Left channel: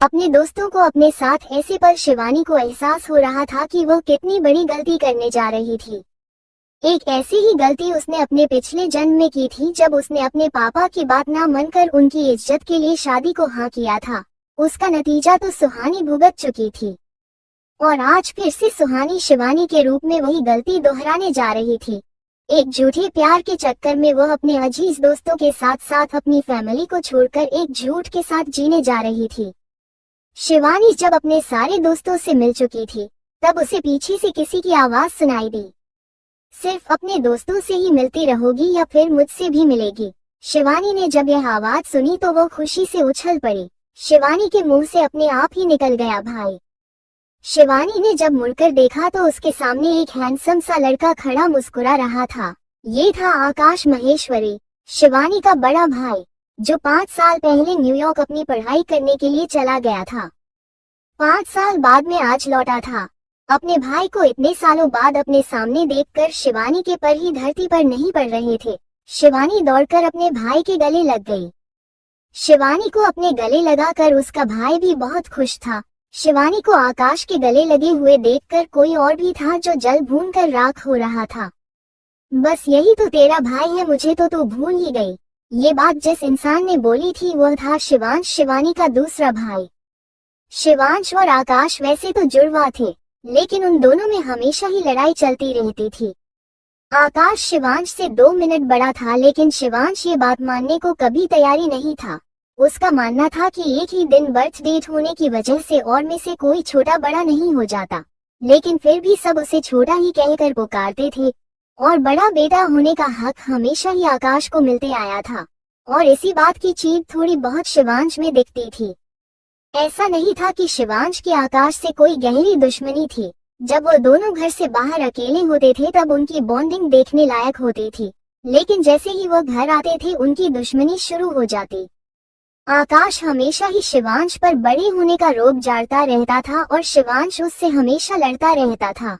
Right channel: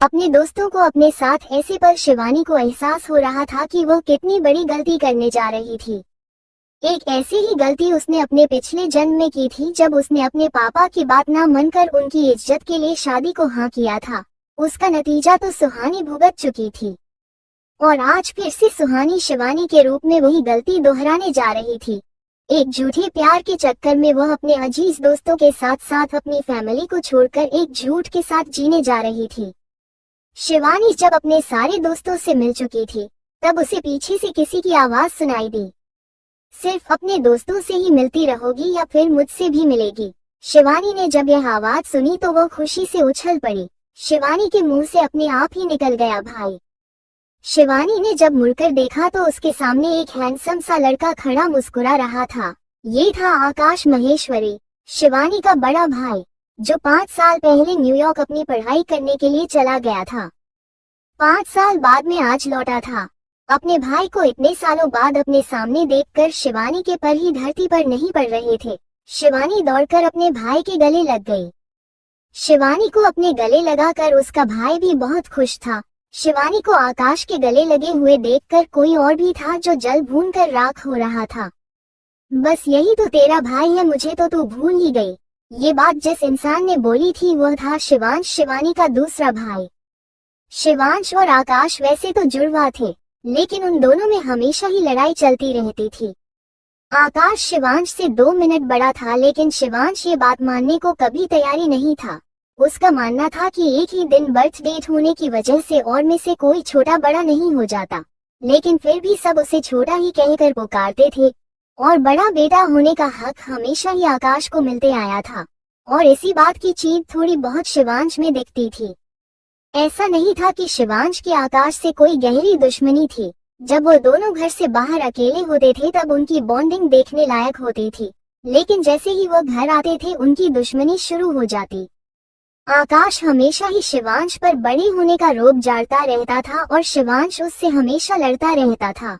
अपने दोस्तों को अपने साथ ऐसे पर शिवानी को एहसास हो रहा था कि वो कितनी बड़ी गलती करने जा रही थी। एक ऐसी ही गलती उसने अपने पिछले जन्म में की थी जब उसने अपने पापा की बात ना मानकर उनकी इज्जत के लिए शादी को हाँ किया था। उसका नतीजा तो सुहानी भुगत चुकी थी और आज फिर से सुहानी शिवानी के रूप में वही गलती दोहराने जा रही थी। एक झूठे प्यार के चक्कर में वह अपने अजीज दोस्तों के साथ साथ अपनी फैमिली को छोड़कर एक झूठ के साथ जीने जा रही थी। शिवानी जब अपने सारे दोस्तों से मिल चुकी थी तब उसे पीछे से किसी की आवाज सुनाई दी, सिर्फ अपने दोस्तों से ही मिलती रहोगी या फिर मुझसे भी मिलेगी। शिवानी ने जब यह आवाज सुनी तो वो खुशी से उछल पड़ी। शिवानी के मुंह से अपने आप ही निकल गया भाई। शिवानी ने जब मुड़कर देखा तो उसके सामने एक हैंडसम सा लड़का खड़ा मुस्कुरा रहा था। ये था आकाश महेश्वरी, शिवानी का बड़ा भाई, जो 5 साल पहले न्यूयॉर्क अपनी पढ़ाई करने के लिए चला गया था। 5 साल बाद में आज लौटा था। अपने भाई को इतने सालों बाद अपने सामने देखकर शिवानी के पर ही धरती पर नहीं पड़ रहे थे। शिवानी दौड़कर अपने भाई के गले लग गई। शिवानी को अपने गले लगाकर उसका भाई भी बहुत खुश था। शिवानी को आकाश के गले लगे हुए देखकर कोई और भी था जो जल भून कर राख हो रहा था। बस यही तो तेरा भाई है, मुझे तो तू भूल ही गई। ये बात जिस इंसान ने बोली थी वह था शिवांश, शिवानी का दूसरा भाई। शिवांश और आकाश वैसे तो जुड़वा थे, लेकिन उन दोनों में हमेशा ही लड़ाई चलती रहती थी। आकाश शिवांश से 2 मिनट बड़ा था, लेकिन शिवांश ये बात मानने को कभी तैयारी नहीं था। उसका मानना था कि एक ही दिन बर्थ डेट होने की वजह से और में से कोई छोटा बड़ा नहीं हो जाता, लेकिन फिर भी सब उसे छोटा ही कहकर पुकारते थे और बड़ा बेटा होने का हक हमेशा ही आकाश को मिलते आया था। और इसी बात की चीज थोड़ी बहुत शिवांश में दिखती थी। ऐसा नहीं था कि शिवांश की आकाश से कोई गहरी दुश्मनी थी। जब वो दोनों घर से बाहर अकेले होते थे तब उनकी बॉन्डिंग देखने लायक होती थी, लेकिन जैसे ही वो घर आते थे उनकी दुश्मनी शुरू हो जाती। आकाश हमेशा ही शिवांश पर बड़े होने का रोब जारता रहता था और शिवांश उससे हमेशा लड़ता रहता था।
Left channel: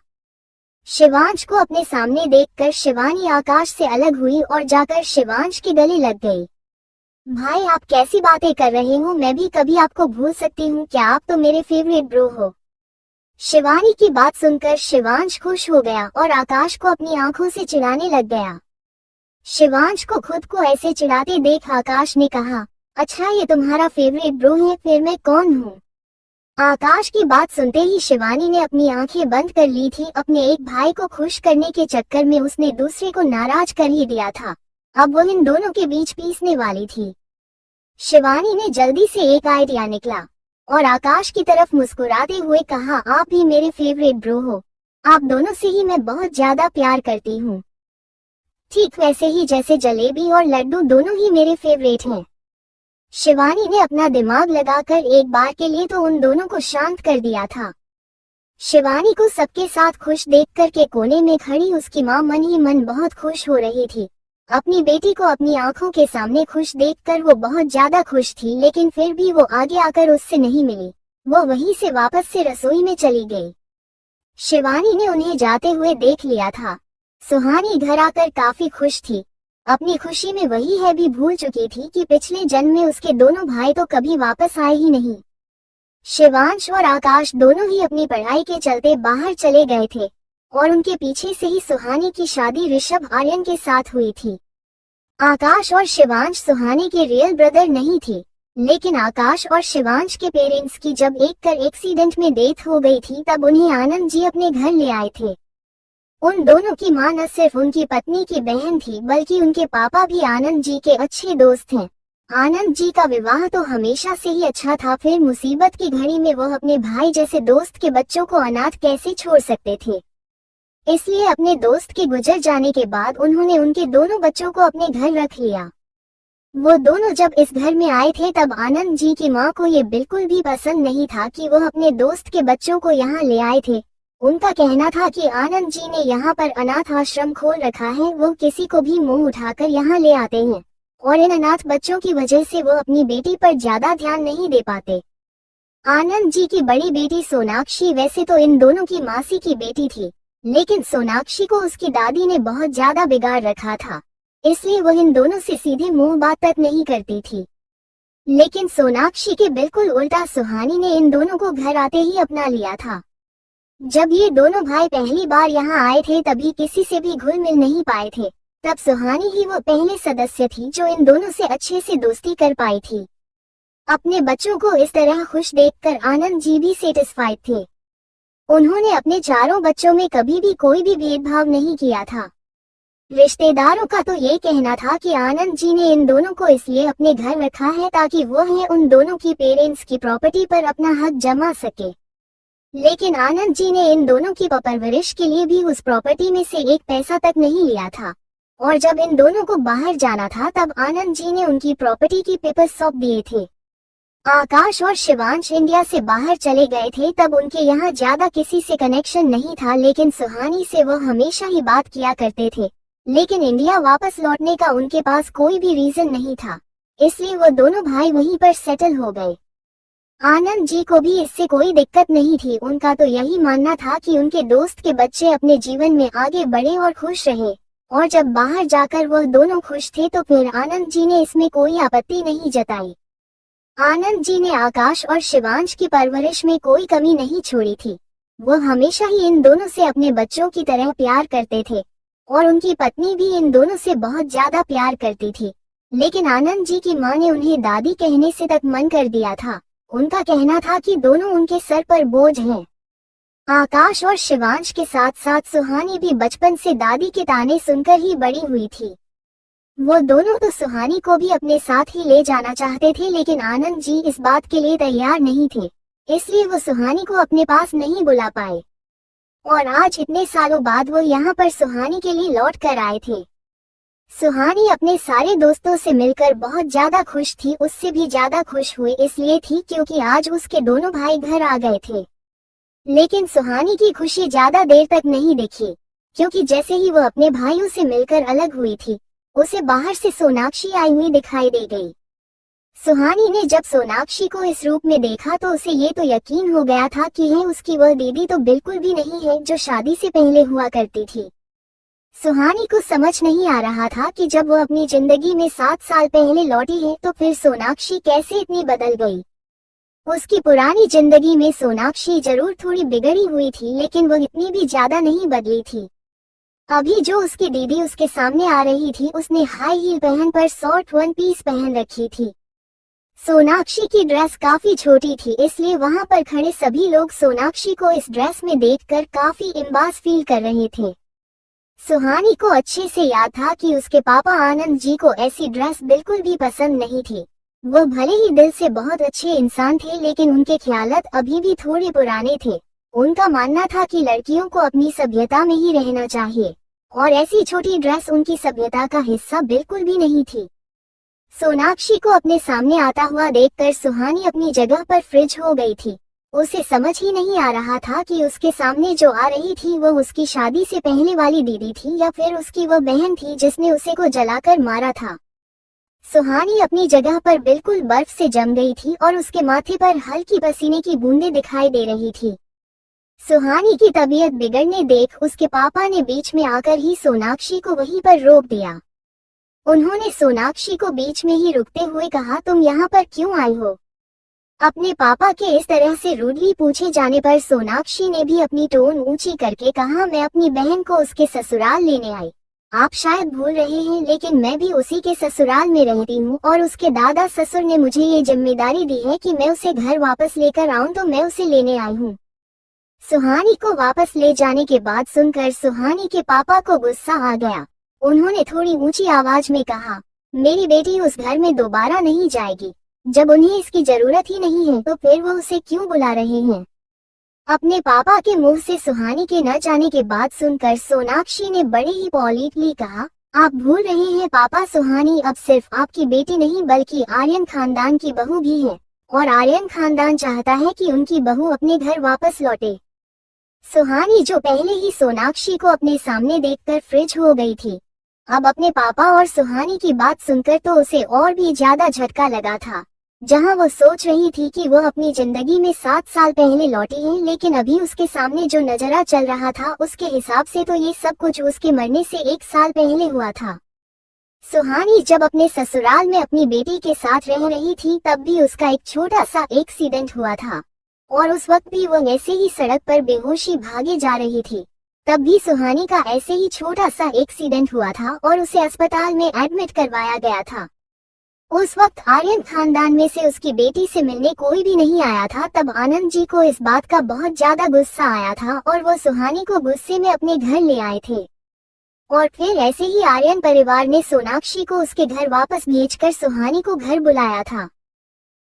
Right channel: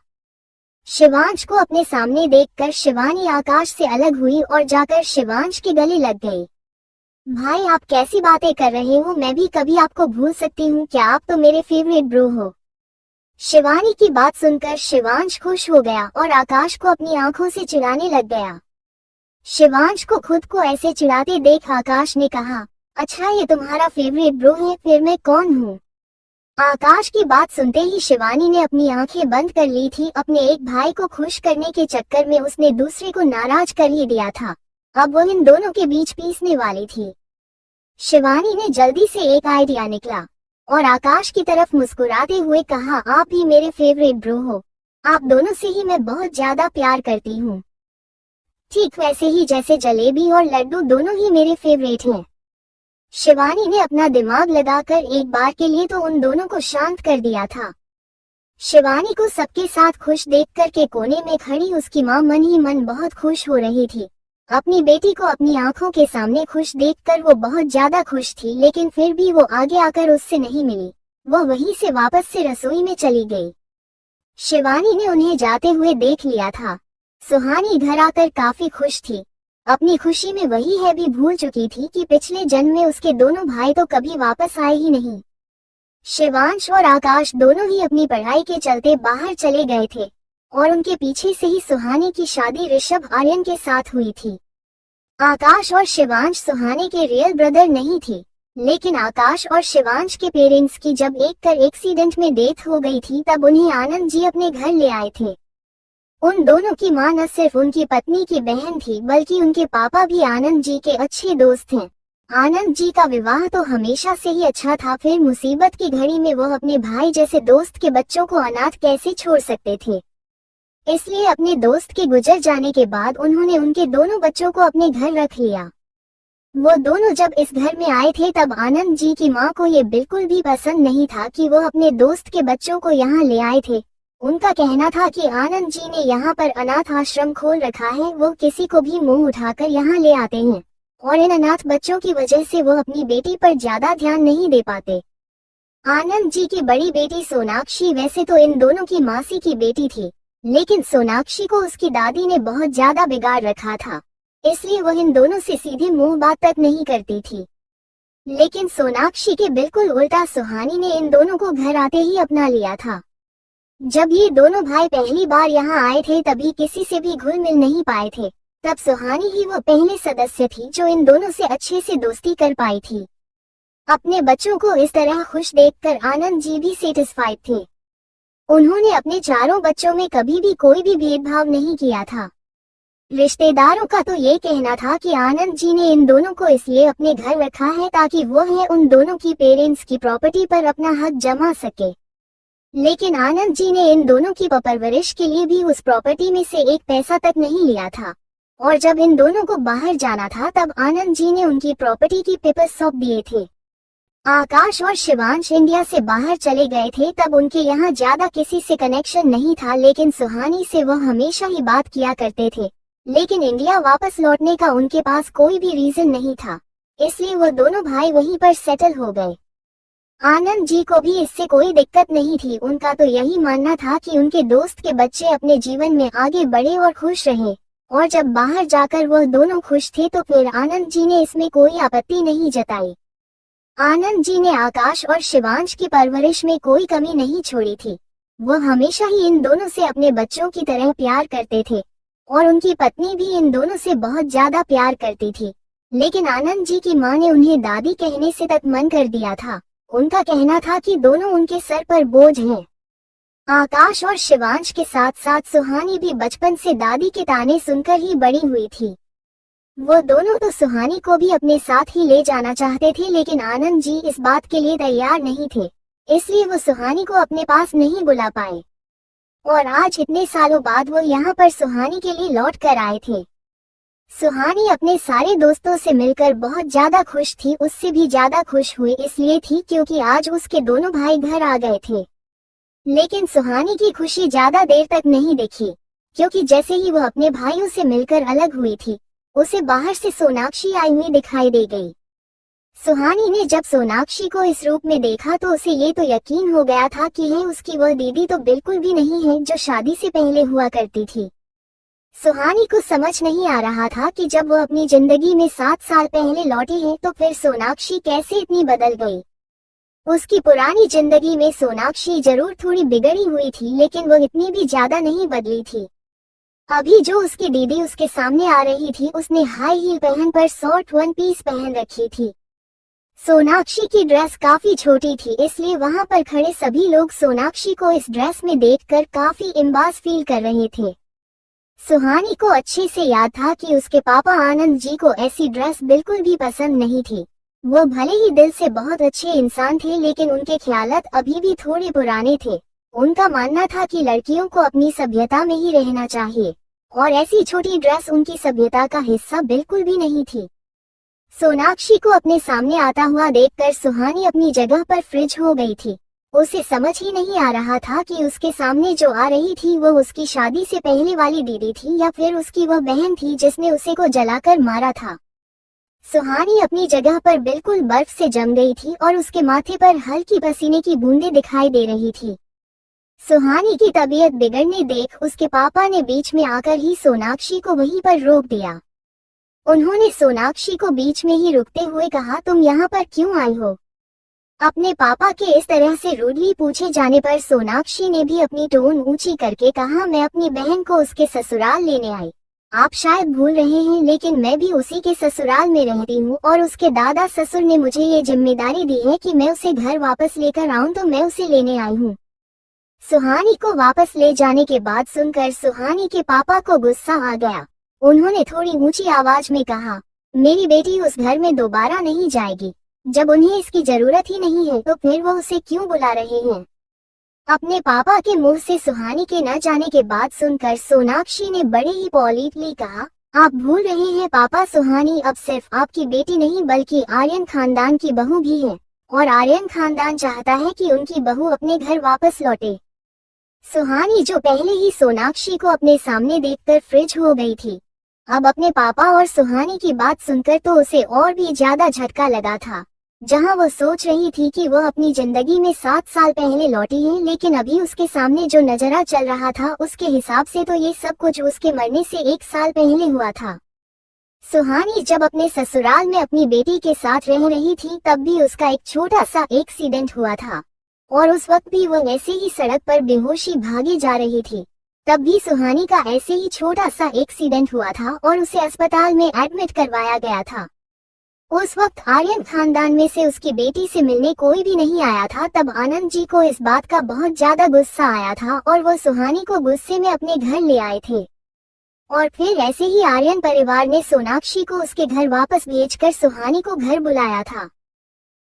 शिवांश को अपने सामने देखकर शिवानी आकाश से अलग हुई और जाकर शिवांश के गले लग गई। भाई, आप कैसी बातें कर रहे हो? मैं भी कभी आपको भूल सकती हूँ क्या? आप तो मेरे फेवरेट ब्रो हो। शिवानी की बात सुनकर शिवांश खुश हो गया और आकाश को अपनी आंखों से चिढ़ाने लग गया। शिवांश को खुद को ऐसे चिढ़ाते देख आकाश ने कहा, अच्छा ये तुम्हारा फेवरेट ब्रो है, फिर मैं कौन हूँ? आकाश की बात सुनते ही शिवानी ने अपनी आंखें बंद कर ली थी। अपने एक भाई को खुश करने के चक्कर में उसने दूसरे को नाराज कर ही दिया था। अब वो इन दोनों के बीच पीसने वाली थी। शिवानी ने जल्दी से एक आइडिया निकला और आकाश की तरफ मुस्कुराते हुए कहा, आप ही मेरे फेवरेट ब्रो हो। आप दोनों से ही मैं बहुत ज्यादा प्यार करती हूँ, ठीक वैसे ही जैसे जलेबी और लड्डू दोनों ही मेरे फेवरेट हैं। शिवानी ने अपना दिमाग लगाकर एक बार के लिए तो उन दोनों को शांत कर दिया था। शिवानी को सबके साथ खुश देखकर के कोने में खड़ी उसकी माँ मन ही मन बहुत खुश हो रही थी। अपनी बेटी को अपनी आंखों के सामने खुश देखकर वो बहुत ज्यादा खुश थी, लेकिन फिर भी वो आगे आकर उससे नहीं मिली। वो वहीं से वापस से रसोई में चली गई। शिवानी ने उन्हें जाते हुए देख लिया था। सुहानी घर आकर काफी खुश थी। अपनी खुशी में वही है भी भूल चुकी थी कि पिछले जन्म में उसके दोनों भाई तो कभी वापस आए ही नहीं। शिवांश और आकाश दोनों ही अपनी पढ़ाई के चलते बाहर चले गए थे और उनके पीछे से ही सुहानी की शादी ऋषभ आर्यन के साथ हुई थी। आकाश और शिवांश सुहानी के रियल ब्रदर नहीं थी, लेकिन आकाश और शिवांश के पेरेंट्स की जब एक कर एक्सीडेंट में डेथ हो गई थी तब उन्हें आनंद जी अपने घर ले आए थे। उन दोनों की मां न सिर्फ उनकी पत्नी की बहन थी, बल्कि उनके पापा भी आनंद जी के अच्छे दोस्त हैं। आनंद जी का विवाह तो हमेशा से ही अच्छा था, फिर मुसीबत की घड़ी में वह अपने भाई जैसे दोस्त के बच्चों को अनाथ कैसे छोड़ सकते थे। इसलिए अपने दोस्त के गुजर जाने के बाद उन्होंने उनके दोनों बच्चों को अपने घर रख लिया। वो दोनों जब इस घर में आए थे तब आनंद जी की मां को ये बिल्कुल भी पसंद नहीं था कि वो अपने दोस्त के बच्चों को यहाँ ले आए थे। उनका कहना था कि आनंद जी ने यहाँ पर अनाथ आश्रम खोल रखा है, वो किसी को भी मुंह उठाकर यहाँ ले आते हैं और इन अनाथ बच्चों की वजह से वो अपनी बेटी पर ज्यादा ध्यान नहीं दे पाते। आनंद जी की बड़ी बेटी सोनाक्षी वैसे तो इन दोनों की मासी की बेटी थी, लेकिन सोनाक्षी को उसकी दादी ने बहुत ज्यादा बिगाड़ रखा था, इसलिए वो इन दोनों से सीधे मुंह बात तक नहीं करती थी। लेकिन सोनाक्षी के बिल्कुल उल्टा सुहानी ने इन दोनों को घर आते ही अपना लिया था। जब ये दोनों भाई पहली बार यहाँ आए थे तभी किसी से भी घुल मिल नहीं पाए थे। तब सुहानी ही वो पहले सदस्य थी जो इन दोनों से अच्छे से दोस्ती कर पाई थी। अपने बच्चों को इस तरह खुश देखकर आनंद जी भी सेटिस्फाइड थे। उन्होंने अपने चारों बच्चों में कभी भी कोई भी भेदभाव नहीं किया था। रिश्तेदारों का तो ये कहना था कि आनंद जी ने इन दोनों को इसलिए अपने घर रखा है ताकि वो है उन दोनों की पेरेंट्स की प्रॉपर्टी पर अपना हक जमा सके। लेकिन आनंद जी ने इन दोनों की परवरिश के लिए भी उस प्रॉपर्टी में से एक पैसा तक नहीं लिया था। और जब इन दोनों को बाहर जाना था तब आनंद जी ने उनकी प्रॉपर्टी की पेपर्स सौंप दिए थे। आकाश और शिवांश इंडिया से बाहर चले गए थे तब उनके यहाँ ज्यादा किसी से कनेक्शन नहीं था, लेकिन सुहानी से वो हमेशा ही बात किया करते थे। लेकिन इंडिया वापस लौटने का उनके पास कोई भी रीजन नहीं था, इसलिए वो दोनों भाई वहीं पर सेटल हो गए। आनंद जी को भी इससे कोई दिक्कत नहीं थी। उनका तो यही मानना था कि उनके दोस्त के बच्चे अपने जीवन में आगे बढ़े और खुश रहें, और जब बाहर जाकर वह दोनों खुश थे तो फिर आनंद जी ने इसमें कोई आपत्ति नहीं जताई। आनंद जी ने आकाश और शिवांश की परवरिश में कोई कमी नहीं छोड़ी थी। वो हमेशा ही इन दोनों से अपने बच्चों की तरह प्यार करते थे और उनकी पत्नी भी इन दोनों से बहुत ज्यादा प्यार करती थी। लेकिन आनंद जी की मां ने उन्हें दादी कहने से तक मन कर दिया था। उनका कहना था कि दोनों उनके सर पर बोझ हैं। आकाश और शिवांश के साथ साथ सुहानी भी बचपन से दादी के ताने सुनकर ही बड़ी हुई थी। वो दोनों तो सुहानी को भी अपने साथ ही ले जाना चाहते थे, लेकिन आनंद जी इस बात के लिए तैयार नहीं थे, इसलिए वो सुहानी को अपने पास नहीं बुला पाए। और आज इतने सालों बाद वो यहाँ पर सुहानी के लिए लौट कर आए थे। सुहानी अपने सारे दोस्तों से मिलकर बहुत ज्यादा खुश थी। उससे भी ज्यादा खुश हुए इसलिए थी क्योंकि आज उसके दोनों भाई घर आ गए थे। लेकिन सुहानी की खुशी ज्यादा देर तक नहीं दिखी, क्योंकि जैसे ही वो अपने भाइयों से मिलकर अलग हुई थी, उसे बाहर से सोनाक्षी आई हुई दिखाई दे गई। सुहानी ने जब सोनाक्षी को इस रूप में देखा तो उसे ये तो यकीन हो गया था कि है उसकी वह दीदी तो बिल्कुल भी नहीं है जो शादी से पहले हुआ करती थी। सुहानी को समझ नहीं आ रहा था कि जब वो अपनी जिंदगी में 7 साल पहले लौटी है तो फिर सोनाक्षी कैसे इतनी बदल गई। उसकी पुरानी जिंदगी में सोनाक्षी जरूर थोड़ी बिगड़ी हुई थी, लेकिन वो इतनी भी ज्यादा नहीं बदली थी। अभी जो उसकी दीदी उसके सामने आ रही थी, उसने हाई हील पहन पर शॉर्ट वन पीस पहन रखी थी। सोनाक्षी की ड्रेस काफी छोटी थी, इसलिए वहां पर खड़े सभी लोग सोनाक्षी को इस ड्रेस में देखकर काफी इम्बास फील कर रहे थे। सुहानी को अच्छे से याद था कि उसके पापा आनंद जी को ऐसी ड्रेस बिल्कुल भी पसंद नहीं थी। वो भले ही दिल से बहुत अच्छे इंसान थे, लेकिन उनके ख्यालात अभी भी थोड़े पुराने थे। उनका मानना था कि लड़कियों को अपनी सभ्यता में ही रहना चाहिए, और ऐसी छोटी ड्रेस उनकी सभ्यता का हिस्सा बिल्कुल भी नहीं थी। सोनाक्षी को अपने सामने आता हुआ देखकर सुहानी अपनी जगह पर फ्रिज हो गई थी। उसे समझ ही नहीं आ रहा था कि उसके सामने जो आ रही थी वो उसकी शादी से पहले वाली दीदी थी या फिर उसकी वो बहन थी जिसने उसे को जलाकर मारा था। सुहानी अपनी जगह पर बिल्कुल बर्फ से जम गई थी और उसके माथे पर हल्की पसीने की बूंदें दिखाई दे रही थी। सुहानी की तबीयत बिगड़ने देख उसके पापा ने बीच में आकर ही सोनाक्षी को वहीं पर रोक दिया। उन्होंने सोनाक्षी को बीच में ही रुकते हुए कहा, तुम यहाँ पर क्यों आई हो? अपने पापा के इस तरह से रूडली पूछे जाने पर सोनाक्षी ने भी अपनी टोन ऊंची करके कहा, मैं अपनी बहन को उसके ससुराल लेने आई। आप शायद भूल रहे हैं, लेकिन मैं भी उसी के ससुराल में रहती हूँ और उसके दादा ससुर ने मुझे ये जिम्मेदारी दी है कि मैं उसे घर वापस लेकर आऊँ, तो मैं उसे लेने आई हूँ। सुहानी को वापस ले जाने के बाद सुनकर सुहानी के पापा को गुस्सा आ गया। उन्होंने थोड़ी ऊंची आवाज में कहा, मेरी बेटी उस घर में दोबारा नहीं जाएगी। जब उन्हें इसकी जरूरत ही नहीं है तो फिर वो उसे क्यों बुला रहे हैं? अपने पापा के मुंह से सुहानी के न जाने के बाद सुनकर सोनाक्षी ने बड़े ही पॉलिटली कहा, आप भूल रहे हैं पापा, सुहानी अब सिर्फ आपकी बेटी नहीं बल्कि आर्यन खानदान की बहू भी है, और आर्यन खानदान चाहता है कि उनकी बहू अपने घर वापस लौटे। सुहानी जो पहले ही सोनाक्षी को अपने सामने देखकर फ्रिज हो गई थी, अब अपने पापा और सुहानी की बात सुनकर तो उसे और भी ज्यादा झटका लगा था। जहां वो सोच रही थी कि वह अपनी जिंदगी में 7 साल पहले लौटी है, लेकिन अभी उसके सामने जो नजारा चल रहा था उसके हिसाब से तो ये सब कुछ उसके मरने से 1 साल पहले हुआ था। सुहानी जब अपने ससुराल में अपनी बेटी के साथ रह रही थी तब भी उसका एक छोटा सा एक्सीडेंट हुआ था और उस वक्त भी वो ऐसे ही सड़क पर बेहोशी भागी जा रही थी। तब भी सुहानी का ऐसे ही छोटा सा एक्सीडेंट हुआ था और उसे अस्पताल में एडमिट करवाया गया था। उस वक्त आर्यन खानदान में से उसकी बेटी से मिलने कोई भी नहीं आया था। तब आनंद जी को इस बात का बहुत ज्यादा गुस्सा आया था और वो सुहानी को गुस्से में अपने घर ले आए थे। और फिर ऐसे ही आर्यन परिवार ने सोनाक्षी को उसके घर वापस भेजकर सुहानी को घर बुलाया था।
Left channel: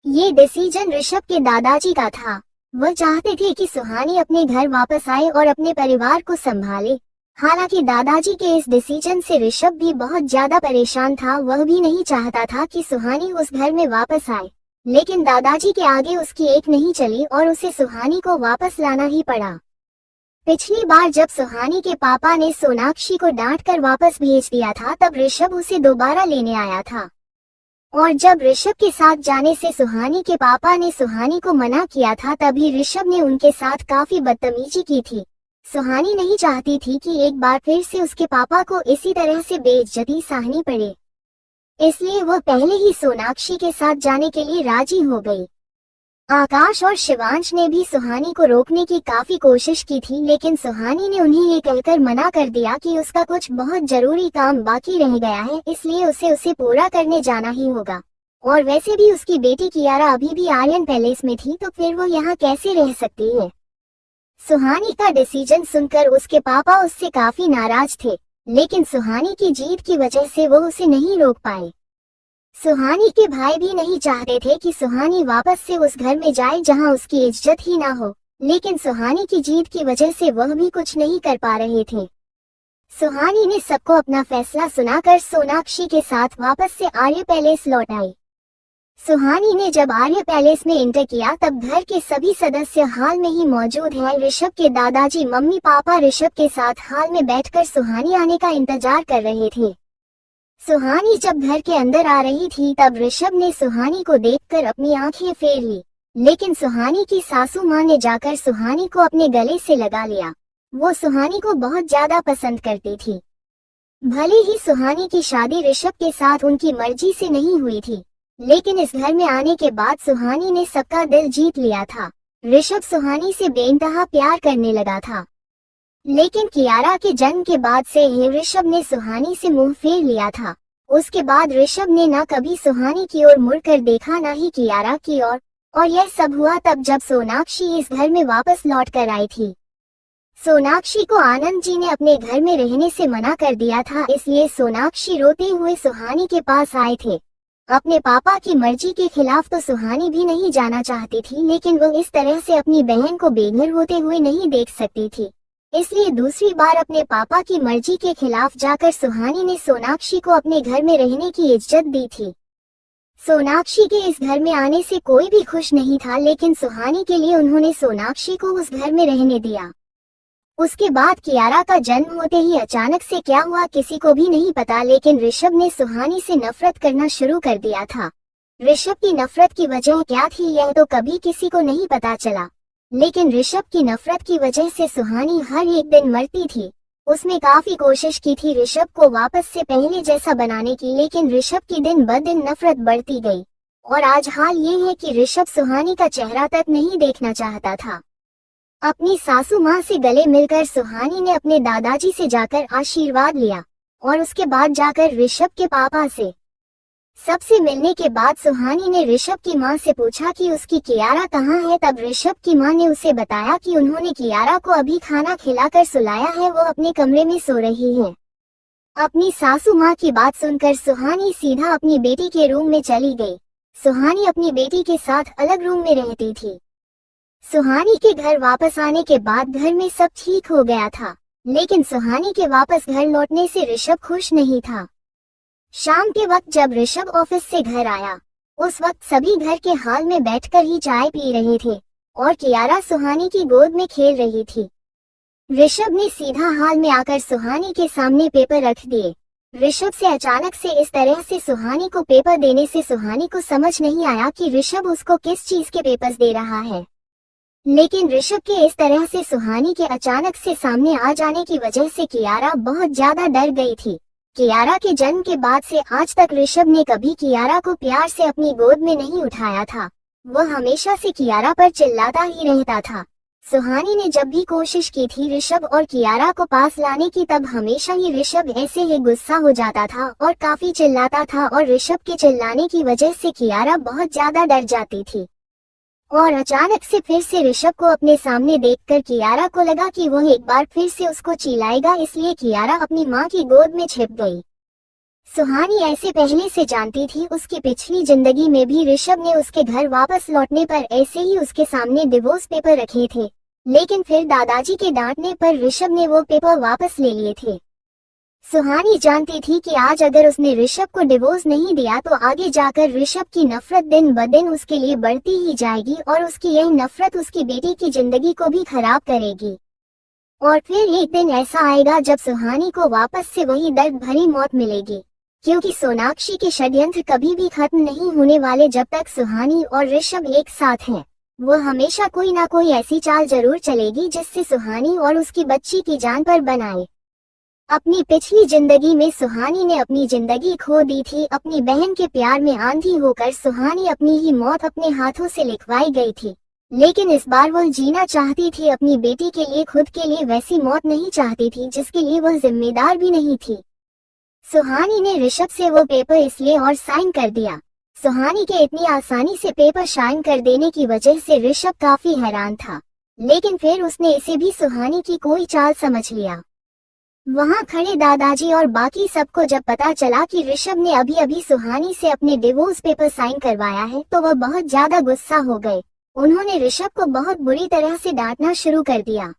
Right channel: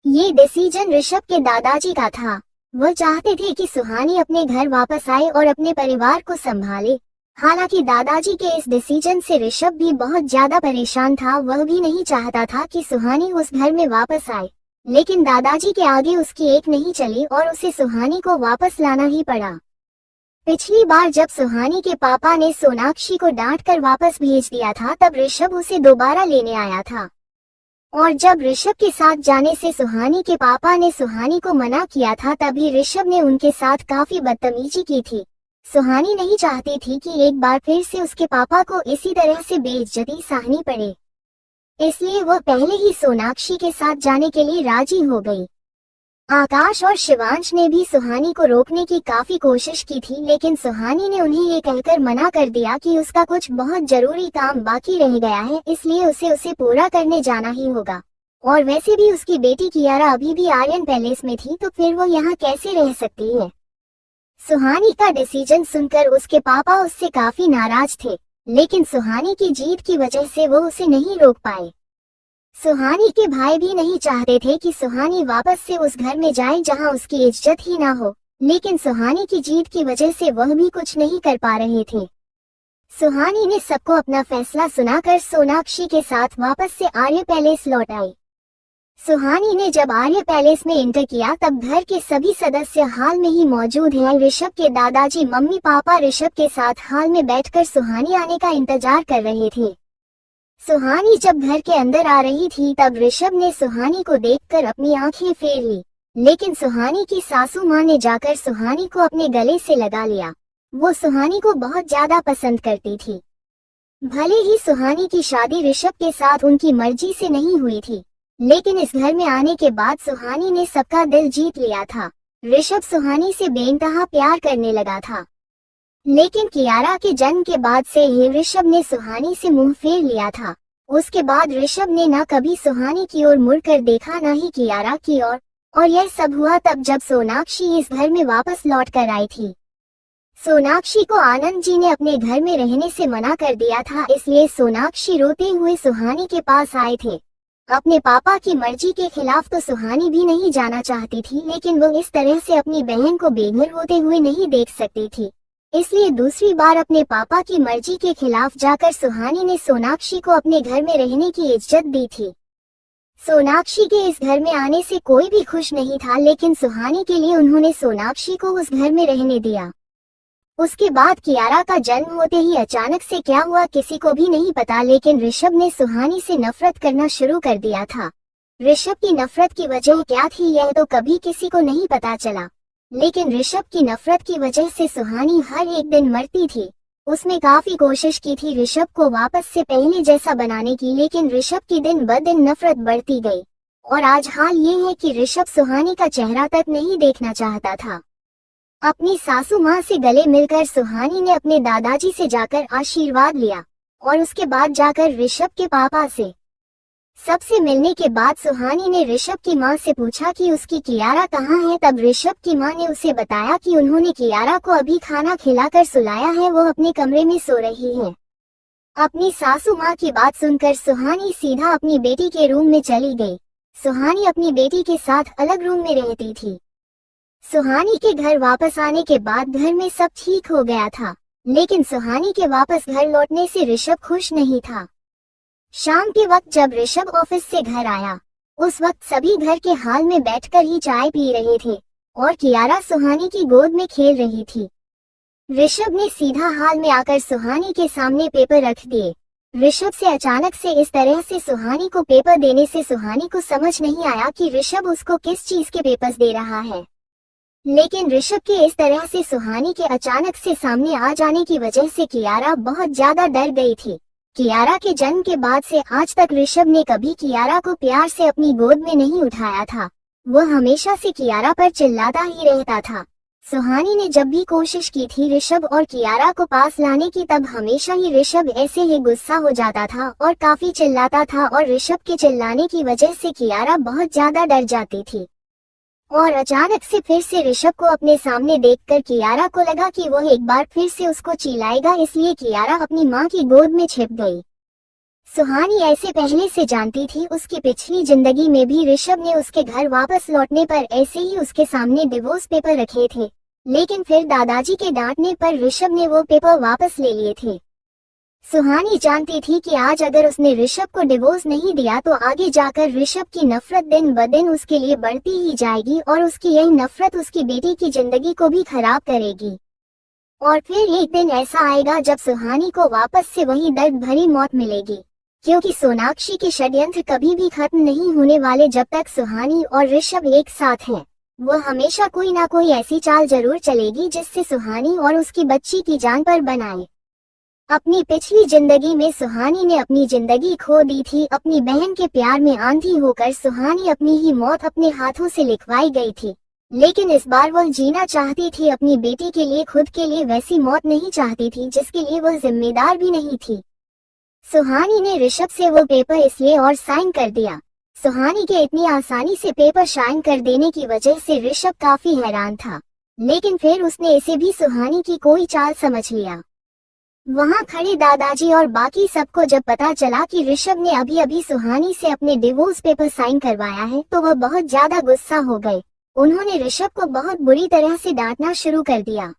ये डिसीजन ऋषभ के दादाजी का था। वो चाहते थे कि सुहानी अपने घर वापस आए और अपने परिवार को संभाले। हालांकि दादाजी के इस डिसीजन से ऋषभ भी बहुत ज्यादा परेशान था। वह भी नहीं चाहता था कि सुहानी उस घर में वापस आए, लेकिन दादाजी के आगे उसकी एक नहीं चली और उसे सुहानी को वापस लाना ही पड़ा। पिछली बार जब सुहानी के पापा ने सोनाक्षी को डांट कर वापस भेज दिया था तब ऋषभ उसे दोबारा लेने आया था। और जब ऋषभ के साथ जाने से सुहानी के पापा ने सुहानी को मना किया था तभी ऋषभ ने उनके साथ काफी बदतमीजी की थी। सुहानी नहीं चाहती थी कि एक बार फिर से उसके पापा को इसी तरह से बेइज्जती सहनी पड़े, इसलिए वह पहले ही सोनाक्षी के साथ जाने के लिए राजी हो गई। आकाश और शिवांश ने भी सुहानी को रोकने की काफी कोशिश की थी, लेकिन सुहानी ने उन्हें ये कहकर मना कर दिया कि उसका कुछ बहुत जरूरी काम बाकी रह गया है, इसलिए उसे पूरा करने जाना ही होगा। और वैसे भी उसकी बेटी कियारा अभी भी आर्यन पैलेस में थी, तो फिर वो यहाँ कैसे रह सकती है। सुहानी का डिसीजन सुनकर उसके पापा उससे काफी नाराज थे, लेकिन सुहानी की जीत की वजह से वो उसे नहीं रोक पाए। सुहानी के भाई भी नहीं चाहते थे कि सुहानी वापस से उस घर में जाए जहां उसकी इज्जत ही ना हो, लेकिन सुहानी की जीत की वजह से वह भी कुछ नहीं कर पा रहे थे। सुहानी ने सबको अपना फैसला सुनाकर सोनाक्षी के साथ वापस से आर्य पैलेस लौट आई। सुहानी ने जब आर्य पैलेस में एंटर किया तब घर के सभी सदस्य हाल में ही मौजूद हैं। ऋषभ के दादाजी मम्मी पापा ऋषभ के साथ हाल में बैठकर सुहानी आने का इंतजार कर रहे थे। सुहानी जब घर के अंदर आ रही थी तब ऋषभ ने सुहानी को देखकर अपनी आंखें फेर ली, लेकिन सुहानी की सासू मां ने जाकर सुहानी को अपने गले से लगा लिया। वो सुहानी को बहुत ज्यादा पसंद करती थी। भले ही सुहानी की शादी ऋषभ के साथ उनकी मर्जी से नहीं हुई थी, लेकिन इस घर में आने के बाद सुहानी ने सबका दिल जीत लिया था। ऋषभ सुहानी से बेइंतहा प्यार करने लगा था, लेकिन कियारा के जन्म के बाद से ही ऋषभ ने सुहानी से मुंह फेर लिया था। उसके बाद ऋषभ ने न कभी सुहानी की ओर मुड़कर देखा, न ही कियारा की ओर। और यह सब हुआ तब जब सोनाक्षी इस घर में वापस लौट कर आई थी। सोनाक्षी को आनंद जी ने अपने घर में रहने से मना कर दिया था, इसलिए सोनाक्षी रोते हुए सुहानी के पास आए थे। अपने पापा की मर्जी के खिलाफ तो सुहानी भी नहीं जाना चाहती थी, लेकिन वो इस तरह से अपनी बहन को बेघर होते हुए नहीं देख सकती थी, इसलिए दूसरी बार अपने पापा की मर्जी के खिलाफ जाकर सुहानी ने सोनाक्षी को अपने घर में रहने की इज्जत दी थी। सोनाक्षी के इस घर में आने से कोई भी खुश नहीं था, लेकिन सुहानी के लिए उन्होंने सोनाक्षी को उस घर में रहने दिया। उसके बाद कियारा का जन्म होते ही अचानक से क्या हुआ किसी को भी नहीं पता, लेकिन ऋषभ ने सुहानी से नफरत करना शुरू कर दिया था। ऋषभ की नफरत की वजह क्या थी यह तो कभी किसी को नहीं पता चला, लेकिन ऋषभ की नफरत की वजह से सुहानी हर एक दिन मरती थी। उसने काफी कोशिश की थी ऋषभ को वापस से पहले जैसा बनाने की, लेकिन ऋषभ की दिन ब दिन नफरत बढ़ती गई। और आज हाल ये है कि ऋषभ सुहानी का चेहरा तक नहीं देखना चाहता था। अपनी सासू माँ से गले मिलकर सुहानी ने अपने दादाजी से जाकर आशीर्वाद लिया और उसके बाद जाकर ऋषभ के पापा से सबसे मिलने के बाद सुहानी ने ऋषभ की माँ से पूछा कि उसकी कियारा कहाँ है। तब ऋषभ की माँ ने उसे बताया कि उन्होंने कियारा को अभी खाना खिलाकर सुलाया है, वो अपने कमरे में सो रही है। अपनी सासू माँ की बात सुनकर सुहानी सीधा अपनी बेटी के रूम में चली गई। सुहानी अपनी बेटी के साथ अलग रूम में रहती थी। सुहानी के घर वापस आने के बाद घर में सब ठीक हो गया था, लेकिन सुहानी के वापस घर लौटने से ऋषभ खुश नहीं था। शाम के वक्त जब ऋषभ ऑफिस से घर आया, उस वक्त सभी घर के हाल में बैठकर ही चाय पी रहे थे और कियारा सुहानी की गोद में खेल रही थी। ऋषभ ने सीधा हाल में आकर सुहानी के सामने पेपर रख दिए। ऋषभ से अचानक से इस तरह से सुहानी को पेपर देने से सुहानी को समझ नहीं आया कि ऋषभ उसको किस चीज के पेपर्स दे रहा है, लेकिन ऋषभ के इस तरह से सुहानी के अचानक से सामने आ जाने की वजह से कियारा बहुत ज्यादा डर गई थी। कियारा के जन्म के बाद से आज तक ऋषभ ने कभी कियारा को प्यार से अपनी गोद में नहीं उठाया था। वह हमेशा से कियारा पर चिल्लाता ही रहता था। सुहानी ने जब भी कोशिश की थी ऋषभ और कियारा को पास लाने की, तब हमेशा ही ऋषभ ऐसे ही गुस्सा हो जाता था और काफी चिल्लाता था, और ऋषभ के चिल्लाने की वजह से कियारा बहुत ज्यादा डर जाती थी। और अचानक से फिर से ऋषभ को अपने सामने देखकर कियारा को लगा कि वह एक बार फिर से उसको चिल्लाएगा, इसलिए कियारा अपनी माँ की गोद में छिप गई। सुहानी ऐसे पहले से जानती थी। उसकी पिछली जिंदगी में भी ऋषभ ने उसके घर वापस लौटने पर ऐसे ही उसके सामने डिवोर्स पेपर रखे थे, लेकिन फिर दादाजी के डांटने पर ऋषभ ने वो पेपर वापस ले लिए थे। सुहानी जानती थी कि आज अगर उसने ऋषभ को डिवोर्स नहीं दिया तो आगे जाकर ऋषभ की नफरत दिन ब दिन उसके लिए बढ़ती ही जाएगी, और उसकी यह नफरत उसकी बेटी की जिंदगी को भी खराब करेगी। और फिर एक दिन ऐसा आएगा जब सुहानी को वापस से वही दर्द भरी मौत मिलेगी, क्योंकि सोनाक्षी के षड्यंत्र कभी भी खत्म नहीं होने वाले जब तक सुहानी और ऋषभ एक साथ हैं। वह हमेशा कोई ना कोई ऐसी चाल जरूर चलेगी जिससे सुहानी और उसकी बच्ची की जान पर बनाए। अपनी पिछली जिंदगी में सुहानी ने अपनी जिंदगी खो दी थी। अपनी बहन के प्यार में आंधी होकर सुहानी अपनी ही मौत अपने हाथों से लिखवाई गई थी, लेकिन इस बार वह जीना चाहती थी अपनी बेटी के लिए, खुद के लिए वैसी मौत नहीं चाहती थी जिसके लिए वह जिम्मेदार भी नहीं थी। सुहानी ने ऋषभ से वो पेपर इसलिए और साइन कर दिया। सुहानी के इतनी आसानी से पेपर साइन कर देने की वजह से ऋषभ काफी हैरान था, लेकिन फिर उसने इसे भी सुहानी की कोई चाल समझ लिया। वहां खड़े दादाजी और बाकी सबको जब पता चला कि ऋषभ ने अभी अभी सुहानी से अपने डिवोर्स पेपर साइन करवाया है, तो वह बहुत ज्यादा गुस्सा हो गए। उन्होंने ऋषभ को बहुत बुरी तरह से डांटना शुरू कर दिया।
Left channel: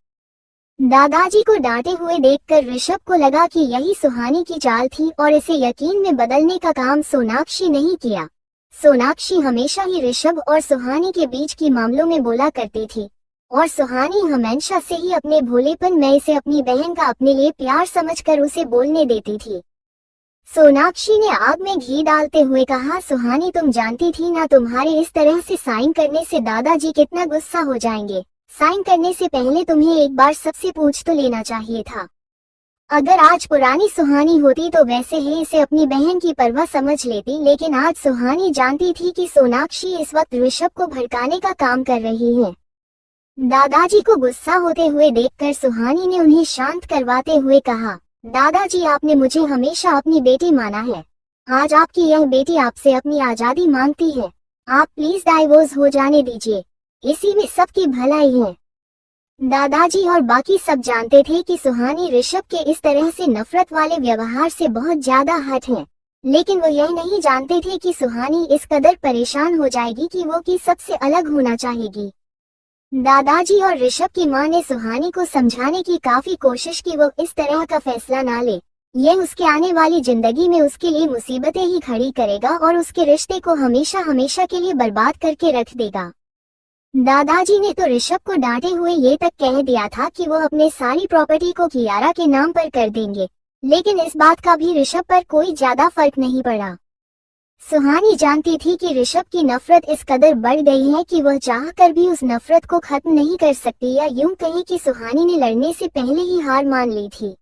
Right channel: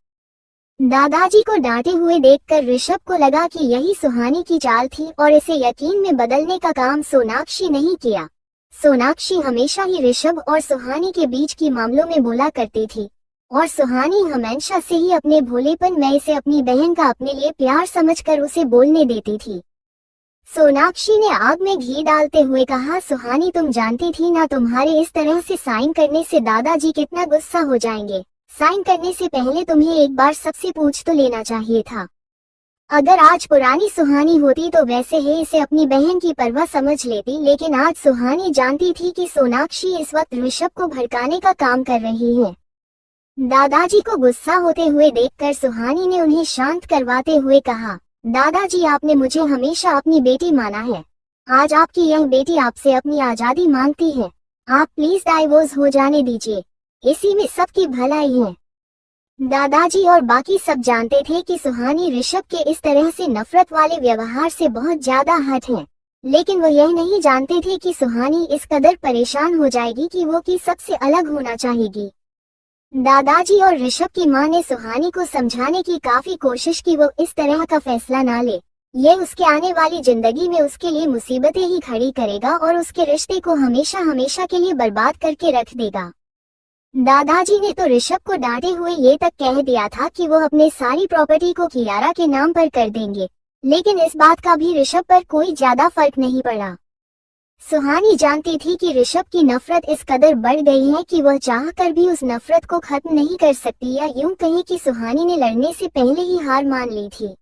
दादाजी को डांटे हुए देखकर ऋषभ को लगा कि यही सुहानी की चाल थी, और इसे यकीन में बदलने का काम सोनाक्षी नहीं किया। सोनाक्षी हमेशा ही ऋषभ और सुहानी के बीच की मामलों में बोला करती थी, और सुहानी हमेशा से ही अपने भोलेपन में इसे अपनी बहन का अपने लिए प्यार समझकर उसे बोलने देती थी। सोनाक्षी ने आग में घी डालते हुए कहा, सुहानी तुम जानती थी ना तुम्हारे इस तरह से साइन करने से दादाजी कितना गुस्सा हो जाएंगे। साइन करने से पहले तुम्हें एक बार सबसे पूछ तो लेना चाहिए था। अगर आज पुरानी सुहानी होती तो वैसे ही इसे अपनी बहन की परवाह समझ लेती, लेकिन आज सुहानी जानती थी कि सोनाक्षी इस वक्त ऋषभ को भड़काने का काम कर रही है। दादाजी को गुस्सा होते हुए देखकर सुहानी ने उन्हें शांत करवाते हुए कहा, दादाजी आपने मुझे हमेशा अपनी बेटी माना है। आज आपकी यह बेटी आपसे अपनी आजादी मांगती है। आप प्लीज डाइवोर्स हो जाने दीजिए, इसी में सबकी भलाई है। दादाजी और बाकी सब जानते थे कि सुहानी ऋषभ के इस तरह से नफरत वाले व्यवहार से बहुत ज्यादा हट है, लेकिन वो यह नहीं जानते थे कि सुहानी इस कदर परेशान हो जाएगी कि वो कि सबसे अलग होना चाहेगी। दादाजी और ऋषभ की मां ने सुहानी को समझाने की काफी कोशिश की वो इस तरह का फैसला ना ले। यह उसके आने वाली जिंदगी में उसके लिए मुसीबतें ही खड़ी करेगा और उसके रिश्ते को हमेशा हमेशा के लिए बर्बाद करके रख देगा। दादाजी ने तो ऋषभ को डांटे हुए ये तक कह दिया था कि वो अपने सारी प्रॉपर्टी को कियारा के नाम पर कर देंगे, लेकिन इस बात का भी ऋषभ पर कोई ज्यादा फर्क नहीं पड़ा। सुहानी जानती थी कि ऋषभ की नफरत इस कदर बढ़ गई है कि वह चाहकर भी उस नफरत को खत्म नहीं कर सकती, या यूं कहें कि सुहानी ने लड़ने से पहले ही हार मान ली थी।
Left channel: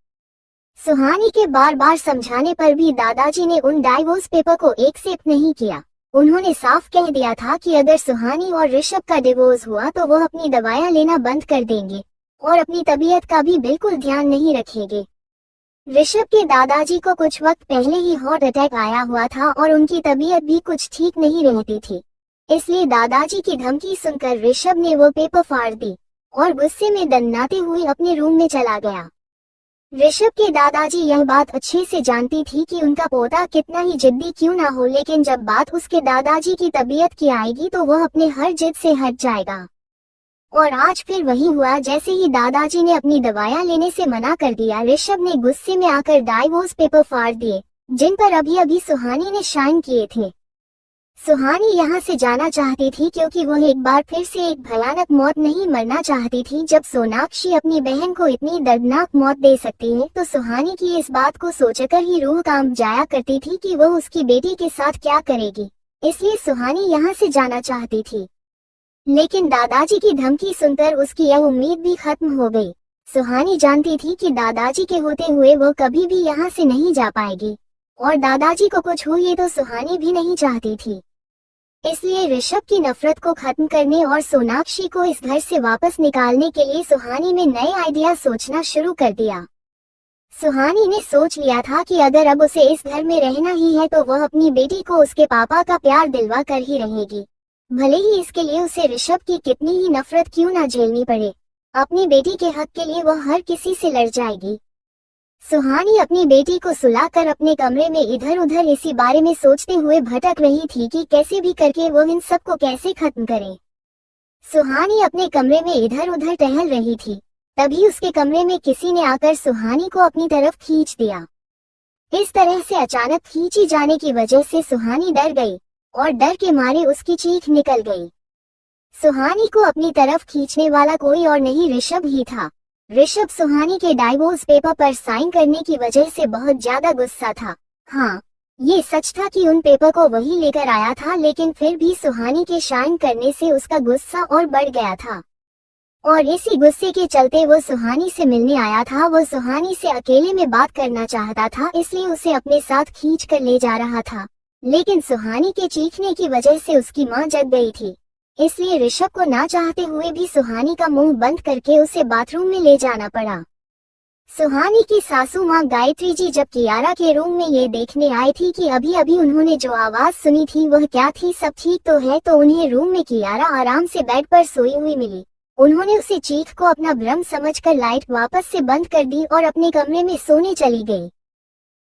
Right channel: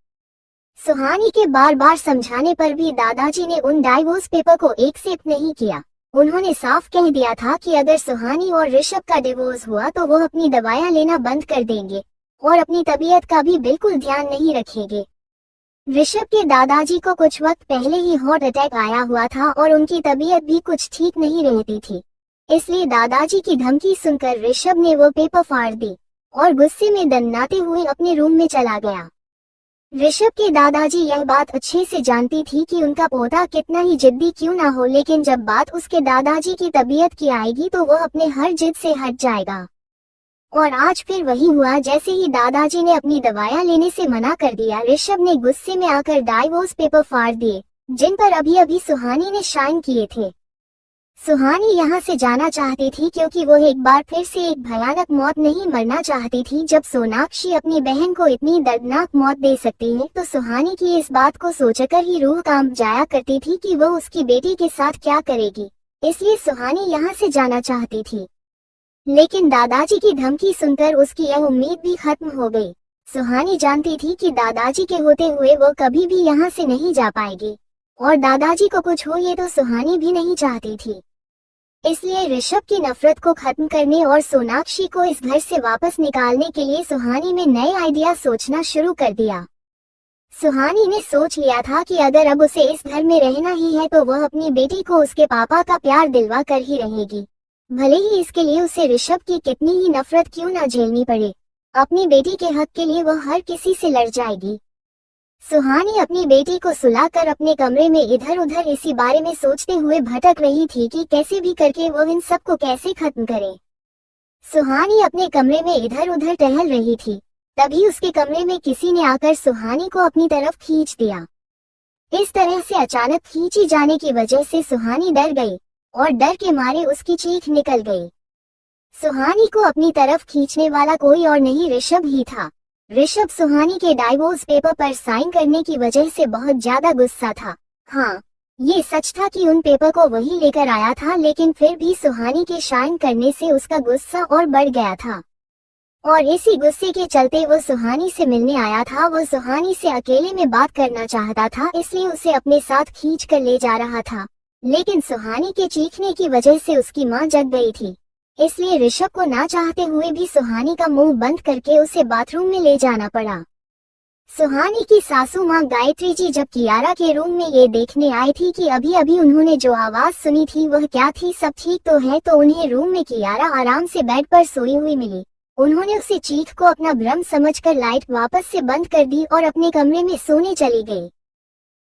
सुहानी के बार बार समझाने पर भी दादाजी ने उन डाइवोर्स पेपर को एक्सेप्ट नहीं किया। उन्होंने साफ कह दिया था कि अगर सुहानी और ऋषभ का डिवोर्स हुआ तो वो अपनी दवाइयां लेना बंद कर देंगे और अपनी तबीयत का भी बिल्कुल ध्यान नहीं रखेंगे। ऋषभ के दादाजी को कुछ वक्त पहले ही हार्ट अटैक आया हुआ था और उनकी तबीयत भी कुछ ठीक नहीं रहती थी, इसलिए दादाजी की धमकी सुनकर ऋषभ ने वो पेपर फाड़ दी और गुस्से में दन्नाते हुए अपने रूम में चला गया। ऋषभ के दादाजी यह बात अच्छे से जानती थी कि उनका पोता कितना ही जिद्दी क्यों ना हो, लेकिन जब बात उसके दादाजी की तबीयत की आएगी तो वह अपने हर जिद से हट जाएगा। और आज फिर वही हुआ। जैसे ही दादाजी ने अपनी दवाइयां लेने से मना कर दिया, ऋषभ ने गुस्से में आकर डाइवोर्स पेपर फाड़ दिए जिन पर अभी अभी सुहानी ने साइन किए थे। सुहानी यहाँ से जाना चाहती थी क्योंकि वो एक बार फिर से एक भयानक मौत नहीं मरना चाहती थी। जब सोनाक्षी अपनी बहन को इतनी दर्दनाक मौत दे सकती है तो सुहानी की इस बात को सोचकर ही रूह कांप जाया करती थी कि वो उसकी बेटी के साथ क्या करेगी, इसलिए सुहानी यहाँ से जाना चाहती थी। लेकिन दादाजी की धमकी सुनकर उसकी यह उम्मीद भी खत्म हो गई। सुहानी जानती थी कि दादाजी के होते हुए वो कभी भी यहाँ से नहीं जा पाएगी, और दादाजी को कुछ हो ये तो सुहानी भी नहीं चाहती थी। इसलिए ऋषभ की नफरत को खत्म करने और सोनाक्षी को इस घर से वापस निकालने के लिए सुहानी ने नए आइडिया सोचना शुरू कर दिया। सुहानी ने सोच लिया था कि अगर अब उसे इस घर में रहना ही है तो वह अपनी बेटी को उसके पापा का प्यार दिलवा कर ही रहेगी, भले ही इसके लिए उसे ऋषभ की कितनी ही नफरत क्यों ना झेलनी पड़े। अपनी बेटी के हक के लिए वह हर किसी से लड़ जाएगी। सुहानी अपनी बेटी को सुलाकर अपने कमरे में इधर उधर इसी बारे में सोचते हुए भटक रही थी कि कैसे भी करके वो इन सब को कैसे खत्म करे। सुहानी अपने कमरे में इधर उधर टहल रही थी, तभी उसके कमरे में किसी ने आकर सुहानी को अपनी तरफ खींच दिया। इस तरह से अचानक खींची जाने की वजह से सुहानी डर गई और डर के मारे उसकी चीख निकल गई। सुहानी को अपनी तरफ खींचने वाला कोई और नहीं ऋषभ ही था। ऋषभ सुहानी के डाइवोर्स पेपर पर साइन करने की वजह से बहुत ज्यादा गुस्सा था। हाँ, ये सच था कि उन पेपर को वही लेकर आया था, लेकिन फिर भी सुहानी के साइन करने से उसका गुस्सा और बढ़ गया था, और इसी गुस्से के चलते वो सुहानी से मिलने आया था। वो सुहानी से अकेले में बात करना चाहता था, इसलिए उसे अपने साथ खींच कर ले जा रहा था, लेकिन सुहानी के चीखने की वजह से उसकी मां जग गई थी। इसलिए ऋषभ को ना चाहते हुए भी सुहानी का मुंह बंद करके उसे बाथरूम में ले जाना पड़ा। सुहानी की सासू मां गायत्री जी जब कियारा के रूम में ये देखने आई थी कि अभी अभी उन्होंने जो आवाज सुनी थी वह क्या थी, सब ठीक तो है, तो उन्हें रूम में कियारा आराम से बेड पर सोई हुई मिली। उन्होंने उसे चीख को अपना भ्रम समझकर लाइट वापस से बंद कर दी और अपने कमरे में सोने चली गई।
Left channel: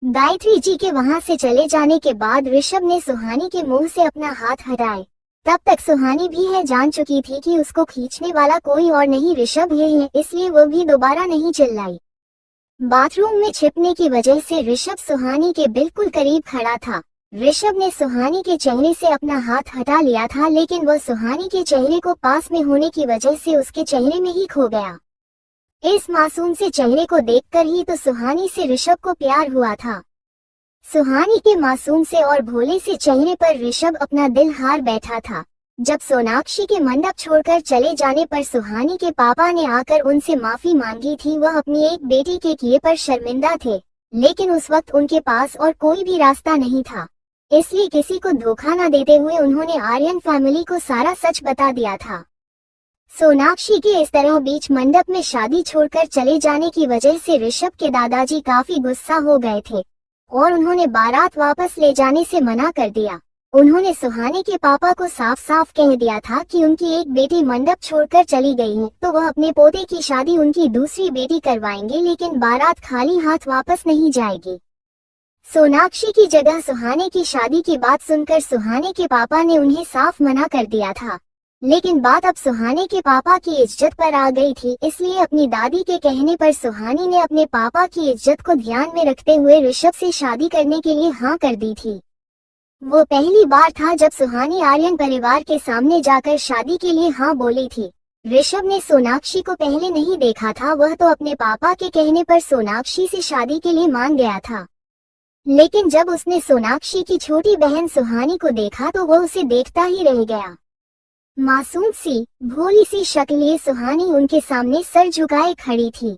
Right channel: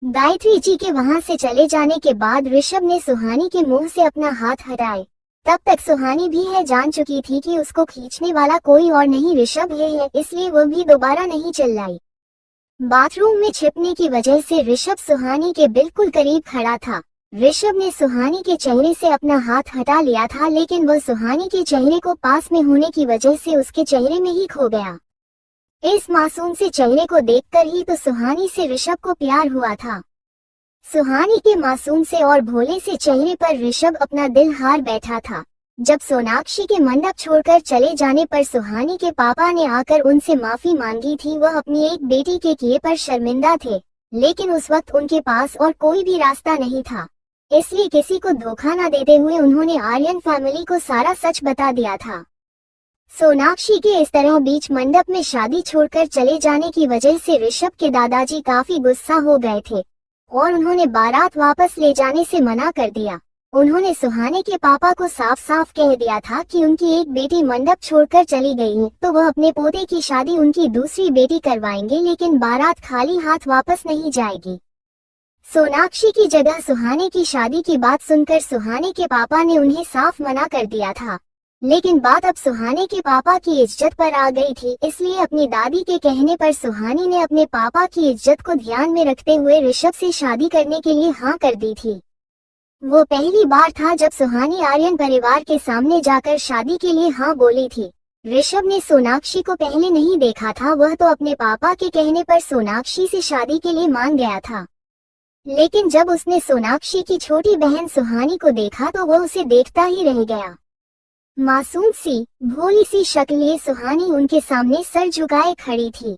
गायत्री जी के वहां से चले जाने के बाद ऋषभ ने सुहानी के मुंह से अपना हाथ हटाए। तब तक सुहानी भी है जान चुकी थी कि उसको खींचने वाला कोई और नहीं ऋषभ ही है, इसलिए वो भी दोबारा नहीं चिल्लाई। बाथरूम में छिपने की वजह से ऋषभ सुहानी के बिल्कुल करीब खड़ा था। ऋषभ ने सुहानी के चेहरे से अपना हाथ हटा लिया था, लेकिन वह सुहानी के चेहरे को पास में होने की वजह से उसके चेहरे में ही खो गया। इस मासूम से चेहरे को देखकर ही तो सुहानी से ऋषभ को प्यार हुआ था। सुहानी के मासूम से और भोले से चेहरे पर ऋषभ अपना दिल हार बैठा था। जब सोनाक्षी के मंडप छोड़कर चले जाने पर सुहानी के पापा ने आकर उनसे माफी मांगी थी। वह अपनी एक बेटी के किए पर शर्मिंदा थे, लेकिन उस वक्त उनके पास और कोई भी रास्ता नहीं था, इसलिए किसी को धोखा न देते हुए उन्होंने आर्यन फैमिली को सारा सच बता दिया था। सोनाक्षी के इस तरह बीच मंडप में शादी छोड़कर चले जाने की वजह से ऋषभ के दादाजी काफी गुस्सा हो गए थे और उन्होंने बारात वापस ले जाने से मना कर दिया। उन्होंने सुहानी के पापा को साफ साफ कह दिया था कि उनकी एक बेटी मंडप छोड़कर चली गई है तो वह अपने पोते की शादी उनकी दूसरी बेटी करवाएंगे, लेकिन बारात खाली हाथ वापस नहीं जाएगी। सोनाक्षी की जगह सुहानी की शादी की बात सुनकर सुहानी के पापा ने उन्हें साफ मना कर दिया था, लेकिन बात अब सुहानी के पापा की इज्जत पर आ गई थी, इसलिए अपनी दादी के कहने पर सुहानी ने अपने पापा की इज्जत को ध्यान में रखते हुए ऋषभ से शादी करने के लिए हाँ कर दी थी। वो पहली बार था जब सुहानी आर्यन परिवार के सामने जाकर शादी के लिए हाँ बोली थी। ऋषभ ने सोनाक्षी को पहले नहीं देखा था, वह तो अपने पापा के कहने पर सोनाक्षी से शादी के लिए मान गया था, लेकिन जब उसने सोनाक्षी की छोटी बहन सुहानी को देखा तो वो उसे देखता ही रह गया। मासूम सी भोली सी शक्ल लिए सुहानी उनके सामने सर झुकाए खड़ी थी।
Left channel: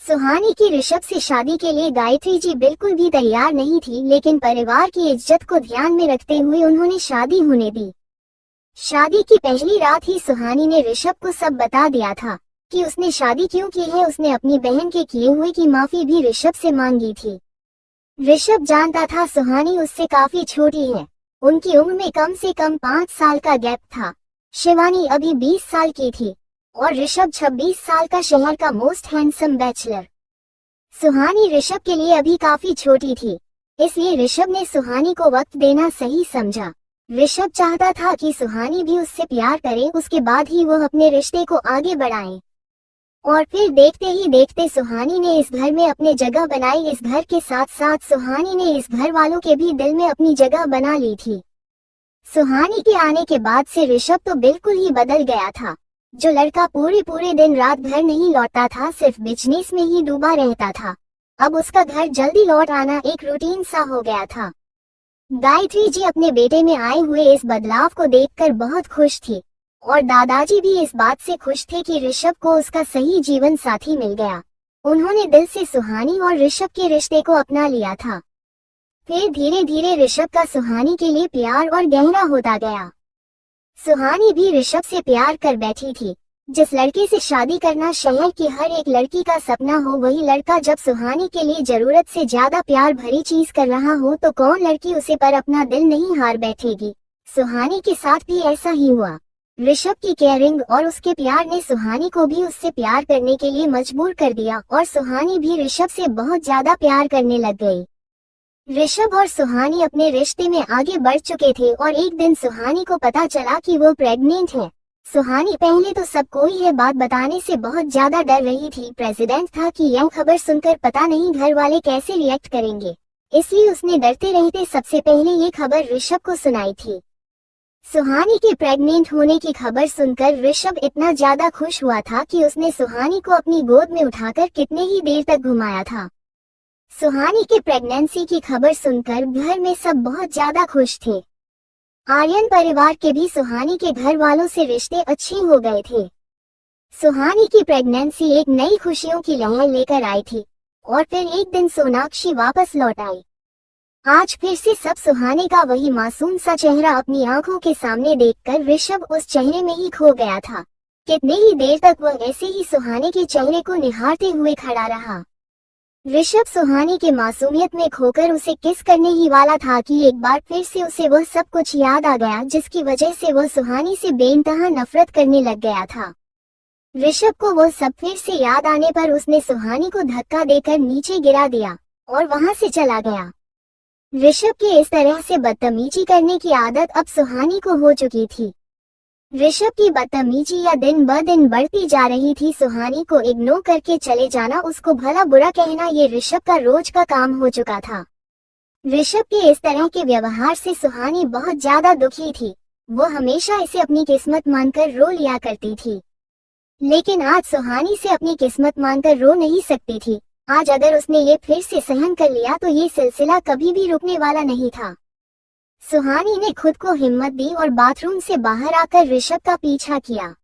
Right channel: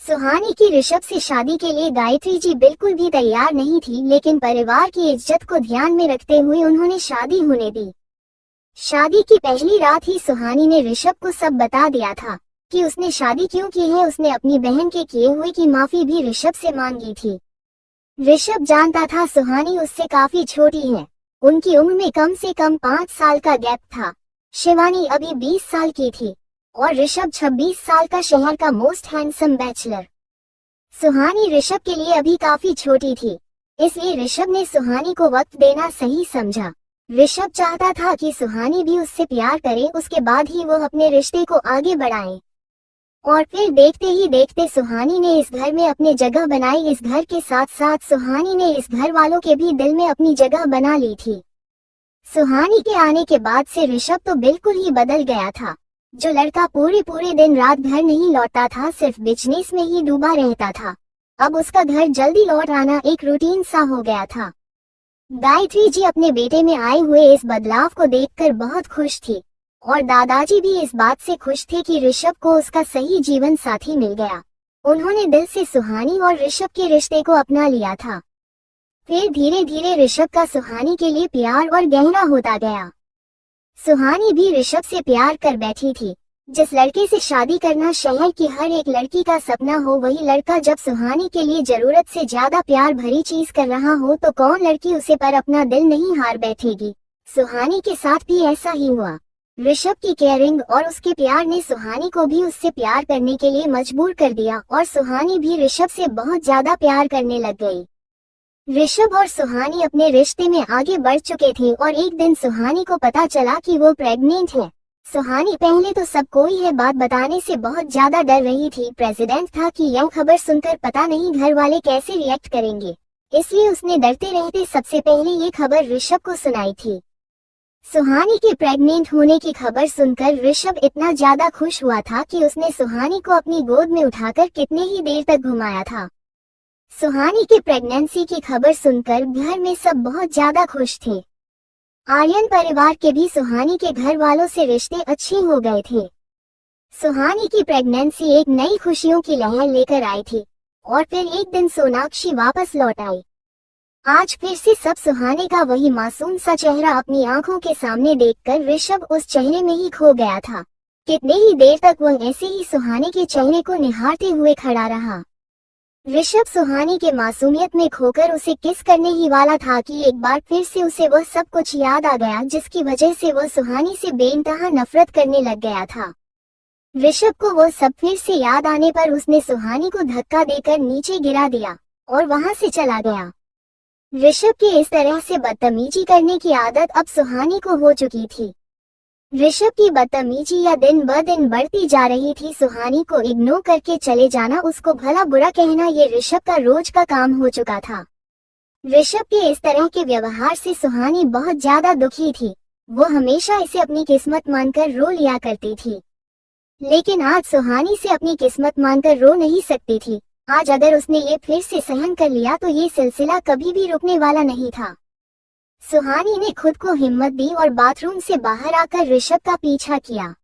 सुहानी की ऋषभ से शादी के लिए गायत्री जी बिल्कुल भी तैयार नहीं थी, लेकिन परिवार की इज्जत को ध्यान में रखते हुए उन्होंने शादी होने दी। शादी की पहली रात ही सुहानी ने ऋषभ को सब बता दिया था कि उसने शादी क्यों की है। उसने अपनी बहन के किए हुए की माफी भी ऋषभ से मांगी थी। ऋषभ जानता था सुहानी उससे काफी छोटी है, उनकी उम्र में कम से कम 5 साल का गैप था। शिवानी अभी 20 साल की थी और ऋषभ 26 साल का शहर का मोस्ट हैंडसम बैचलर। सुहानी ऋषभ के लिए अभी काफी छोटी थी, इसलिए ऋषभ ने सुहानी को वक्त देना सही समझा। ऋषभ चाहता था कि सुहानी भी उससे प्यार करे, उसके बाद ही वो अपने रिश्ते को आगे बढ़ाए। और फिर देखते ही देखते सुहानी ने इस घर में अपनी जगह बनाई। इस घर के साथ साथ सुहानी ने इस घर वालों के भी दिल में अपनी जगह बना ली थी। सुहानी के आने के बाद से ऋषभ तो बिल्कुल ही बदल गया था। जो लड़का पूरे दिन रात घर नहीं लौटता था, सिर्फ बिजनेस में ही डूबा रहता था, अब उसका घर जल्दी लौट आना एक रूटीन सा हो गया था। गायत्री जी अपने बेटे में आए हुए इस बदलाव को देखकर बहुत खुश थी। और दादाजी भी इस बात से खुश थे कि ऋषभ को उसका सही जीवन साथी मिल गया। उन्होंने दिल से सुहानी और ऋषभ के रिश्ते को अपना लिया था। फिर धीरे धीरे ऋषभ का सुहानी के लिए प्यार और गहरा होता गया। सुहानी भी ऋषभ से प्यार कर बैठी थी। जिस लड़के से शादी करना शहर की हर एक लड़की का सपना हो, वही लड़का जब सुहानी के लिए जरूरत से ज्यादा प्यार भरी चीज कर रहा हो तो कौन लड़की उसे पर अपना दिल नहीं हार बैठेगी। सुहानी के साथ भी ऐसा ही हुआ। ऋषभ की केयरिंग और उसके प्यार ने सुहानी को भी उससे प्यार करने के लिए मजबूर कर दिया और सुहानी भी ऋषभ से बहुत ज्यादा प्यार करने लग गई। ऋषभ और सुहानी अपने रिश्ते में आगे बढ़ चुके थे और एक दिन सुहानी को पता चला कि वो प्रेग्नेंट है। सुहानी पहले तो सबको यह बात बताने से बहुत ज्यादा डर रही थी। प्रेसिडेंट था कि यह खबर सुनकर पता नहीं घर वाले कैसे रिएक्ट करेंगे, इसलिए उसने डरते रहते सबसे पहले ये खबर ऋषभ को सुनाई थी। सुहानी के प्रेग्नेंट होने की खबर सुनकर ऋषभ इतना ज्यादा खुश हुआ था कि उसने सुहानी को अपनी गोद में उठाकर कितने ही देर तक घुमाया था। सुहानी के प्रेगनेंसी की खबर सुनकर घर में सब बहुत ज्यादा खुश थे। आर्यन परिवार के भी सुहानी के घर वालों से रिश्ते अच्छे हो गए थे। सुहानी की प्रेगनेंसी एक नई खुशियों की लहर लेकर आई थी और फिर एक दिन सोनाक्षी वापस लौट आई। आज फिर से सब सुहानी का वही मासूम सा चेहरा अपनी आंखों के सामने देखकर ऋषभ उस चेहरे में ही खो गया था। कितने ही देर तक वह ऐसे ही सुहानी के चेहरे को निहारते हुए खड़ा रहा। ऋषभ सुहानी के मासूमियत में खोकर उसे किस करने ही वाला था कि एक बार फिर से उसे वह सब कुछ याद आ गया जिसकी वजह से वह सुहानी से बेइंतहा नफरत करने लग गया था। ऋषभ को वह सब फिर से याद आने पर उसने सुहानी को धक्का देकर नीचे गिरा दिया और वहां से चला गया। ऋषभ के इस तरह से बदतमीजी करने की आदत अब सुहानी को हो चुकी थी। ऋषभ की बदतमीजी या दिन ब दिन बढ़ती जा रही थी। सुहानी को इग्नोर करके चले जाना, उसको भला बुरा कहना, ये ऋषभ का रोज का काम हो चुका था। ऋषभ के इस तरह के व्यवहार से सुहानी बहुत ज्यादा दुखी थी। वो हमेशा इसे अपनी किस्मत मानकर रो लिया करती थी, लेकिन आज सुहानी से अपनी किस्मत मानकर रो नहीं सकती थी। आज अगर उसने ये फिर से सहन कर लिया तो ये सिलसिला कभी भी रुकने वाला नहीं था। सुहानी ने खुद को हिम्मत दी और बाथरूम से बाहर आकर ऋषभ का पीछा किया।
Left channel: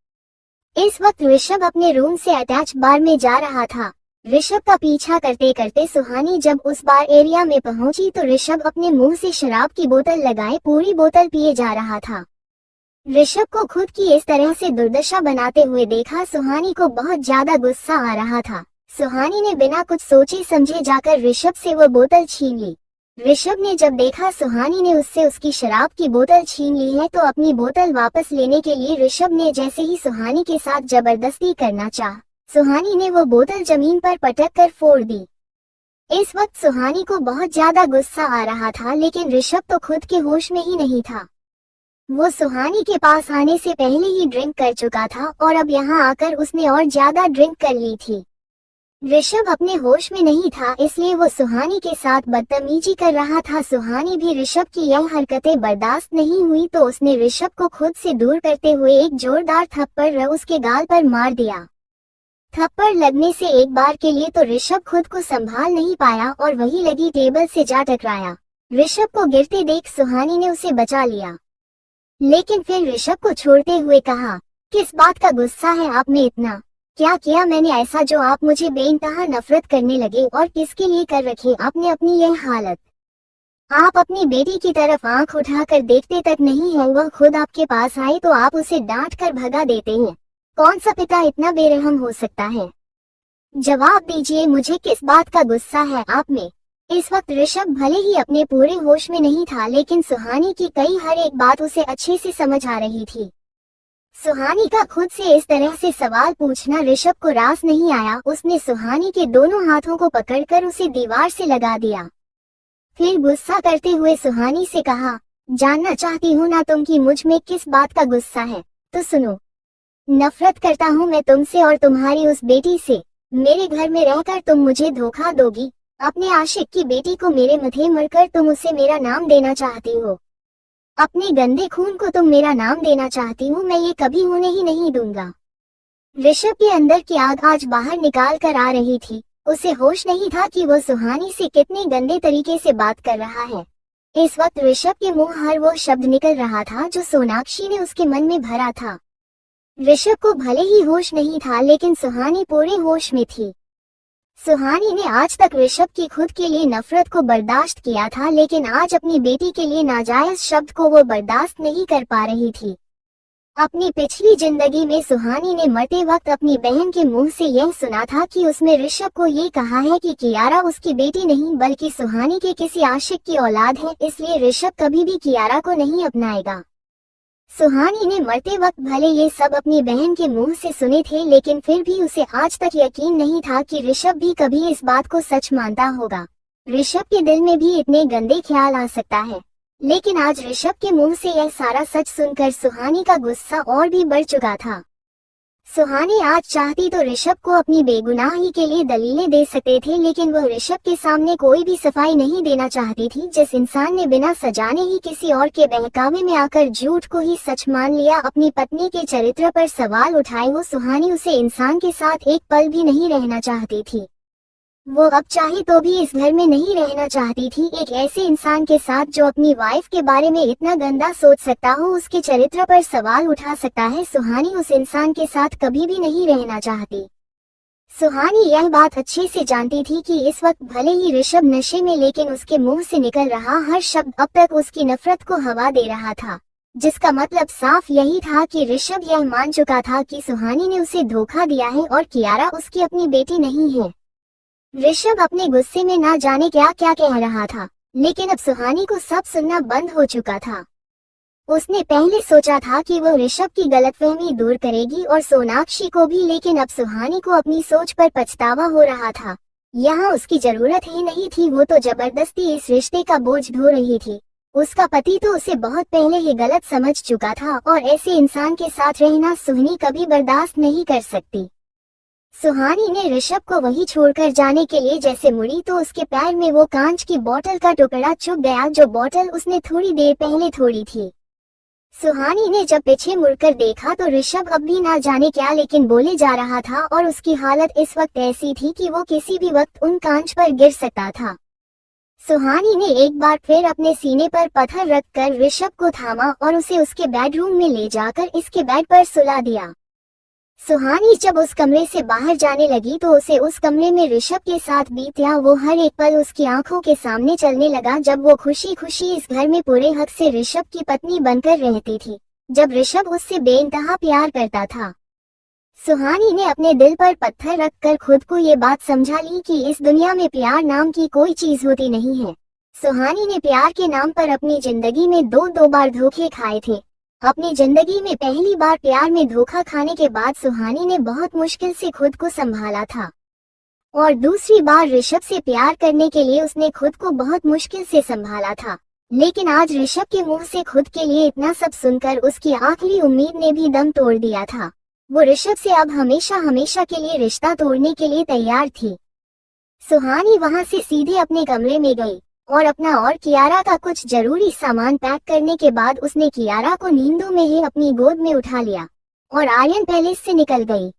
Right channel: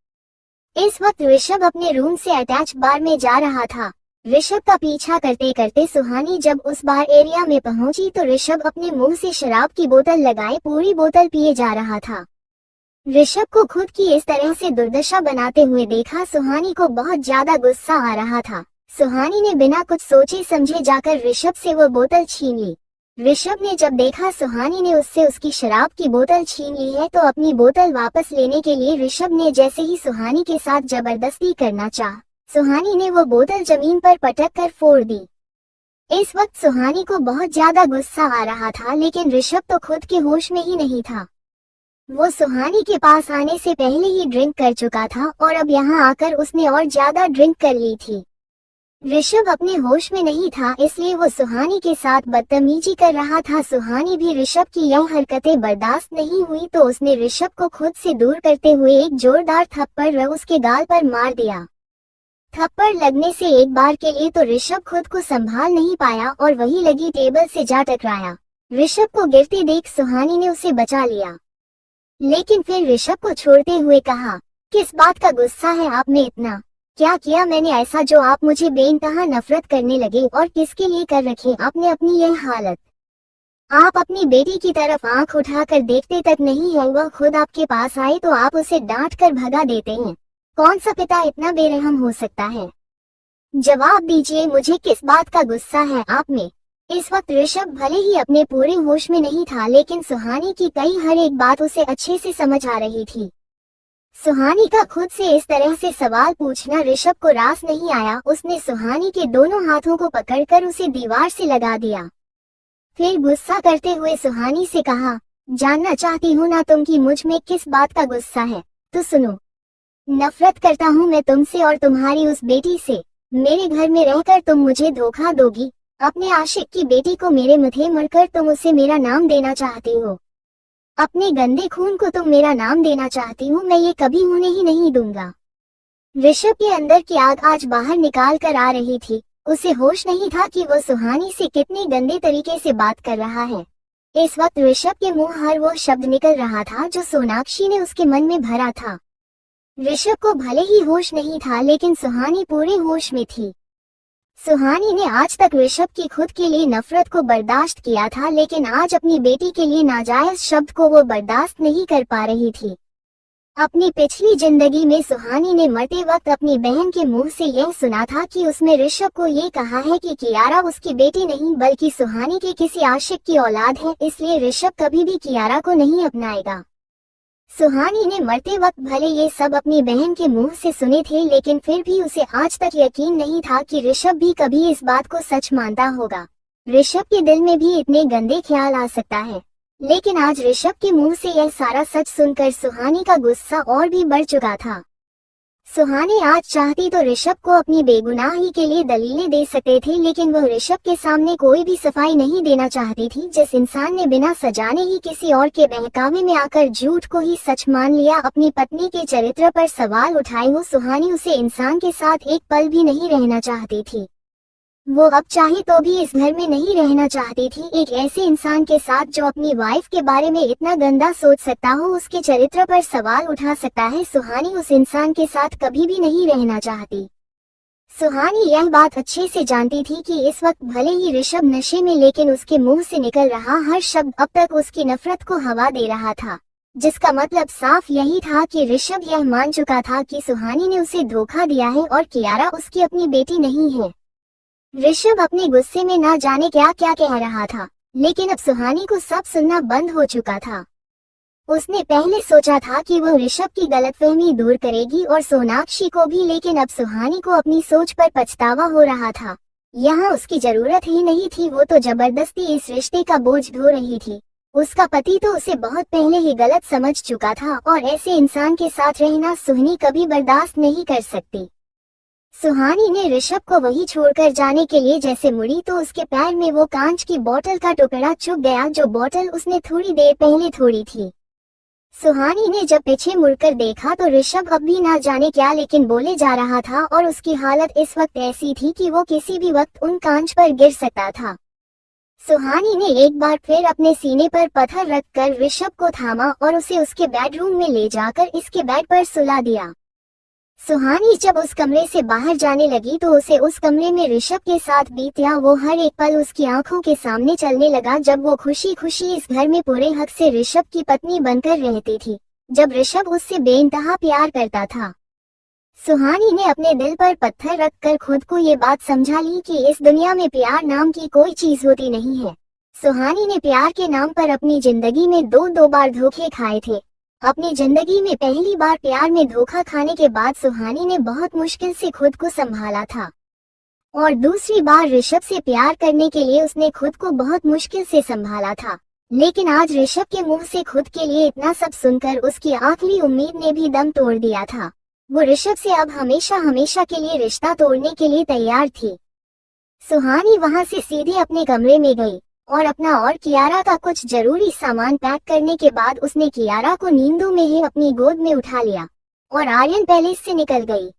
इस वक्त ऋषभ अपने रूम से अटैच बार में जा रहा था। ऋषभ का पीछा करते करते सुहानी जब उस बार एरिया में पहुंची तो ऋषभ अपने मुंह से शराब की बोतल लगाए पूरी बोतल पिए जा रहा था। ऋषभ को खुद की इस तरह से दुर्दशा बनाते हुए देखा सुहानी को बहुत ज्यादा गुस्सा आ रहा था। सुहानी ने बिना कुछ सोचे समझे जाकर ऋषभ से वो बोतल छीन ली। ऋषभ ने जब देखा सुहानी ने उससे उसकी शराब की बोतल छीन ली है तो अपनी बोतल वापस लेने के लिए ऋषभ ने जैसे ही सुहानी के साथ जबरदस्ती करना चाहा, सुहानी ने वो बोतल जमीन पर पटक कर फोड़ दी। इस वक्त सुहानी को बहुत ज्यादा गुस्सा आ रहा था, लेकिन ऋषभ तो खुद के होश में ही नहीं था। वो सुहानी के पास आने से पहले ही ड्रिंक कर चुका था और अब यहाँ आकर उसने और ज्यादा ड्रिंक कर ली थी। ऋषभ अपने होश में नहीं था, इसलिए वो सुहानी के साथ बदतमीजी कर रहा था। सुहानी भी ऋषभ की यह हरकतें बर्दाश्त नहीं हुई तो उसने ऋषभ को खुद से दूर करते हुए एक जोरदार थप्पड़ उसके गाल पर मार दिया। थप्पड़ लगने से एक बार के लिए तो ऋषभ खुद को संभाल नहीं पाया और वही लगी टेबल से जा टकराया। ऋषभ को गिरते देख सुहानी ने उसे बचा लिया, लेकिन फिर ऋषभ को छोड़ते हुए कहा, किस बात का गुस्सा है आप में इतना? क्या किया मैंने ऐसा जो आप मुझे बेइंतहा नफरत करने लगे? और किसके लिए कर रखे आपने अपनी यह हालत? आप अपनी बेटी की तरफ आंख उठाकर देखते तक नहीं है, वह खुद आपके पास आए तो आप उसे डांट कर भगा देते हैं। कौन सा पिता इतना बेरहम हो सकता है? जवाब दीजिए, मुझे किस बात का गुस्सा है आप में? इस वक्त ऋषभ भले ही अपने पूरे होश में नहीं था, लेकिन सुहानी की कई हर एक बात उसे अच्छे से समझ आ रही थी। सुहानी का खुद से इस तरह से सवाल पूछना ऋषभ को रास नहीं आया। उसने सुहानी के दोनों हाथों को पकड़कर उसे दीवार से लगा दिया। फिर गुस्सा करते हुए सुहानी से कहा, जानना चाहती हूँ ना तुम कि मुझ में किस बात का गुस्सा है? तो सुनो, नफरत करता हूँ मैं तुमसे और तुम्हारी उस बेटी से। मेरे घर में रहकर तुम मुझे धोखा दोगी। अपने आशिक की बेटी को मेरे मुंह मरकर तुम उसे मेरा नाम देना चाहती हो। अपने गंदे खून को तुम मेरा नाम देना चाहती हो। मैं ये कभी होने ही नहीं दूंगा। ऋषभ के अंदर की आग आज बाहर निकाल कर आ रही थी। उसे होश नहीं था कि वह सुहानी से कितने गंदे तरीके से बात कर रहा है। इस वक्त ऋषभ के मुंह हर वो शब्द निकल रहा था जो सोनाक्षी ने उसके मन में भरा था। ऋषभ को भले ही होश नहीं था, लेकिन सुहानी पूरे होश में थी। सुहानी ने आज तक ऋषभ की खुद के लिए नफरत को बर्दाश्त किया था, लेकिन आज अपनी बेटी के लिए नाजायज शब्द को वो बर्दाश्त नहीं कर पा रही थी। अपनी पिछली जिंदगी में सुहानी ने मरते वक्त अपनी बहन के मुंह से यह सुना था कि उसने ऋषभ को ये कहा है कि कियारा उसकी बेटी नहीं बल्कि सुहानी के किसी आशिक की औलाद है, इसलिए ऋषभ कभी भी कियारा को नहीं अपनाएगा। सुहानी ने मरते वक्त भले ये सब अपनी बहन के मुंह से सुने थे, लेकिन फिर भी उसे आज तक यकीन नहीं था कि ऋषभ भी कभी इस बात को सच मानता होगा। ऋषभ के दिल में भी इतने गंदे ख्याल आ सकता है, लेकिन आज ऋषभ के मुंह से यह सारा सच सुनकर सुहानी का गुस्सा और भी बढ़ चुका था। सुहानी आज चाहती तो ऋषभ को अपनी बेगुनाही के लिए दलीलें दे सकते थे, लेकिन वो ऋषभ के सामने कोई भी सफाई नहीं देना चाहती थी। जिस इंसान ने बिना सजाने ही किसी और के बहकावे में आकर झूठ को ही सच मान लिया, अपनी पत्नी के चरित्र पर सवाल उठाए, वो सुहानी उसे इंसान के साथ एक पल भी नहीं रहना चाहती थी। वो अब चाहे तो भी इस घर में नहीं रहना चाहती थी। एक ऐसे इंसान के साथ जो अपनी वाइफ के बारे में इतना गंदा सोच सकता हो, उसके चरित्र पर सवाल उठा सकता है, सुहानी उस इंसान के साथ कभी भी नहीं रहना चाहती। सुहानी यह बात अच्छे से जानती थी कि इस वक्त भले ही ऋषभ नशे में, लेकिन उसके मुंह से निकल रहा हर शब्द अब तक उसकी नफरत को हवा दे रहा था, जिसका मतलब साफ यही था कि ऋषभ यह मान चुका था कि सुहानी ने उसे धोखा दिया है और कियारा उसकी अपनी बेटी नहीं है। ऋषभ अपने गुस्से में ना जाने क्या क्या कह रहा था, लेकिन अब सुहानी को सब सुनना बंद हो चुका था। उसने पहले सोचा था कि वो ऋषभ की गलतफहमी दूर करेगी और सोनाक्षी को भी, लेकिन अब सुहानी को अपनी सोच पर पछतावा हो रहा था। यहाँ उसकी जरूरत ही नहीं थी, वो तो जबरदस्ती इस रिश्ते का बोझ ढो रही थी। उसका पति तो उसे बहुत पहले ही गलत समझ चुका था और ऐसे इंसान के साथ रहना सुहानी कभी बर्दाश्त नहीं कर सकती। सुहानी ने ऋषभ को वही छोड़कर जाने के लिए जैसे मुड़ी तो उसके पैर में वो कांच की बोतल का टुकड़ा चुभ गया, जो बोतल उसने थोड़ी देर पहले तोड़ी थी। सुहानी ने जब पीछे मुड़कर देखा तो ऋषभ अब भी ना जाने क्या लेकिन बोले जा रहा था और उसकी हालत इस वक्त ऐसी थी कि वो किसी भी वक्त उन कांच पर गिर सकता था। सुहानी ने एक बार फिर अपने सीने पर पत्थर रखकर ऋषभ को थामा और उसे उसके बेडरूम में ले जाकर इसके बेड पर सुला दिया। सुहानी जब उस कमरे से बाहर जाने लगी तो उसे उस कमरे में ऋषभ के साथ बीता वो हर एक पल उसकी आंखों के सामने चलने लगा, जब वो खुशी खुशी इस घर में पूरे हक से ऋषभ की पत्नी बनकर रहती थी, जब ऋषभ उससे बेइंतहा प्यार करता था। सुहानी ने अपने दिल पर पत्थर रखकर खुद को ये बात समझा ली कि इस दुनिया में प्यार नाम की कोई चीज होती नहीं है। सुहानी ने प्यार के नाम पर अपनी जिंदगी में दो बार धोखे खाए थे। अपनी जिंदगी में पहली बार प्यार में धोखा खाने के बाद सुहानी ने बहुत मुश्किल से खुद को संभाला था, और दूसरी बार ऋषभ से प्यार करने के लिए उसने खुद को बहुत मुश्किल से संभाला था। लेकिन आज ऋषभ के मुंह से खुद के लिए इतना सब सुनकर उसकी आखिरी उम्मीद ने भी दम तोड़ दिया था। वो ऋषभ से अब हमेशा हमेशा के लिए रिश्ता तोड़ने के लिए तैयार थी। सुहानी वहां से सीधे अपने कमरे में गई और अपना और कियारा का कुछ जरूरी सामान पैक करने के बाद उसने कियारा को नींदों में ही अपनी गोद में उठा लिया और आर्यन पैलेस से निकल गई।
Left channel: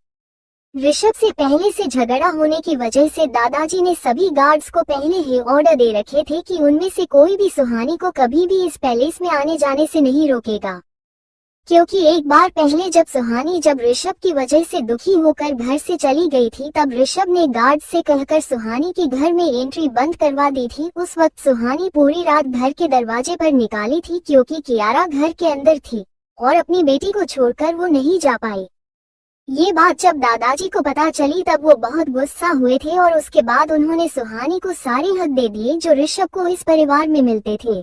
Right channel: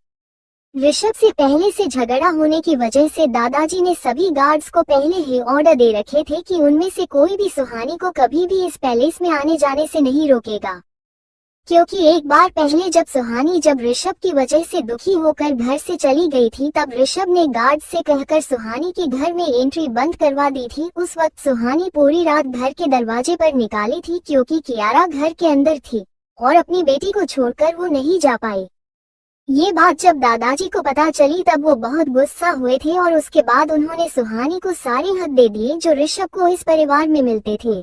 ऋषभ से पहले से झगड़ा होने की वजह से दादाजी ने सभी गार्ड्स को पहले ही ऑर्डर दे रखे थे कि उनमें से कोई भी सुहानी को कभी भी इस पैलेस में आने जाने से नहीं रोकेगा, क्योंकि एक बार पहले जब सुहानी ऋषभ की वजह से दुखी होकर घर से चली गई थी, तब ऋषभ ने गार्ड से कहकर सुहानी की घर में एंट्री बंद करवा दी थी। उस वक्त सुहानी पूरी रात घर के दरवाजे पर निकाली थी, क्योंकि कियारा घर के अंदर थी और अपनी बेटी को छोड़कर वो नहीं जा पाई। ये बात जब दादाजी को पता चली तब वो बहुत गुस्सा हुए थे और उसके बाद उन्होंने सुहानी को सारे हक दे दिए जो ऋषभ को इस परिवार में मिलते थे।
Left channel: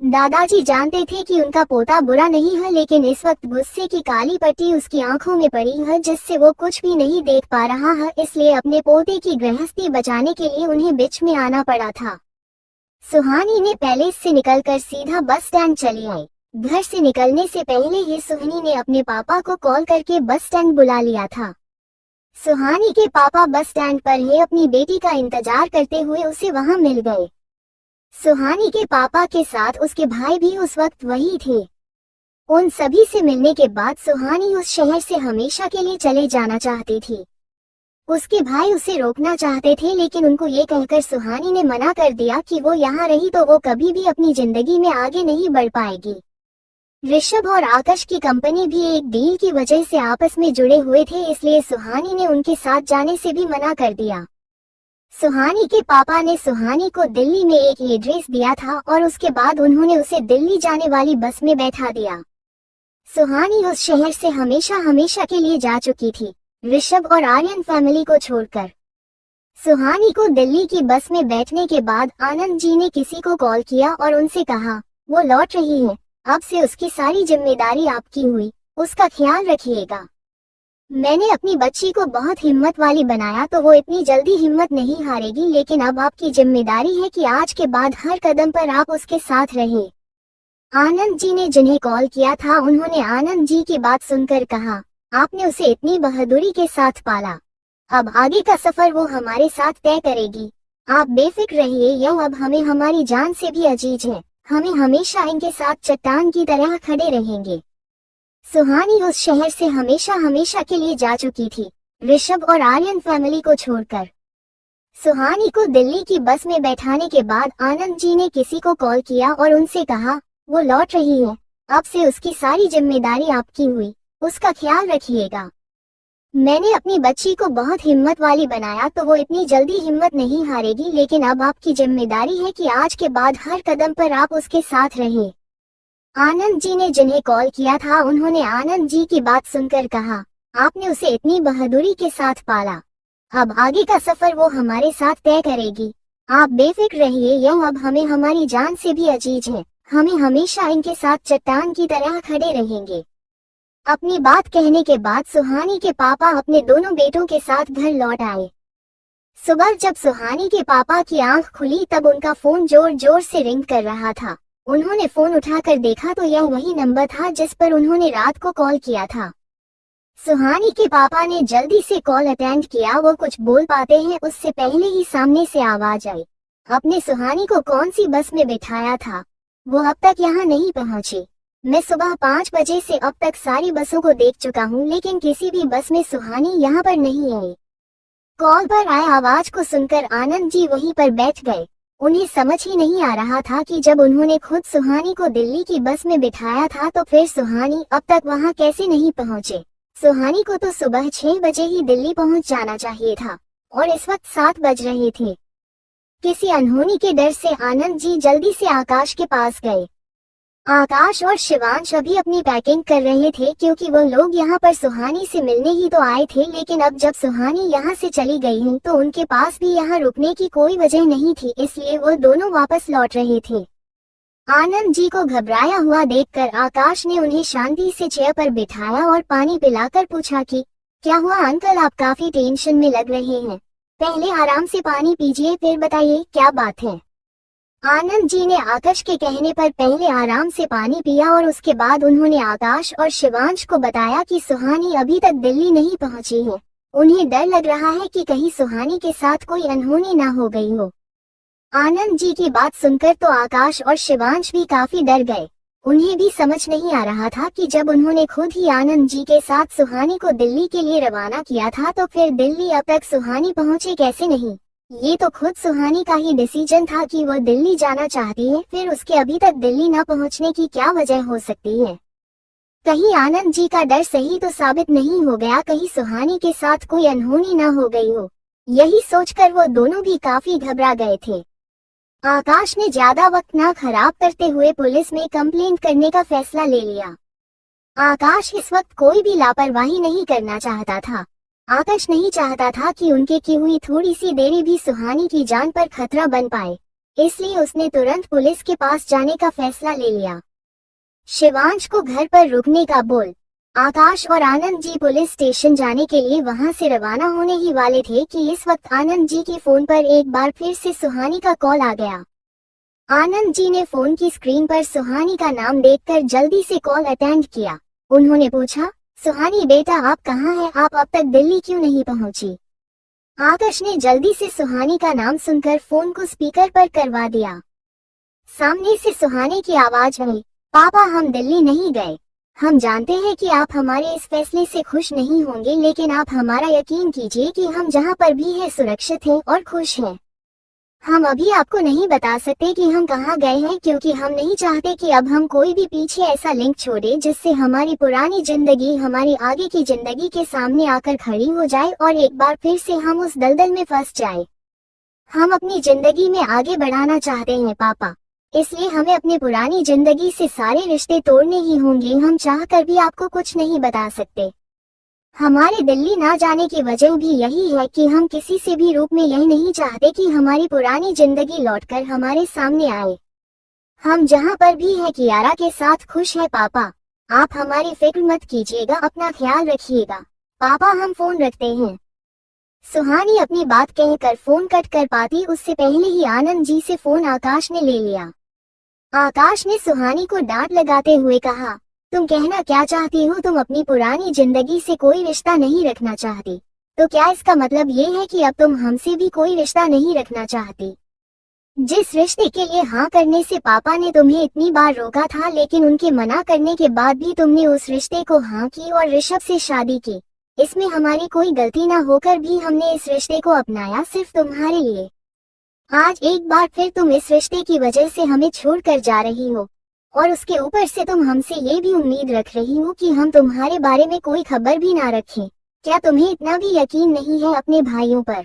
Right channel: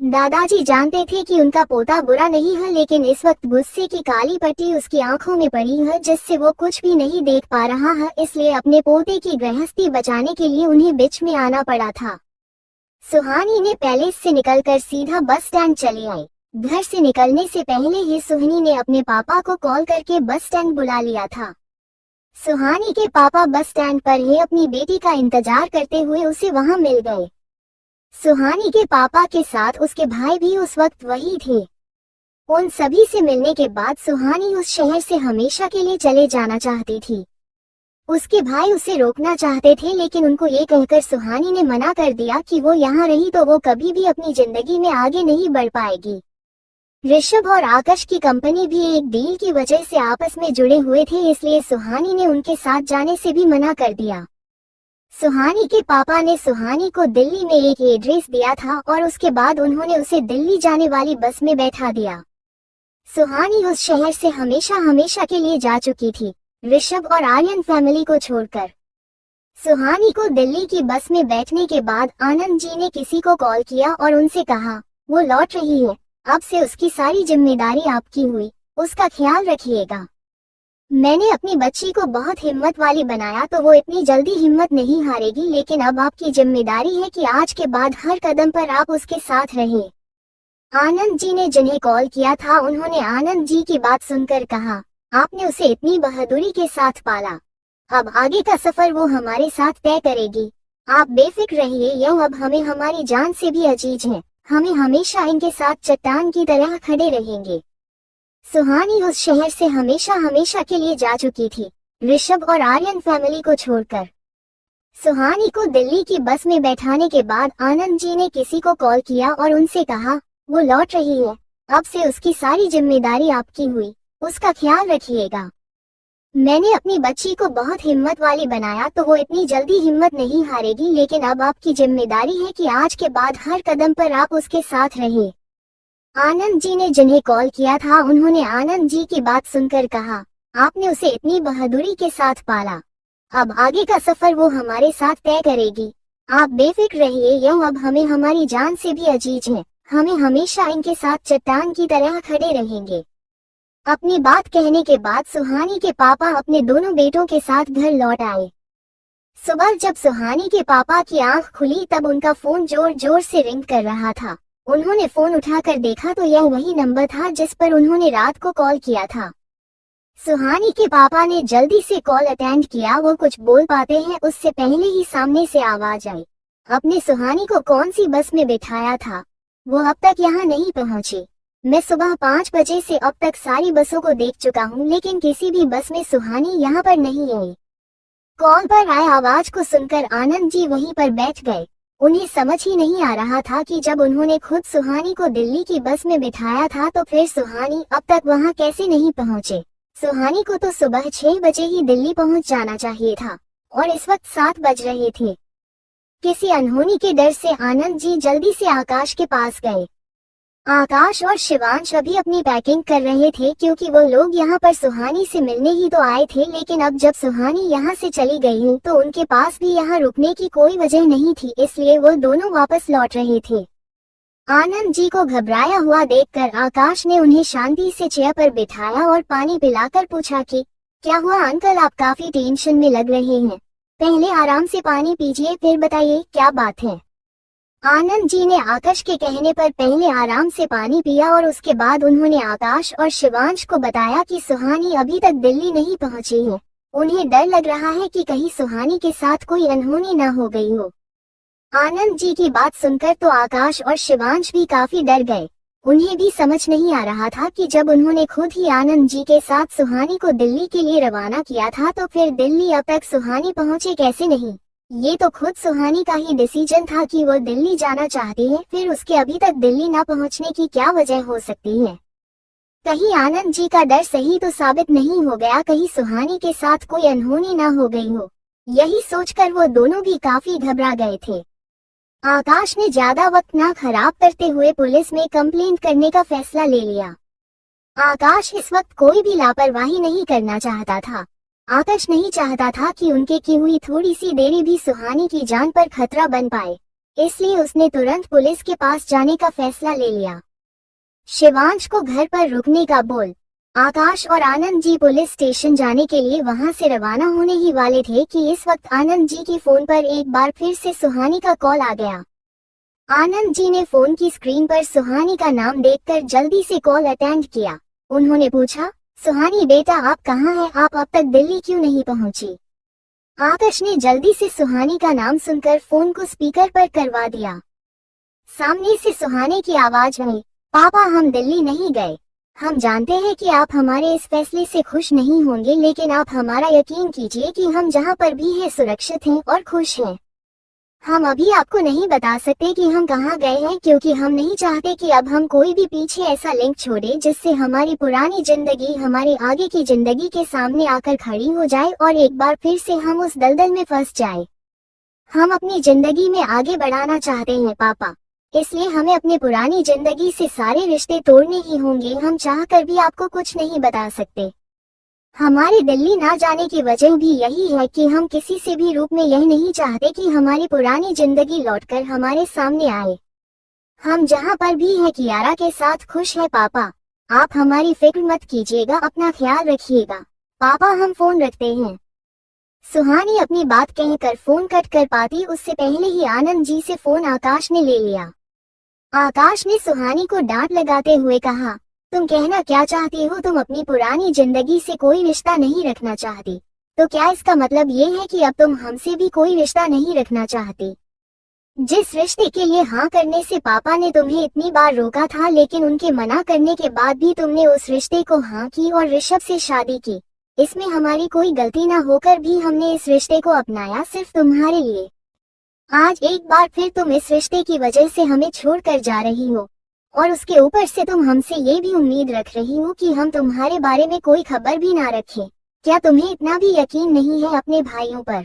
दादाजी जानते थे कि उनका पोता बुरा नहीं है, लेकिन इस वक्त गुस्से की काली पट्टी उसकी आंखों में पड़ी है जिससे वो कुछ भी नहीं देख पा रहा है, इसलिए अपने पोते की गृहस्थी बचाने के लिए उन्हें बीच में आना पड़ा था। सुहानी ने पैलेस से निकलकर सीधा बस स्टैंड चली आई। घर से निकलने से पहले ही सुहानी ने अपने पापा को कॉल करके बस स्टैंड बुला लिया था। सुहानी के पापा बस स्टैंड पर ही अपनी बेटी का इंतजार करते हुए उसे वहां मिल गए। सुहानी के पापा के साथ उसके भाई भी उस वक्त वही थे। उन सभी से मिलने के बाद सुहानी उस शहर से हमेशा के लिए चले जाना चाहती थी। उसके भाई उसे रोकना चाहते थे, लेकिन उनको ये कहकर सुहानी ने मना कर दिया कि वो यहाँ रही तो वो कभी भी अपनी जिंदगी में आगे नहीं बढ़ पाएगी। ऋषभ और आकाश की कंपनी भी एक डील की वजह से आपस में जुड़े हुए थे, इसलिए सुहानी ने उनके साथ जाने से भी मना कर दिया। सुहानी के पापा ने सुहानी को दिल्ली में एक एड्रेस दिया था और उसके बाद उन्होंने उसे दिल्ली जाने वाली बस में बैठा दिया। सुहानी उस शहर से हमेशा हमेशा के लिए जा चुकी थी, ऋषभ और आर्यन फैमिली को छोड़कर। सुहानी को दिल्ली की बस में बैठने के बाद आनंद जी ने किसी को कॉल किया और उनसे कहा, वो लौट रही है, अब से उसकी सारी जिम्मेदारी आपकी हुई, उसका ख्याल रखिएगा। मैंने अपनी बच्ची को बहुत हिम्मत वाली बनाया तो वो इतनी जल्दी हिम्मत नहीं हारेगी, लेकिन अब आपकी जिम्मेदारी है कि आज के बाद हर कदम पर आप उसके साथ रहें। आनंद जी ने जिन्हें कॉल किया था उन्होंने आनंद जी की बात सुनकर कहा, आपने उसे इतनी बहादुरी के साथ पाला, अब आगे का सफर वो हमारे साथ तय करेगी। आप बेफिक्र रहिए, यह अब हमें हमारी जान से भी अजीज है, हमें हमेशा इनके साथ चट्टान की तरह खड़े रहेंगे। सुहानी उस शहर से हमेशा हमेशा के लिए जा चुकी थी, ऋषभ और आर्यन फैमिली को छोड़कर। सुहानी को दिल्ली की बस में बैठाने के बाद आनंद जी ने किसी को कॉल किया और उनसे कहा, वो लौट रही है, अब से उसकी सारी जिम्मेदारी आपकी हुई, उसका ख्याल रखिएगा। मैंने अपनी बच्ची को बहुत हिम्मत वाली बनाया तो वो इतनी जल्दी हिम्मत नहीं हारेगी, लेकिन अब आपकी जिम्मेदारी है कि आज के बाद हर कदम पर आप उसके साथ रहें। आनंद जी ने जिन्हें कॉल किया था उन्होंने आनंद जी की बात सुनकर कहा, आपने उसे इतनी बहादुरी के साथ पाला, अब आगे का सफर वो हमारे साथ तय करेगी। आप बेफिक्र रहिए, यह अब हमें हमारी जान से भी अजीज है, हमें हमेशा इनके साथ चट्टान की तरह खड़े रहेंगे। अपनी बात कहने के बाद सुहानी के पापा अपने दोनों बेटों के साथ घर लौट आए। सुबह जब सुहानी के पापा की आंख खुली तब उनका फोन जोर जोर से रिंग कर रहा था। उन्होंने फोन उठाकर देखा तो यह वही नंबर था जिस पर उन्होंने रात को कॉल किया था। सुहानी के पापा ने जल्दी से कॉल अटेंड किया। वो कुछ बोल पाते हैं उससे पहले ही सामने से आवाज आई, आपने सुहानी को कौन सी बस में बिठाया था? वो अब तक यहाँ नहीं पहुँची। मैं सुबह 5 बजे से अब तक सारी बसों को देख चुका हूँ, लेकिन किसी भी बस में सुहानी यहाँ पर नहीं आई। कॉल पर आए आवाज को सुनकर आनंद जी वहीं पर बैठ गए। उन्हें समझ ही नहीं आ रहा था कि जब उन्होंने खुद सुहानी को दिल्ली की बस में बिठाया था तो फिर सुहानी अब तक वहां कैसे नहीं पहुंचे। सुहानी को तो सुबह 6 बजे ही दिल्ली पहुंच जाना चाहिए था और इस वक्त 7 बज रहे थे। किसी अनहोनी के डर से आनंद जी जल्दी से आकाश के पास गए। आकाश और शिवांश अभी अपनी पैकिंग कर रहे थे क्योंकि वो लोग यहाँ पर सुहानी से मिलने ही तो आए थे, लेकिन अब जब सुहानी यहाँ से चली गई है तो उनके पास भी यहाँ रुकने की कोई वजह नहीं थी, इसलिए वो दोनों वापस लौट रहे थे। आनंद जी को घबराया हुआ देखकर आकाश ने उन्हें शांति से चेयर पर बिठाया और पानी पिलाकर पूछा कि क्या हुआ अंकल, आप काफी टेंशन में लग रहे हैं, पहले आराम से पानी पीजिए फिर बताइए क्या बात है। आनंद जी ने आकाश के कहने पर पहले आराम से पानी पिया और उसके बाद उन्होंने आकाश और शिवांश को बताया कि सुहानी अभी तक दिल्ली नहीं पहुंची है। उन्हें डर लग रहा है कि कहीं सुहानी के साथ कोई अनहोनी ना हो गई हो। आनंद जी की बात सुनकर तो आकाश और शिवांश भी काफी डर गए। उन्हें भी समझ नहीं आ रहा था कि जब उन्होंने खुद ही आनंद जी के साथ सुहानी को दिल्ली के लिए रवाना किया था तो फिर दिल्ली अब तक सुहानी पहुंचे कैसे नहीं। ये तो खुद सुहानी का ही डिसीजन था कि वो दिल्ली जाना चाहती है, फिर उसके अभी तक दिल्ली न पहुंचने की क्या वजह हो सकती है। कहीं आनंद जी का डर सही तो साबित नहीं हो गया, कहीं सुहानी के साथ कोई अनहोनी न हो गई हो। यही सोचकर वो दोनों भी काफी घबरा गए थे। आकाश ने ज्यादा वक्त न खराब करते हुए पुलिस में कंप्लेंट करने का फैसला ले लिया। आकाश इस वक्त कोई भी लापरवाही नहीं करना चाहता था। आकाश नहीं चाहता था कि उनके की हुई थोड़ी सी देरी भी सुहानी की जान पर खतरा बन पाए, इसलिए उसने तुरंत पुलिस के पास जाने का फैसला ले लिया। शिवांश को घर पर रुकने का बोल। आकाश और आनंद जी पुलिस स्टेशन जाने के लिए वहां से रवाना होने ही वाले थे कि इस वक्त आनंद जी के फोन पर एक बार फिर से सुहानी का कॉल आ गया। आनंद जी ने फोन की स्क्रीन पर सुहानी का नाम देखकर जल्दी से कॉल अटेंड किया। उन्होंने पूछा, सुहानी बेटा आप कहाँ हैं, आप अब तक दिल्ली क्यों नहीं पहुंची? आकाश ने जल्दी से सुहानी का नाम सुनकर फोन को स्पीकर पर करवा दिया। सामने से सुहानी की आवाज आई, पापा हम दिल्ली नहीं गए। हम जानते हैं कि आप हमारे इस फैसले से खुश नहीं होंगे, लेकिन आप हमारा यकीन कीजिए कि हम जहाँ पर भी हैं सुरक्षित हैं और खुश हैं। हम अभी आपको नहीं बता सकते कि हम कहाँ गए हैं, क्योंकि हम नहीं चाहते कि अब हम कोई भी पीछे ऐसा लिंक छोड़े जिससे हमारी पुरानी जिंदगी हमारी आगे की जिंदगी के सामने आकर खड़ी हो जाए और एक बार फिर से हम उस दलदल में फंस जाए। हम अपनी जिंदगी में आगे बढ़ाना चाहते हैं पापा, इसलिए हमें अपनी पुरानी जिंदगी से सारे रिश्ते तोड़ने ही होंगे। हम चाहकर भी आपको कुछ नहीं बता सकते। हमारे दिल्ली ना जाने की वजह भी यही है कि हम किसी से भी रूप में यह नहीं चाहते कि हमारी पुरानी जिंदगी लौटकर हमारे सामने आए। हम जहाँ पर भी हैं कियारा के साथ खुश है पापा। आप हमारी फिक्र मत कीजिएगा, अपना ख्याल रखिएगा। पापा हम फोन रखते हैं। सुहानी अपनी बात कहकर फोन कट कर पाती उससे पहले ही आनंद जी से फोन आकाश ने ले लिया। आकाश ने सुहानी को डांट लगाते हुए कहा, तुम कहना क्या चाहती हो? तुम अपनी पुरानी जिंदगी से कोई रिश्ता नहीं रखना चाहती, तो क्या इसका मतलब ये है कि अब तुम हमसे भी कोई रिश्ता नहीं रखना चाहती? जिस रिश्ते के लिए हाँ करने से पापा ने तुम्हें इतनी बार रोका था, लेकिन उनके मना करने के बाद भी तुमने उस रिश्ते को हाँ की और ऋषभ से शादी की। इसमें हमारी कोई गलती ना होकर भी हमने इस रिश्ते को अपनाया सिर्फ तुम्हारे लिए। आज एक बार फिर तुम इस रिश्ते की वजह से हमें छोड़कर जा रही हो, और उसके ऊपर से तुम हमसे ये भी उम्मीद रख रही हो कि हम तुम्हारे बारे में कोई खबर भी ना रखें। क्या तुम्हें इतना भी यकीन नहीं है अपने भाइयों पर?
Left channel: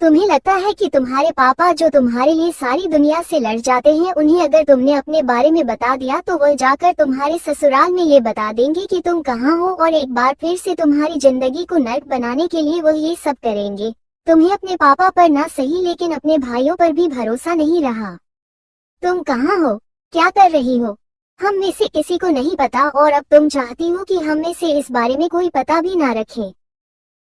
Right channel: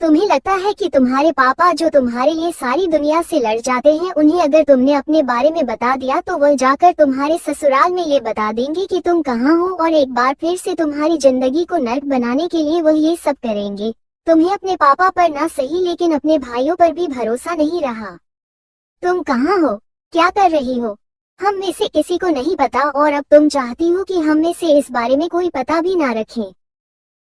तुम्हें लगता है कि तुम्हारे पापा जो तुम्हारे लिए सारी दुनिया से लड़ जाते हैं, उन्हें अगर तुमने अपने बारे में बता दिया तो वह जाकर तुम्हारे ससुराल में ये बता देंगे कि तुम कहाँ हो, और एक बार फिर से तुम्हारी जिंदगी को नर्क बनाने के लिए वह ये सब करेंगे। तुम्हें अपने पापा पर ना सही लेकिन अपने भाइयों पर भी भरोसा नहीं रहा। तुम कहाँ हो, क्या कर रही हो, हम में से किसी को नहीं पता, और अब तुम चाहती हो कि हम में से इस बारे में कोई पता भी ना रखें।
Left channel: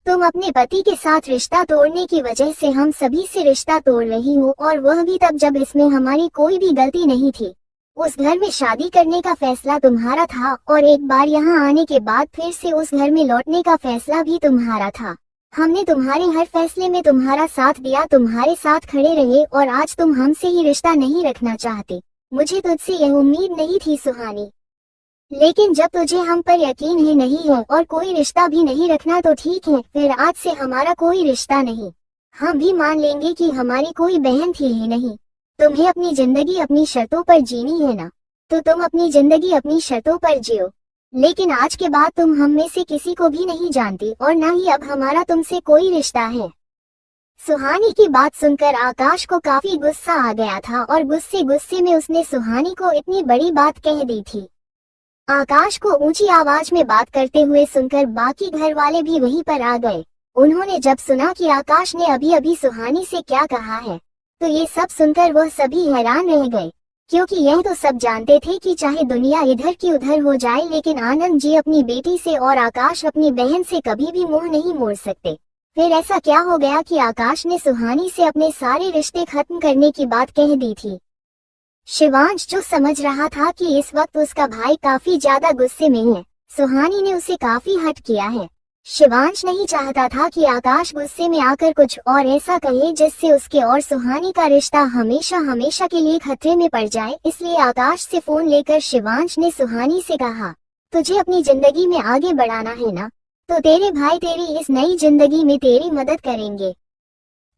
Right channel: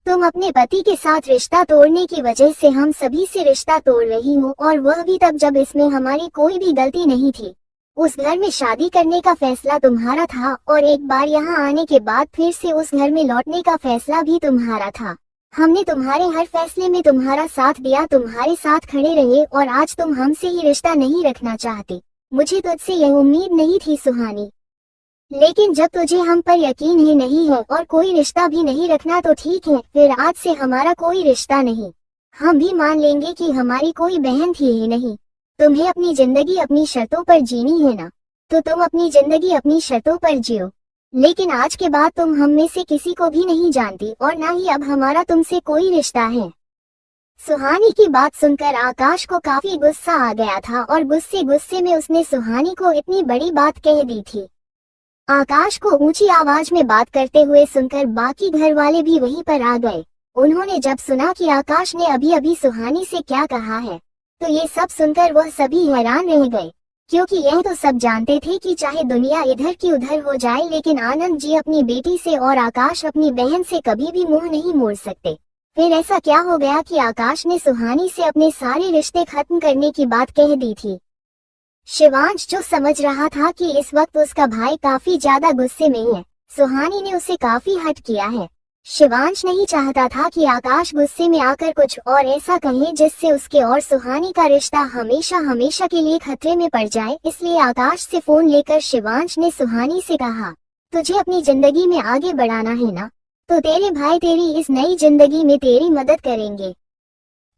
तुम अपने पति के साथ रिश्ता तोड़ने की वजह से हम सभी से रिश्ता तोड़ रही हो, और वह भी तब जब इसमें हमारी कोई भी गलती नहीं थी। उस घर में शादी करने का फैसला तुम्हारा था, और एक बार यहाँ आने के बाद फिर से उस घर में लौटने का फैसला भी तुम्हारा था। हमने तुम्हारे हर फैसले में तुम्हारा साथ दिया, तुम्हारे साथ खड़े रहे, और आज तुम हमसे ही रिश्ता नहीं रखना चाहते। मुझे तुझसे यह उम्मीद नहीं थी सुहानी, लेकिन जब तुझे हम पर यकीन ही नहीं है और कोई रिश्ता भी नहीं रखना तो ठीक है, फिर आज से हमारा कोई रिश्ता नहीं। हम भी मान लेंगे कि हमारी कोई बहन थी ही नहीं। तुम्हें अपनी जिंदगी अपनी शर्तों पर जीनी है ना, तो तुम अपनी जिंदगी अपनी शर्तों पर जियो। लेकिन आज के बाद तुम हम में से किसी को भी नहीं जानती, और न ही अब हमारा तुमसे कोई रिश्ता है। सुहानी की बात सुनकर आकाश को काफी गुस्सा आ गया था, और गुस्से में उसने सुहानी को इतनी बड़ी बात कह दी थी। आकाश को ऊंची आवाज में बात करते हुए सुनकर बाकी घर वाले भी वहीं पर आ गए। उन्होंने जब सुना कि आकाश ने अभी अभी सुहानी से क्या कहा है, तो ये सब सुनकर वह सभी हैरान रह गए, क्योंकि यह तो सब जानते थे कि चाहे दुनिया इधर की उधर हो जाए, लेकिन आनंद जी अपनी बेटी से और आकाश अपनी बहन से कभी भी मुंह नहीं मोड़ सकते। फिर ऐसा क्या हो गया कि आकाश ने सुहानी से अपने सारे रिश्ते खत्म करने की बात कह दी थी? शिवांश जो समझ रहा था कि इस वक्त उसका भाई काफी ज्यादा गुस्से में है, सुहानी ने उसे काफी हर्ट किया है। शिवांश नहीं चाहता था कि आकाश गुस्से में आकर कुछ और ऐसा कहे जिससे उसके और सुहानी का रिश्ता हमेशा हमेशा के लिए खतरे में पड़ जाए। इसलिए आकाश से फोन लेकर शिवांश ने सुहानी से कहा, तुझे अपनी जिंदगी में आगे बढ़ाना है ना, तो तेरे भाई तेरी इस नई जिंदगी में तेरी मदद करेंगे।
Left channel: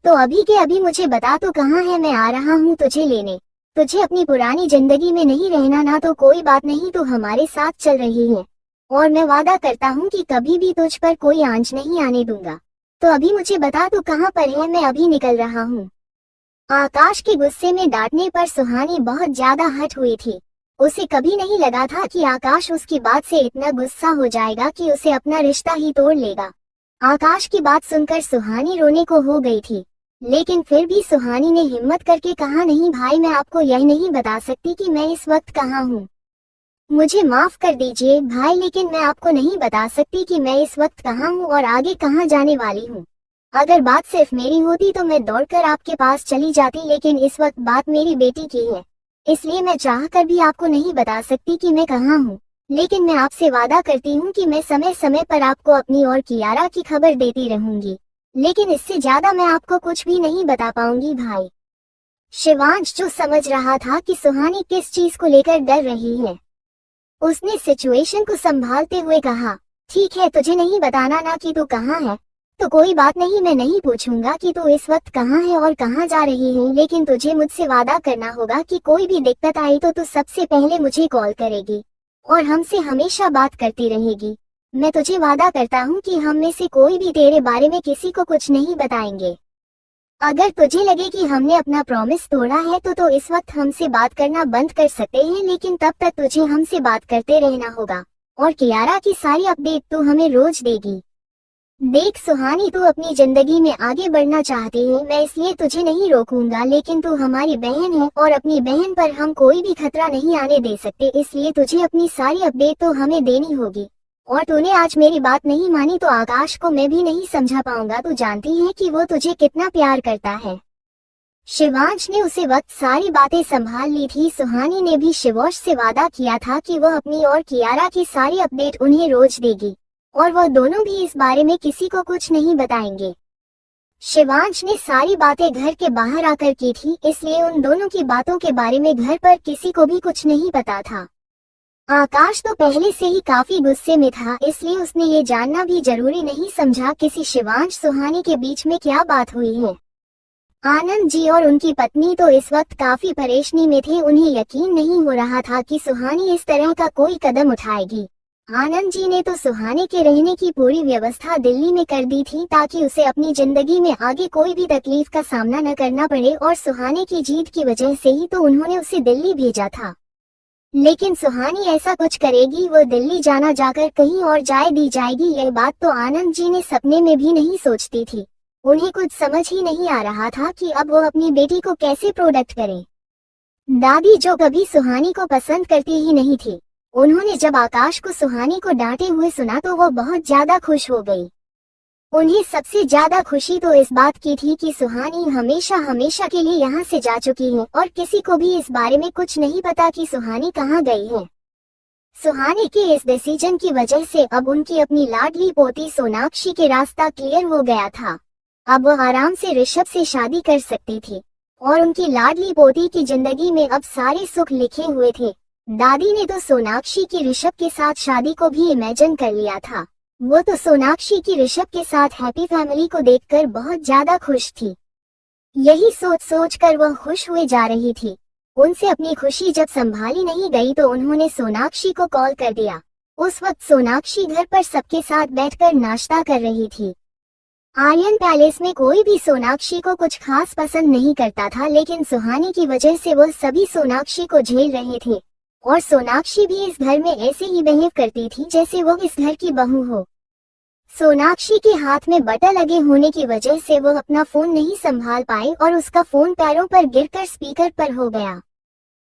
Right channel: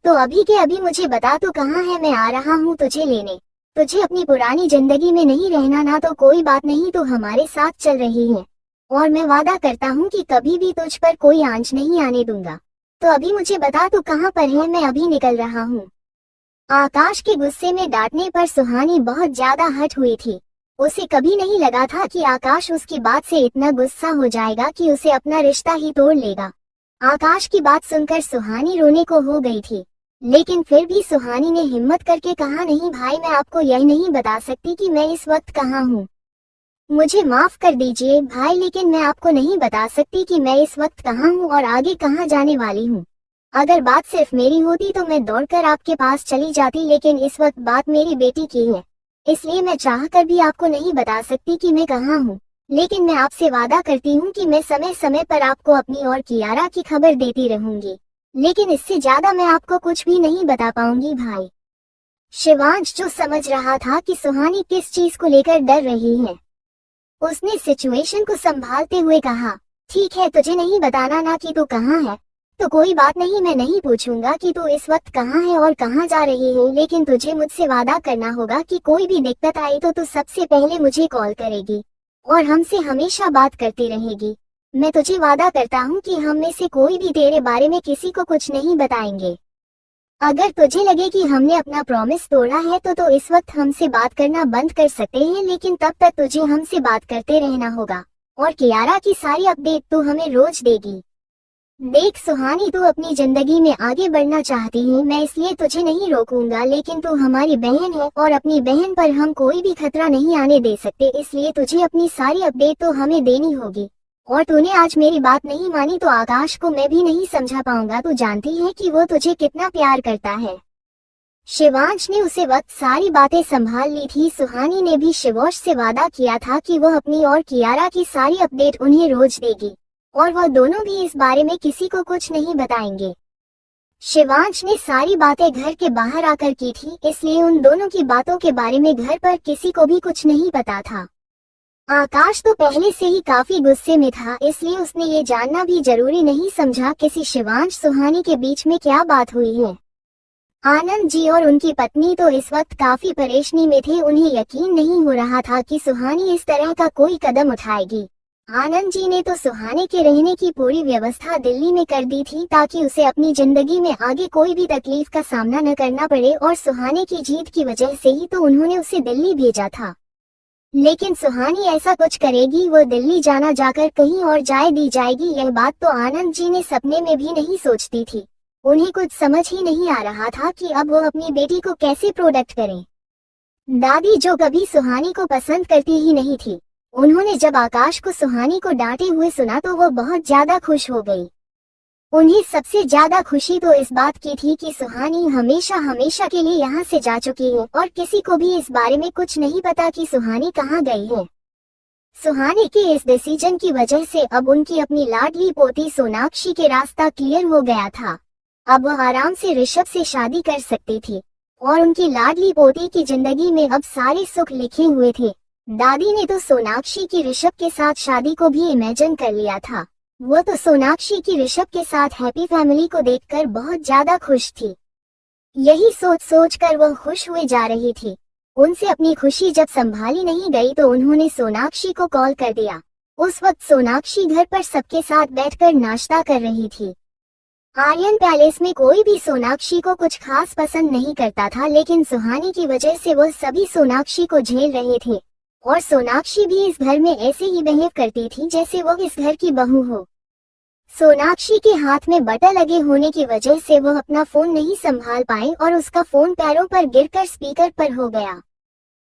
तो अभी के अभी मुझे बता तो कहाँ है, मैं आ रहा हूँ तुझे लेने। तुझे अपनी पुरानी जिंदगी में नहीं रहना ना तो कोई बात नहीं, तो हमारे साथ चल रही है, और मैं वादा करता हूँ कि कभी भी तुझ पर कोई आंच नहीं आने दूंगा। तो अभी मुझे बता तो कहाँ पर है, मैं अभी निकल रहा हूँ। आकाश के गुस्से में डांटने पर सुहानी बहुत ज्यादा हर्ट हुई थी। उसे कभी नहीं लगा था कि आकाश उसकी बात से इतना गुस्सा हो जाएगा कि उसे अपना रिश्ता ही तोड़ लेगा। आकाश की बात सुनकर सुहानी रोने को हो गई थी, लेकिन फिर भी सुहानी ने हिम्मत करके कहा, नहीं भाई, मैं आपको यह नहीं बता सकती कि मैं इस वक्त कहाँ हूँ। मुझे माफ कर दीजिए भाई, लेकिन मैं आपको नहीं बता सकती कि मैं इस वक्त कहाँ हूँ और आगे कहाँ जाने वाली हूँ। अगर बात सिर्फ मेरी होती तो मैं दौड़कर आपके पास चली जाती, लेकिन इस वक्त बात मेरी बेटी की है, इसलिए मैं चाहकर भी आपको नहीं बता सकती कि मैं कहाँ हूँ। लेकिन मैं आपसे वादा करती हूँ कि मैं समय समय पर आपको अपनी और कियारा की खबर देती रहूंगी, लेकिन इससे ज्यादा मैं आपको कुछ भी नहीं बता पाऊंगी भाई। शिवांश जो समझ रहा था कि सुहानी किस चीज को लेकर डर रही है, उसने सिचुएशन को संभालते हुए कहा, ठीक है, तुझे नहीं बताना ना कि तू कहाँ है, तो कोई बात नहीं, मैं नहीं पूछूंगा कि तू इस वक्त कहाँ है और कहाँ जा रही है, लेकिन तुझे मुझसे वादा करना होगा कि कोई भी दिक्कत आई तो तू सबसे पहले मुझे कॉल करेगी और हमसे हमेशा बात करती रहेगी। मैं तुझे वादा करता हूँ कि हम में से कोई भी तेरे बारे में किसी को कुछ नहीं बताएंगे। अगर तुझे लगे कि हमने अपना प्रॉमिस तोड़ा है तो इस वक्त हमसे बात करना बंद कर सकते हैं, लेकिन तब तक तुझे हमसे बात करते रहना होगा और कियारा की सारी अपडेट तू हमें रोज देगी। देख सुहानी, तू अपनी जिंदगी में आगे बढ़ना चाहती है, मैं इसलिए तुझे नहीं रोकूंगा, लेकिन तू हमारी बहन है और अपनी बहन पर हम कोई भी खतरा नहीं आने दे सकते, इसलिए तुझे अपनी सारी अपडेट तो हमें देनी होगी। और तूने आज मेरी बात नहीं मानी तो आकाश को मैं भी नहीं समझा पाऊंगा। तू जानती है कि वो तुझे कितना प्यार करता है। शिवांश ने उसे वक्त सारी बातें संभाल ली थी। सुहानी ने भी शिवांश से वादा किया था कि वह अपनी और कियारा की सारी अपडेट उन्हें रोज देगी और वह दोनों भी इस बारे में किसी को कुछ नहीं बताएंगे। शिवांश ने सारी बातें घर के बाहर आकर की थी, इसलिए उन दोनों की बातों के बारे में घर पर किसी को भी कुछ नहीं पता था। आकाश तो पहले से ही काफी गुस्से में था, इसलिए उसने ये जानना भी जरूरी नहीं समझा किसी शिवांश सुहानी के बीच में क्या बात हुई है। आनंद जी और उनकी पत्नी तो इस वक्त काफी परेशानी में थे। उन्हें यकीन नहीं हो रहा था कि सुहानी इस तरह का कोई कदम उठाएगी। आनंद जी ने तो सुहानी के रहने की पूरी व्यवस्था दिल्ली में कर दी थी ताकि उसे अपनी जिंदगी में आगे कोई भी तकलीफ का सामना न करना पड़े, और सुहानी की जीत की वजह से ही तो उन्होंने उसे दिल्ली भेजा था। लेकिन सुहानी ऐसा कुछ करेगी, वो दिल्ली जाना जाकर कहीं और जाए दी जाएगी, यह बात तो आनंद जी ने सपने में भी नहीं सोचती थी। उन्हें कुछ समझ ही नहीं आ रहा था कि अब वो अपनी बेटी को कैसे प्रोटेक्ट करे। दादी जो कभी सुहानी को पसंद करती ही नहीं थी, उन्होंने जब आकाश को सुहानी को डांटे हुए सुना तो वो बहुत ज्यादा खुश हो गई। उन्हें सबसे ज्यादा खुशी तो इस बात की थी कि सुहानी हमेशा हमेशा के लिए यहाँ से जा चुकी है और किसी को भी इस बारे में कुछ नहीं पता कि सुहानी कहाँ गई है। सुहानी के इस डिसीजन की वजह से अब उनकी अपनी लाडली पोती सोनाक्षी के रास्ता क्लियर हो गया था। अब वह आराम से ऋषभ से शादी कर सकती थी और उनकी लाडली पोती की जिंदगी में अब सारे सुख लिखे हुए थे। दादी ने तो सोनाक्षी की ऋषभ के साथ शादी को भी इमेजिन कर लिया था। वो तो सोनाक्षी की ऋषभ के साथ हैप्पी फैमिली को देखकर बहुत ज्यादा खुश थी। यही सोच सोच कर वह खुश हुए जा रही थी। उनसे अपनी खुशी जब संभाली नहीं गई तो उन्होंने सोनाक्षी को कॉल कर दिया। उस वक्त सोनाक्षी घर पर सबके साथ बैठकर नाश्ता कर रही थी। आर्यन पैलेस में कोई भी सोनाक्षी को कुछ खास पसंद नहीं करता था, लेकिन सुहानी की वजह से वो सभी सोनाक्षी को झेल रहे थे और सोनाक्षी भी इस घर में ऐसे ही बिहेव करती थी जैसे वो इस घर की बहू हो। सोनाक्षी के हाथ में बटन लगे होने की वजह से वो अपना फोन नहीं संभाल पाई और उसका फोन पैरों पर गिरकर स्पीकर पर हो गया।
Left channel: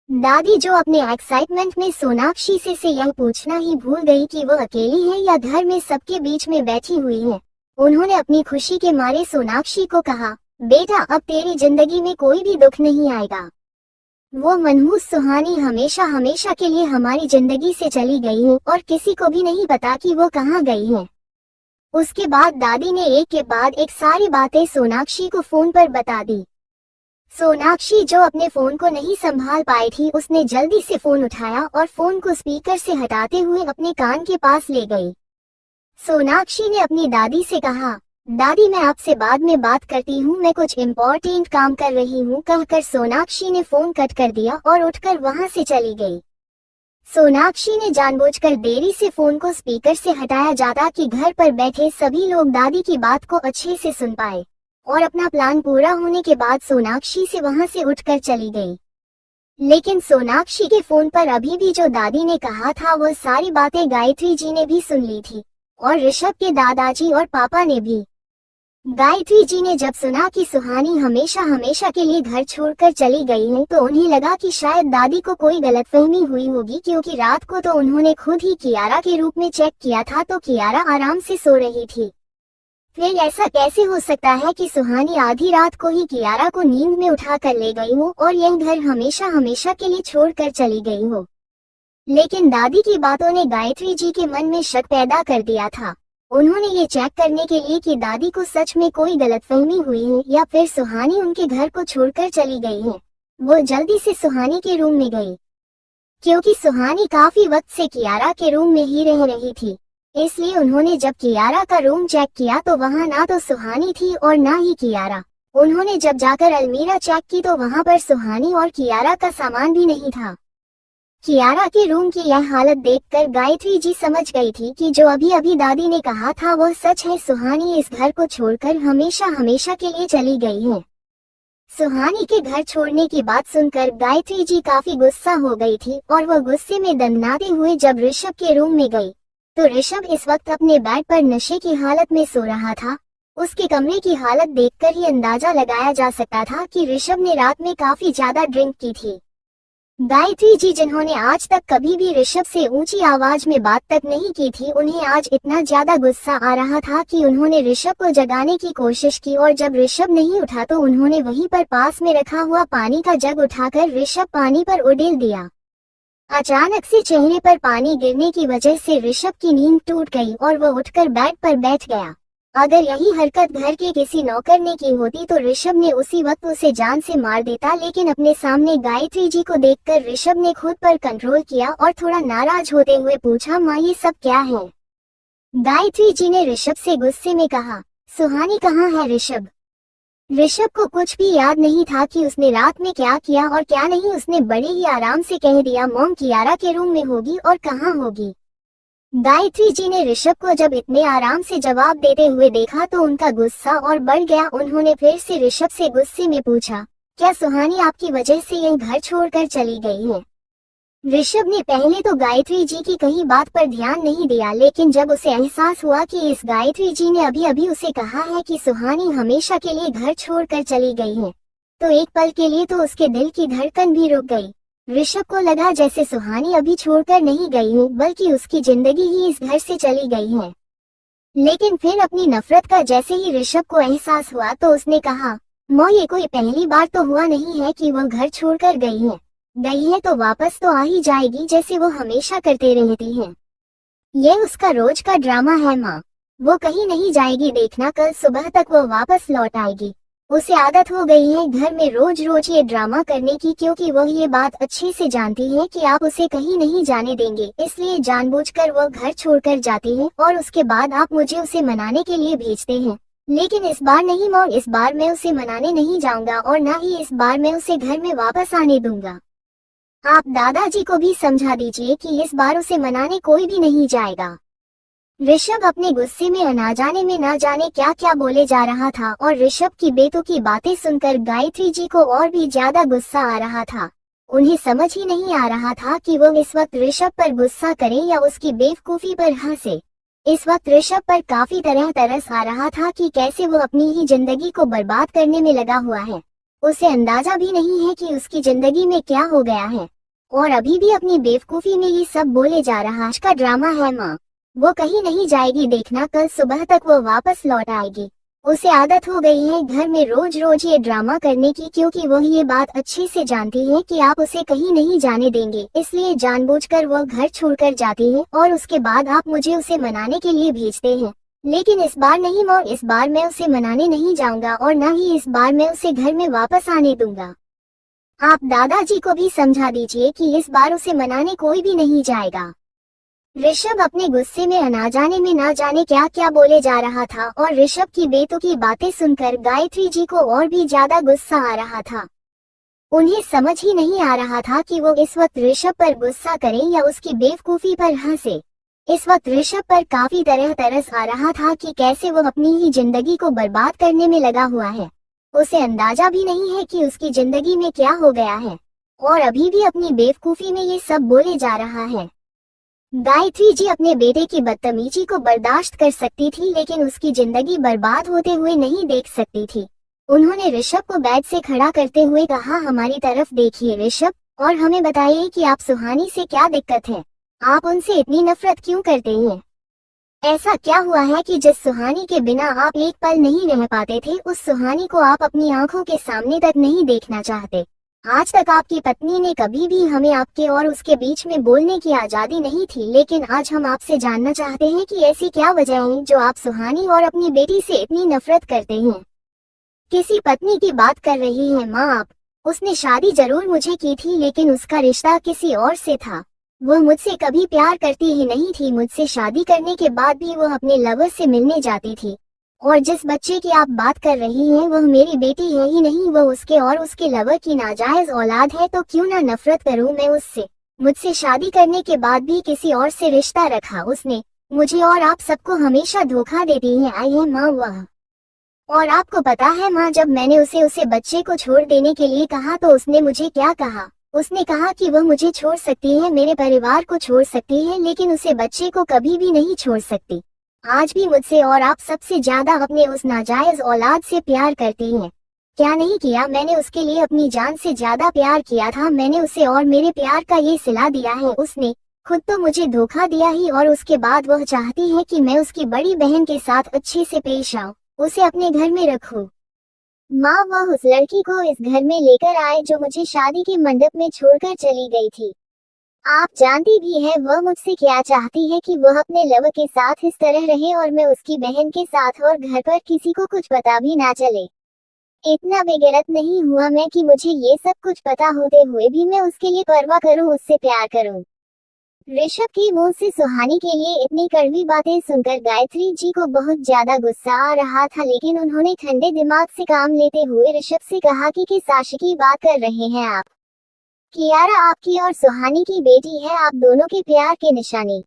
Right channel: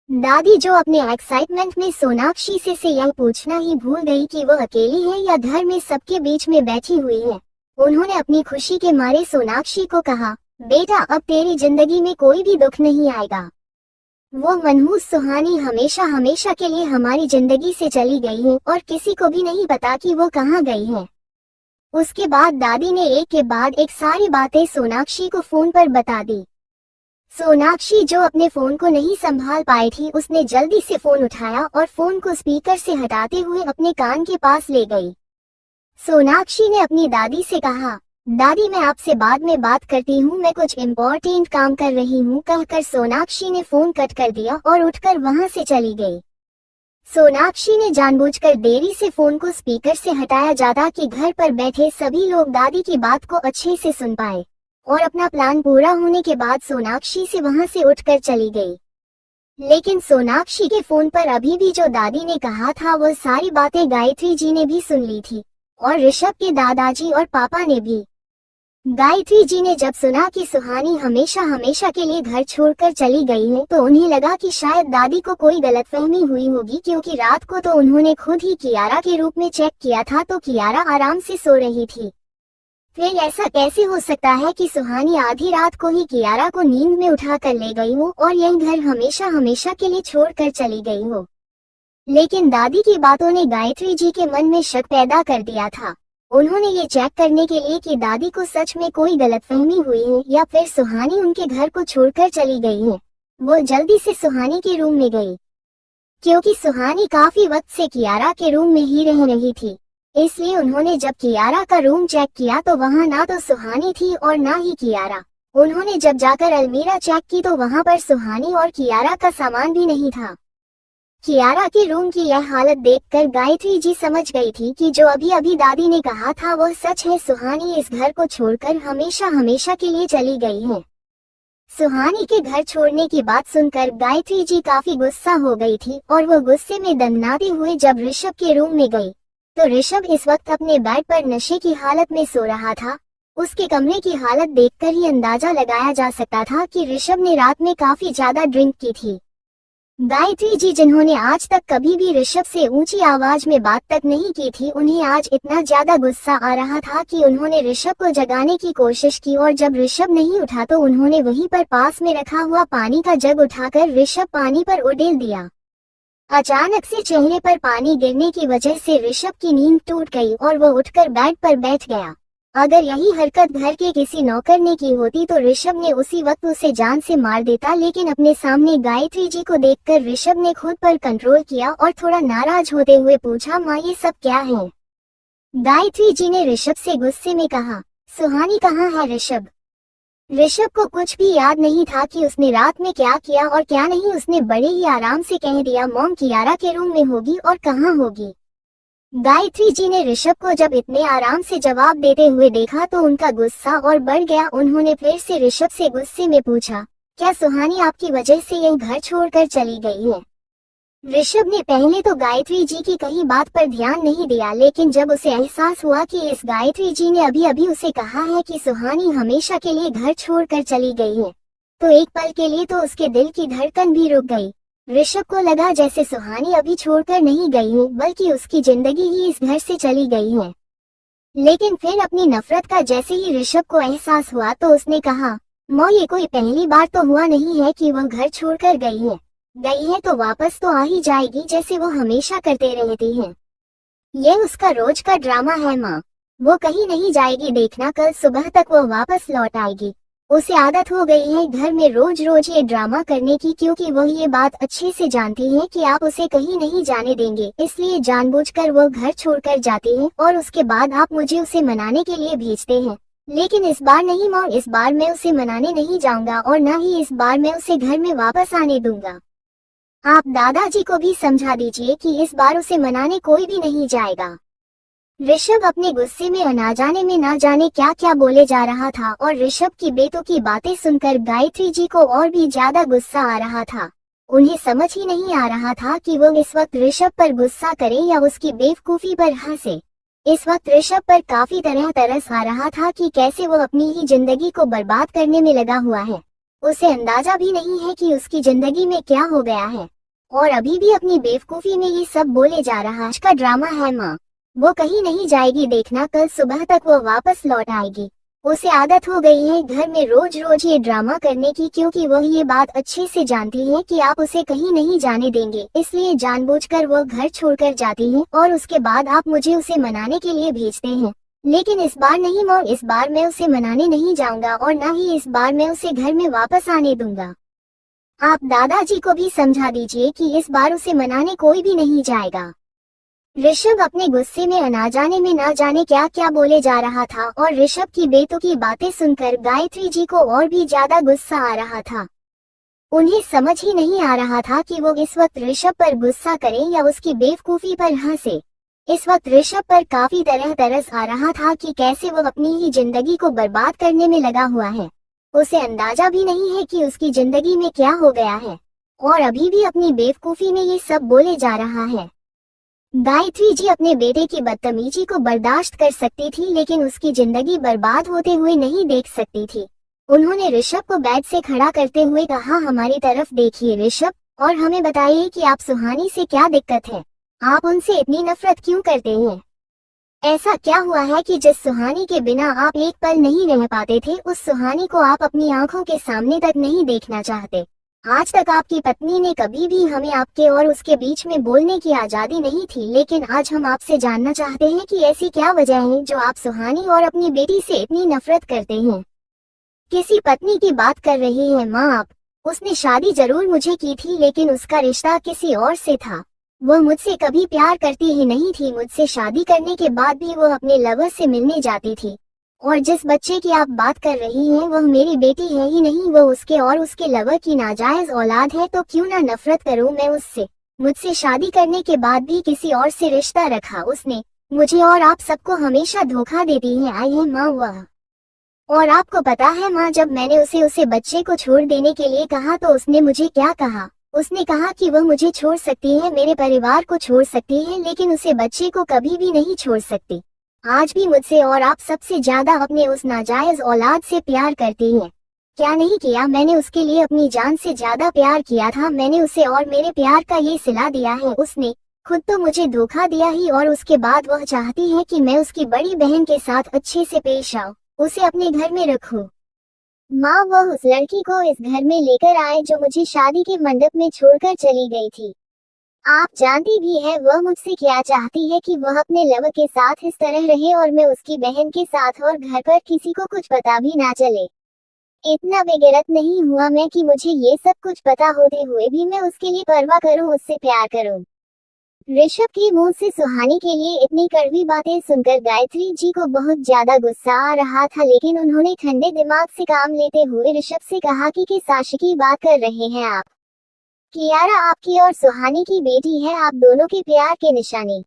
दादी जो अपने एक्साइटमेंट में सोनाक्षी से यह पूछना ही भूल गई कि वो अकेली है या घर में सबके बीच में बैठी हुई है, उन्होंने अपनी खुशी के मारे सोनाक्षी को कहा, बेटा अब तेरी जिंदगी में कोई भी दुख नहीं आएगा। वो मनहूस सुहानी हमेशा हमेशा के लिए हमारी जिंदगी से चली गई है और किसी को भी नहीं पता कि वो कहाँ गई है। उसके बाद दादी ने एक के बाद एक सारी बातें सोनाक्षी को फोन पर बता दी। सोनाक्षी जो अपने फोन को नहीं संभाल पाई थी, उसने जल्दी से फोन उठाया और फोन को स्पीकर से हटाते हुए अपने कान के पास ले गई। सोनाक्षी ने अपनी दादी से कहा, दादी मैं आपसे बाद में बात करती हूँ, मैं कुछ इम्पोर्टेंट काम कर रही हूँ, कहकर सोनाक्षी ने फोन कट कर दिया और उठकर वहाँ से चली गई। सोनाक्षी ने जानबूझकर देरी से फोन को स्पीकर से हटाया जाता कि घर पर बैठे सभी लोग दादी की बात को अच्छे से सुन पाए, और अपना प्लान पूरा होने के बाद सोनाक्षी से वहाँ से उठकर चली गई। लेकिन सोनाक्षी के फोन पर अभी भी जो दादी ने कहा था वो सारी बातें गायत्री जी ने भी सुन ली थी और ऋषभ के दादाजी और पापा ने भी। गायत्री जी ने जब सुना कि सुहानी हमेशा हमेशा के लिए घर छोड़कर चली गई है तो उन्हें लगा कि शायद दादी को कोई गलतफहमी हुई होगी, क्योंकि रात को तो उन्होंने खुद ही कियारा के रूप में चेक किया था तो कियारा आराम से सो रही थी। फिर ऐसा कैसे हो सकता है कि सुहानी आधी रात को ही कियारा को नींद में उठा कर ले गई हो और यह घर हमेशा हमेशा के लिए छोड़कर चली गई हो। लेकिन दादी की बातों ने गायत्री जी के मन में शक पैदा कर दिया था। उन्होंने ये चेक करने के लिए कि दादी को सच में कोई गलतफहमी हुई है या फिर सुहानी उनके घर को छोड़कर चली गई है, वो जल्दी से सुहानी के रूम में गई, क्योंकि सुहानी काफी वक्त से कियारा के रूम में ही रह रही थी। इसलिए उन्होंने जब कियारा का रूम चेक किया तो वहाँ ना तो सुहानी थी और ना ही कियारा। उन्होंने जब जाकर अलमीरा चेक की तो वहाँ पर सुहानी और कियारा का सामान भी नहीं था। कियारा की रूम की यह हालत देखकर गायत्री जी समझ गई थी कि जो अभी अभी दादी ने कहा था वह सच है। सुहानी इस घर को छोड़कर हमेशा हमेशा के लिए चली गई है। सुहानी के घर छोड़ने की बात सुनकर गायत्री जी काफी गुस्सा हो गई थी और वह गुस्से में दंडनाते हुए जब ऋषभ के रूम में गई तो ऋषभ इस वक्त अपने बेड पर नशे की हालत में सो रहा था। उसके कमरे की हालत देखकर ही अंदाजा लगाया जा सकता था कि ऋषभ ने रात में काफी ज्यादा ड्रिंक की थी। गायत्री जी जिन्होंने आज तक कभी भी ऋषभ से ऊंची आवाज में बात तक नहीं की थी, उन्हें आज इतना ज्यादा गुस्सा आ रहा था कि उन्होंने ऋषभ को जगाने की कोशिश की और जब ऋषभ नहीं उठा तो उन्होंने वहीं पर पास में रखा हुआ पानी का जग उठाकर ऋषभ पानी पर उड़ेल दिया। अचानक से चेहरे पर पानी गिरने की वजह से ऋषभ की नींद टूट गई और वह उठकर बेड पर बैठ गया। अगर यही हरकत घर के किसी नौकर ने की होती तो ऋषभ ने उसी वक्त उसे जान से मार देता, लेकिन अपने सामने गायत्री जी को देखकर ऋषभ ने खुद पर कंट्रोल किया और थोड़ा नाराज होते हुए पूछा, माँ ये सब क्या है? गायत्री जी ने ऋषभ से गुस्से में कहा, सुहानी कहाँ है ऋषभ? ऋषभ को कुछ भी याद नहीं था कि उसने रात में क्या किया और क्या नहीं। उसने बड़े ही आराम से कह दिया, मॉम कियारा के रूम में होगी और कहाँ होगी। गायत्री जी ने ऋषभ को जब इतने आराम से जवाब देते हुए देखा तो उनका गुस्सा और बढ़ गया। उन्होंने फिर से ऋषभ से गुस्से में पूछा, क्या सुहानी आपकी वजह से यह घर छोड़कर चली गई है? ऋषभ ने पहले तो गायत्री जी की कही बात पर ध्यान नहीं दिया, लेकिन जब उसे एहसास हुआ कि इस गायत्री जी ने अभी अभी उसे कहा है कि सुहानी हमेशा के लिए घर छोड़कर चली गई है, तो एक पल के लिए तो उसके दिल की धड़कन भी रुक गई। ऋषभ को लगा जैसे सुहानी अभी छोड़कर नहीं गई है, बल्कि उसकी जिंदगी ही इस घर से चली गई है। लेकिन फिर अपनी नफरत का जैसे ही ऋषभ को एहसास हुआ तो उसने कहा, माँ ये कोई पहली बार तो हुआ नहीं है कि वह घर छोड़कर गई है तो वापस तो आ ही जाएगी, जैसे वो हमेशा करते रहती है। यह उसका रोज का ड्रामा है माँ, वो कहीं नहीं जाएगी, देखना कल सुबह तक वो वापस लौट आएगी। उसे आदत हो गई है घर में रोज रोज ये ड्रामा करने की, क्योंकि वो ये बात अच्छे से जानती है कि आप उसे कहीं नहीं जाने देंगे, इसलिए जानबूझकर वो घर छोड़कर जाती है और उसके बाद आप मुझे उसे मनाने के लिए भेजते हैं। लेकिन इस बार नहीं माँ, इस बार मैं उसे मनाने नहीं जाऊंगा और न ही इस बार मैं उसे घर में वापस आने दूंगा। आप दादाजी को भी समझा दीजिए कि इस बार उसे मनाने कोई भी नहीं जाएगा। ऋषभ अपने गुस्से में ना जाने क्या क्या बोले जा रहा था और ऋषभ की बेतुकी बातें सुनकर गायत्री जी को और भी ज्यादा गुस्सा आ रहा था। उन्हें समझ ही नहीं आ रहा था कि वो इस वक्त ऋषभ पर गुस्सा करे या उसकी बेवकूफी पर हंसे। इस वक्त ऋषभ पर काफी तरह तरस आ रहा था कि कैसे वो अपनी ही जिंदगी को बर्बाद करने में लगा हुआ है। उसे अंदाजा भी नहीं है कि उसकी जिंदगी में क्या हो गया है और अभी भी अपनी बेवकूफी में ये सब बोले जा रहा है। का ड्रामा है माँ, वो कहीं नहीं जाएगी, देखना कल सुबह तक वो वापस लौट आएगी। उसे आदत हो गई है घर में रोज रोज ये ड्रामा करने की, क्योंकि वो ये बात अच्छे से जानती है कि आप उसे कहीं नहीं जाने देंगे, इसलिए जानबूझकर वो घर छोड़कर जाती है और उसके बाद आप मुझे उसे मनाने के लिए भेजते हैं। लेकिन इस बार नहीं माँ, इस बार मैं उसे मनाने नहीं जाऊंगा और न ही इस बार मैं उसे घर में वापस आने दूंगा। आप दादाजी को भी समझा दीजिए कि इस बार उसे मनाने कोई भी नहीं जाएगा। ऋषभ अपने गुस्से में ना जाने क्या क्या बोले जा रहा था और ऋषभ की बेतुकी बातें सुनकर गायत्री जी को और भी ज्यादा गुस्सा आ रहा था। उन्हें समझ ही नहीं आ रहा था कि वो इस वक्त ऋषभ पर गुस्सा करें या उसकी बेवकूफी पर हंसे। इस वक्त ऋषभ पर काफी तरह तरस आ रहा था कि कैसे वो अपनी ही जिंदगी को बर्बाद करने में लगा हुआ है। उसे अंदाजा भी नहीं है कि उसकी जिंदगी में क्या हो गया है और अभी भी अपनी बेवकूफी में ये सब बोले जा रहा है। गायत्री जी अपने बेटे की बदतमीजी को बर्दाश्त कर सकती थी, लेकिन उसकी जिंदगी बर्बाद होते हुए नहीं देख सकती थी। उन्होंने ऋषभ को बेड से खड़ा करते हुए कहा, हमारी तरफ देखिए ऋषभ, और हमें बताइए कि आप सुहानी से क्या दिक्कत है, आप उनसे इतनी नफरत क्यों करते हैं? ऐसा क्या हुआ है कि जिस सुहानी के बिना आप एक पल नहीं रह पाते थे, उस सुहानी को आप अपनी आंखों के सामने तक नहीं देखना चाहते? आज तक आपकी पत्नी ने कभी भी हमें आपके और उसके बीच में बोलने की आजादी नहीं थी, लेकिन आज हम आपसे जानना चाहते हैं कि ऐसी क्या वजह है जो आप सुहानी और अपनी बेटी से इतनी नफरत करते हैं। किसी पत्नी की बात कर रही हैं माँ आप? उसने शादी जरूर मुझे की थी, लेकिन उसका रिश्ता किसी और से था। वो मुझसे कभी प्यार करती ही नहीं थी। मुझसे शादी करने के बाद भी वो अपने लवर से मिलने जाती थी। और जिस बच्चे की आप बात कर रही हैं वह मेरी बेटी है ही नहीं, वो उसके और उसके लवर की नाजायज औलाद है। तो क्यों ना नफरत करूं मैं उससे। मुझसे शादी करने के बाद भी किसी और से रिश्ता रखा उसने। मुझे और आप सबको हमेशा धोखा देती है आई है माँ वह। और आपको पता है माँ, जब मैंने उसे बच्चे को छोड़ देने के लिए कहा तो उसने मुझे क्या कहा। उसने कहा कि वह मुझे छोड़ सकती है, मेरे परिवार को छोड़ सकती है, लेकिन उसे बच्चे को कभी भी नहीं छोड़ सकती। आज भी मुझसे और आप सबसे ज्यादा अपने उस नाजायज औलाद से प्यार करती है। क्या नहीं किया मैंने उसके लिए, अपनी जान से ज्यादा प्यार किया था मैंने उसे, और मेरे प्यार का ये सिला दिया है उसने। खुद तो मुझे धोखा दिया ही, और उसके बाद वह चाहती है कि मैं उसकी बड़ी बहन के साथ अच्छे से पेश आऊं, उसे अपने घर में रखूं। माँ, वह उस लड़की को इस घर में लेकर आए जो मुझे शादी के मंडप में छोड़कर चली गई थी। आप जानती भी है वह मुझसे क्या चाहती है, कि वह अपने लवर के साथ इस तरह रहे और मैं उसकी बहन के साथ, और घर पर किसी को कुछ पता भी ना चले। इतना बेगैरत नहीं हुआ मैं कि मुझे ये सब कुछ पता होते हुए भी मैं उसके लिए परवाह करूं, उससे प्यार करूं। ऋषभ के मुंह से सुहानी के लिए इतनी कड़वी बातें सुनकर गायत्री जी को बहुत ज्यादा गुस्सा आ रहा था, लेकिन उन्होंने ठंडे दिमाग से काम लेते हुए ऋषभ से कहा कि किस आशिकी बात कर रहे हैं आप। कियारा आपकी और सुहानी की बेटी है, आप दोनों के प्यार की निशानी।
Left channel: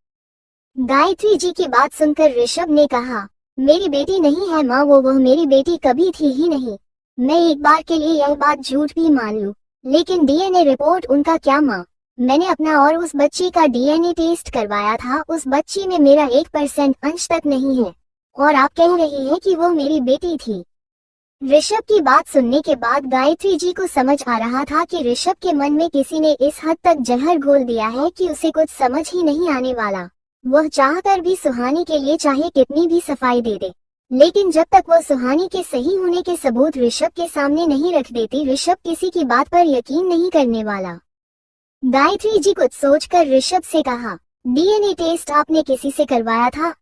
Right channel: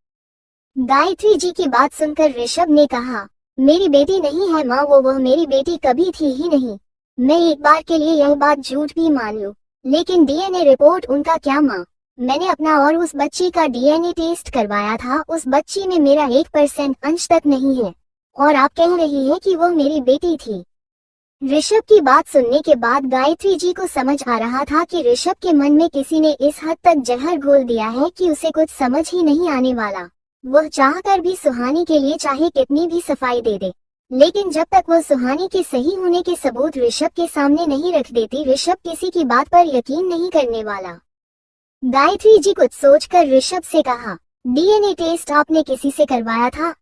गायत्री जी की बात सुनकर ऋषभ ने कहा, मेरी बेटी नहीं है माँ वह मेरी बेटी कभी थी ही नहीं। मैं एक बार के लिए यह बात झूठ भी मान लूं, लेकिन डीएनए रिपोर्ट उनका क्या माँ। मैंने अपना और उस बच्ची का डीएनए टेस्ट करवाया था, उस बच्ची में मेरा 1% अंश तक नहीं है, और आप कह रही हैं कि वो मेरी बेटी थी। ऋषभ की बात सुनने के बाद गायत्री जी को समझ आ रहा था कि ऋषभ के मन में किसी ने इस हद तक जहर घोल दिया है कि उसे कुछ समझ ही नहीं आने वाला। वह चाहकर भी सुहानी के लिए चाहे कितनी भी सफाई दे दे, लेकिन जब तक वह सुहानी के सही होने के सबूत ऋषभ के सामने नहीं रख देती, ऋषभ किसी की बात पर यकीन नहीं करने वाला। गायत्री जी कुछ सोचकर ऋषभ से कहा, डीएनए टेस्ट आपने किसी से करवाया था।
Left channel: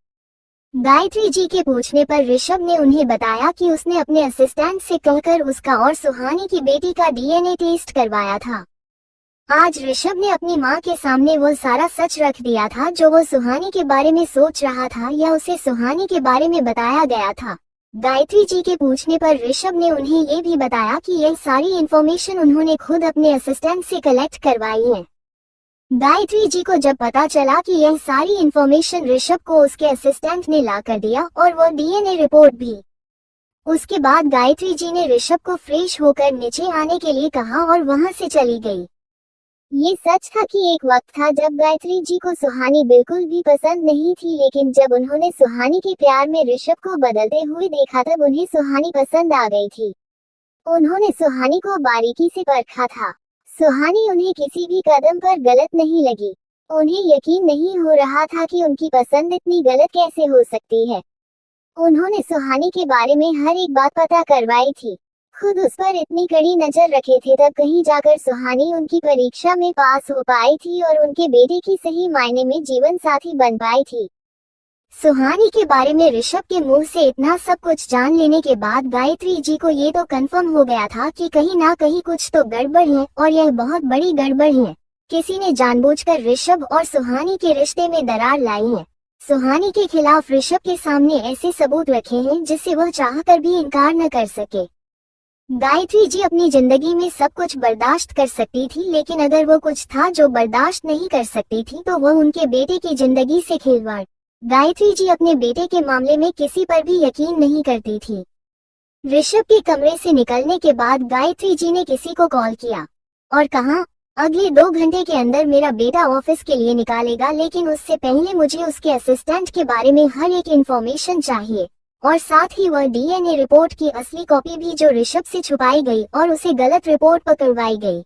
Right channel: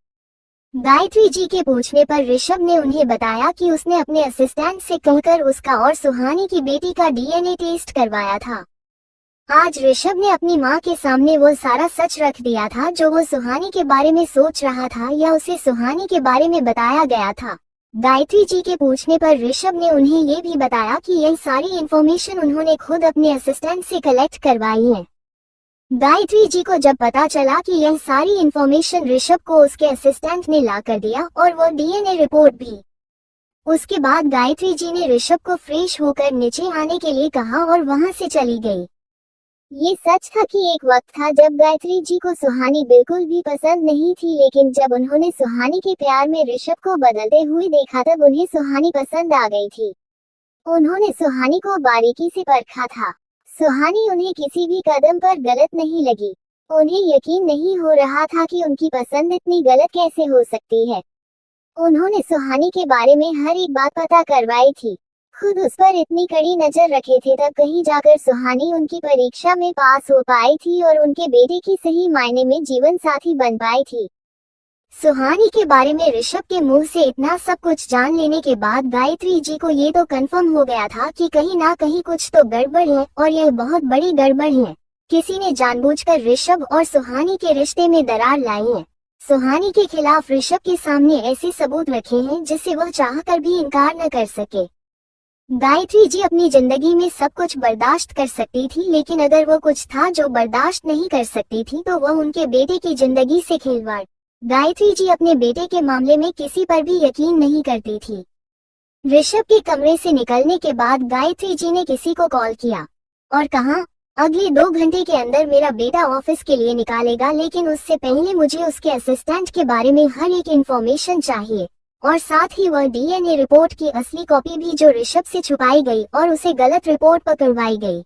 गायत्री जी के पूछने पर ऋषभ ने उन्हें बताया कि उसने अपने असिस्टेंट से कहकर उसका और सुहानी की बेटी का डीएनए टेस्ट करवाया था। आज ऋषभ ने अपनी मां के सामने वह सारा सच रख दिया था जो वह सुहानी के बारे में सोच रहा था या उसे सुहानी के बारे में बताया गया था। गायत्री जी के पूछने पर ऋषभ ने उन्हें ये भी बताया कि यह सारी इन्फॉर्मेशन उन्होंने खुद अपने असिस्टेंट से कलेक्ट करवाई है। गायत्री जी को जब पता चला कि यह सारी इन्फॉर्मेशन ऋषभ को उसके असिस्टेंट ने ला कर दिया, और वह डीएनए रिपोर्ट भी। उसके बाद गायत्री जी ने ऋषभ को फ्रेश होकर नीचे आने के लिए कहा और वहां से चली गई। ये सच था कि एक वक्त था जब गायत्री जी को सुहानी बिल्कुल भी पसंद नहीं थी, लेकिन जब उन्होंने सुहानी के प्यार में ऋषभ को बदलते हुए देखा तब उन्हें सुहानी पसंद आ गई थी। उन्होंने सुहानी को बारीकी से परखा था। सुहानी उन्हें किसी भी कदम पर गलत नहीं लगी। उन्हें यकीन नहीं हो रहा था कि उनकी पसंद इतनी गलत कैसे हो सकती है। उन्होंने सुहानी के बारे में हर एक बात पता करवाई थी, खुद उस पर इतनी कड़ी नजर रखे थे, तब कहीं जाकर सुहानी उनकी परीक्षा में पास हो पाई थी और उनके बेटे की सही मायने में जीवन साथी बन पाई थी। सुहानी के बारे में ऋषभ के मुंह से इतना सब कुछ जान लेने के बाद गायत्री जी को ये तो कंफर्म हो गया था कि कहीं ना कहीं कुछ तो गड़बड़ है, और यह बहुत बड़ी गड़बड़ है। किसी ने जानबूझकर ऋषभ और सुहानी के रिश्ते में दरार लाई है। सुहानी के खिलाफ ऋषभ के सामने ऐसे सबूत रखे हैं जिससे वह चाहकर भी इनकार न कर सके। गायत्री जी अपनी जिंदगी में सब कुछ बर्दाश्त कर सकती थी, लेकिन अगर वो कुछ था जो बर्दाश्त नहीं कर सकती थी तो वह उनके बेटे की जिंदगी से खिलवाड़। गायत्री जी अपने बेटे के मामले में किसी पर भी यकीन नहीं करती थी। ऋषभ के कमरे से निकलने के बाद गायत्री जी ने किसी को कॉल किया और कहा, अगले 2 घंटे के अंदर मेरा बेटा ऑफिस के लिए निकालेगा, लेकिन उससे पहले मुझे उसके असिस्टेंट के बारे में हर एक इंफॉर्मेशन चाहिए, और साथ ही वह डीएनए रिपोर्ट की असली कॉपी भी जो ऋषभ से छुपाई गई और उसे गलत रिपोर्ट पर करवाई गई।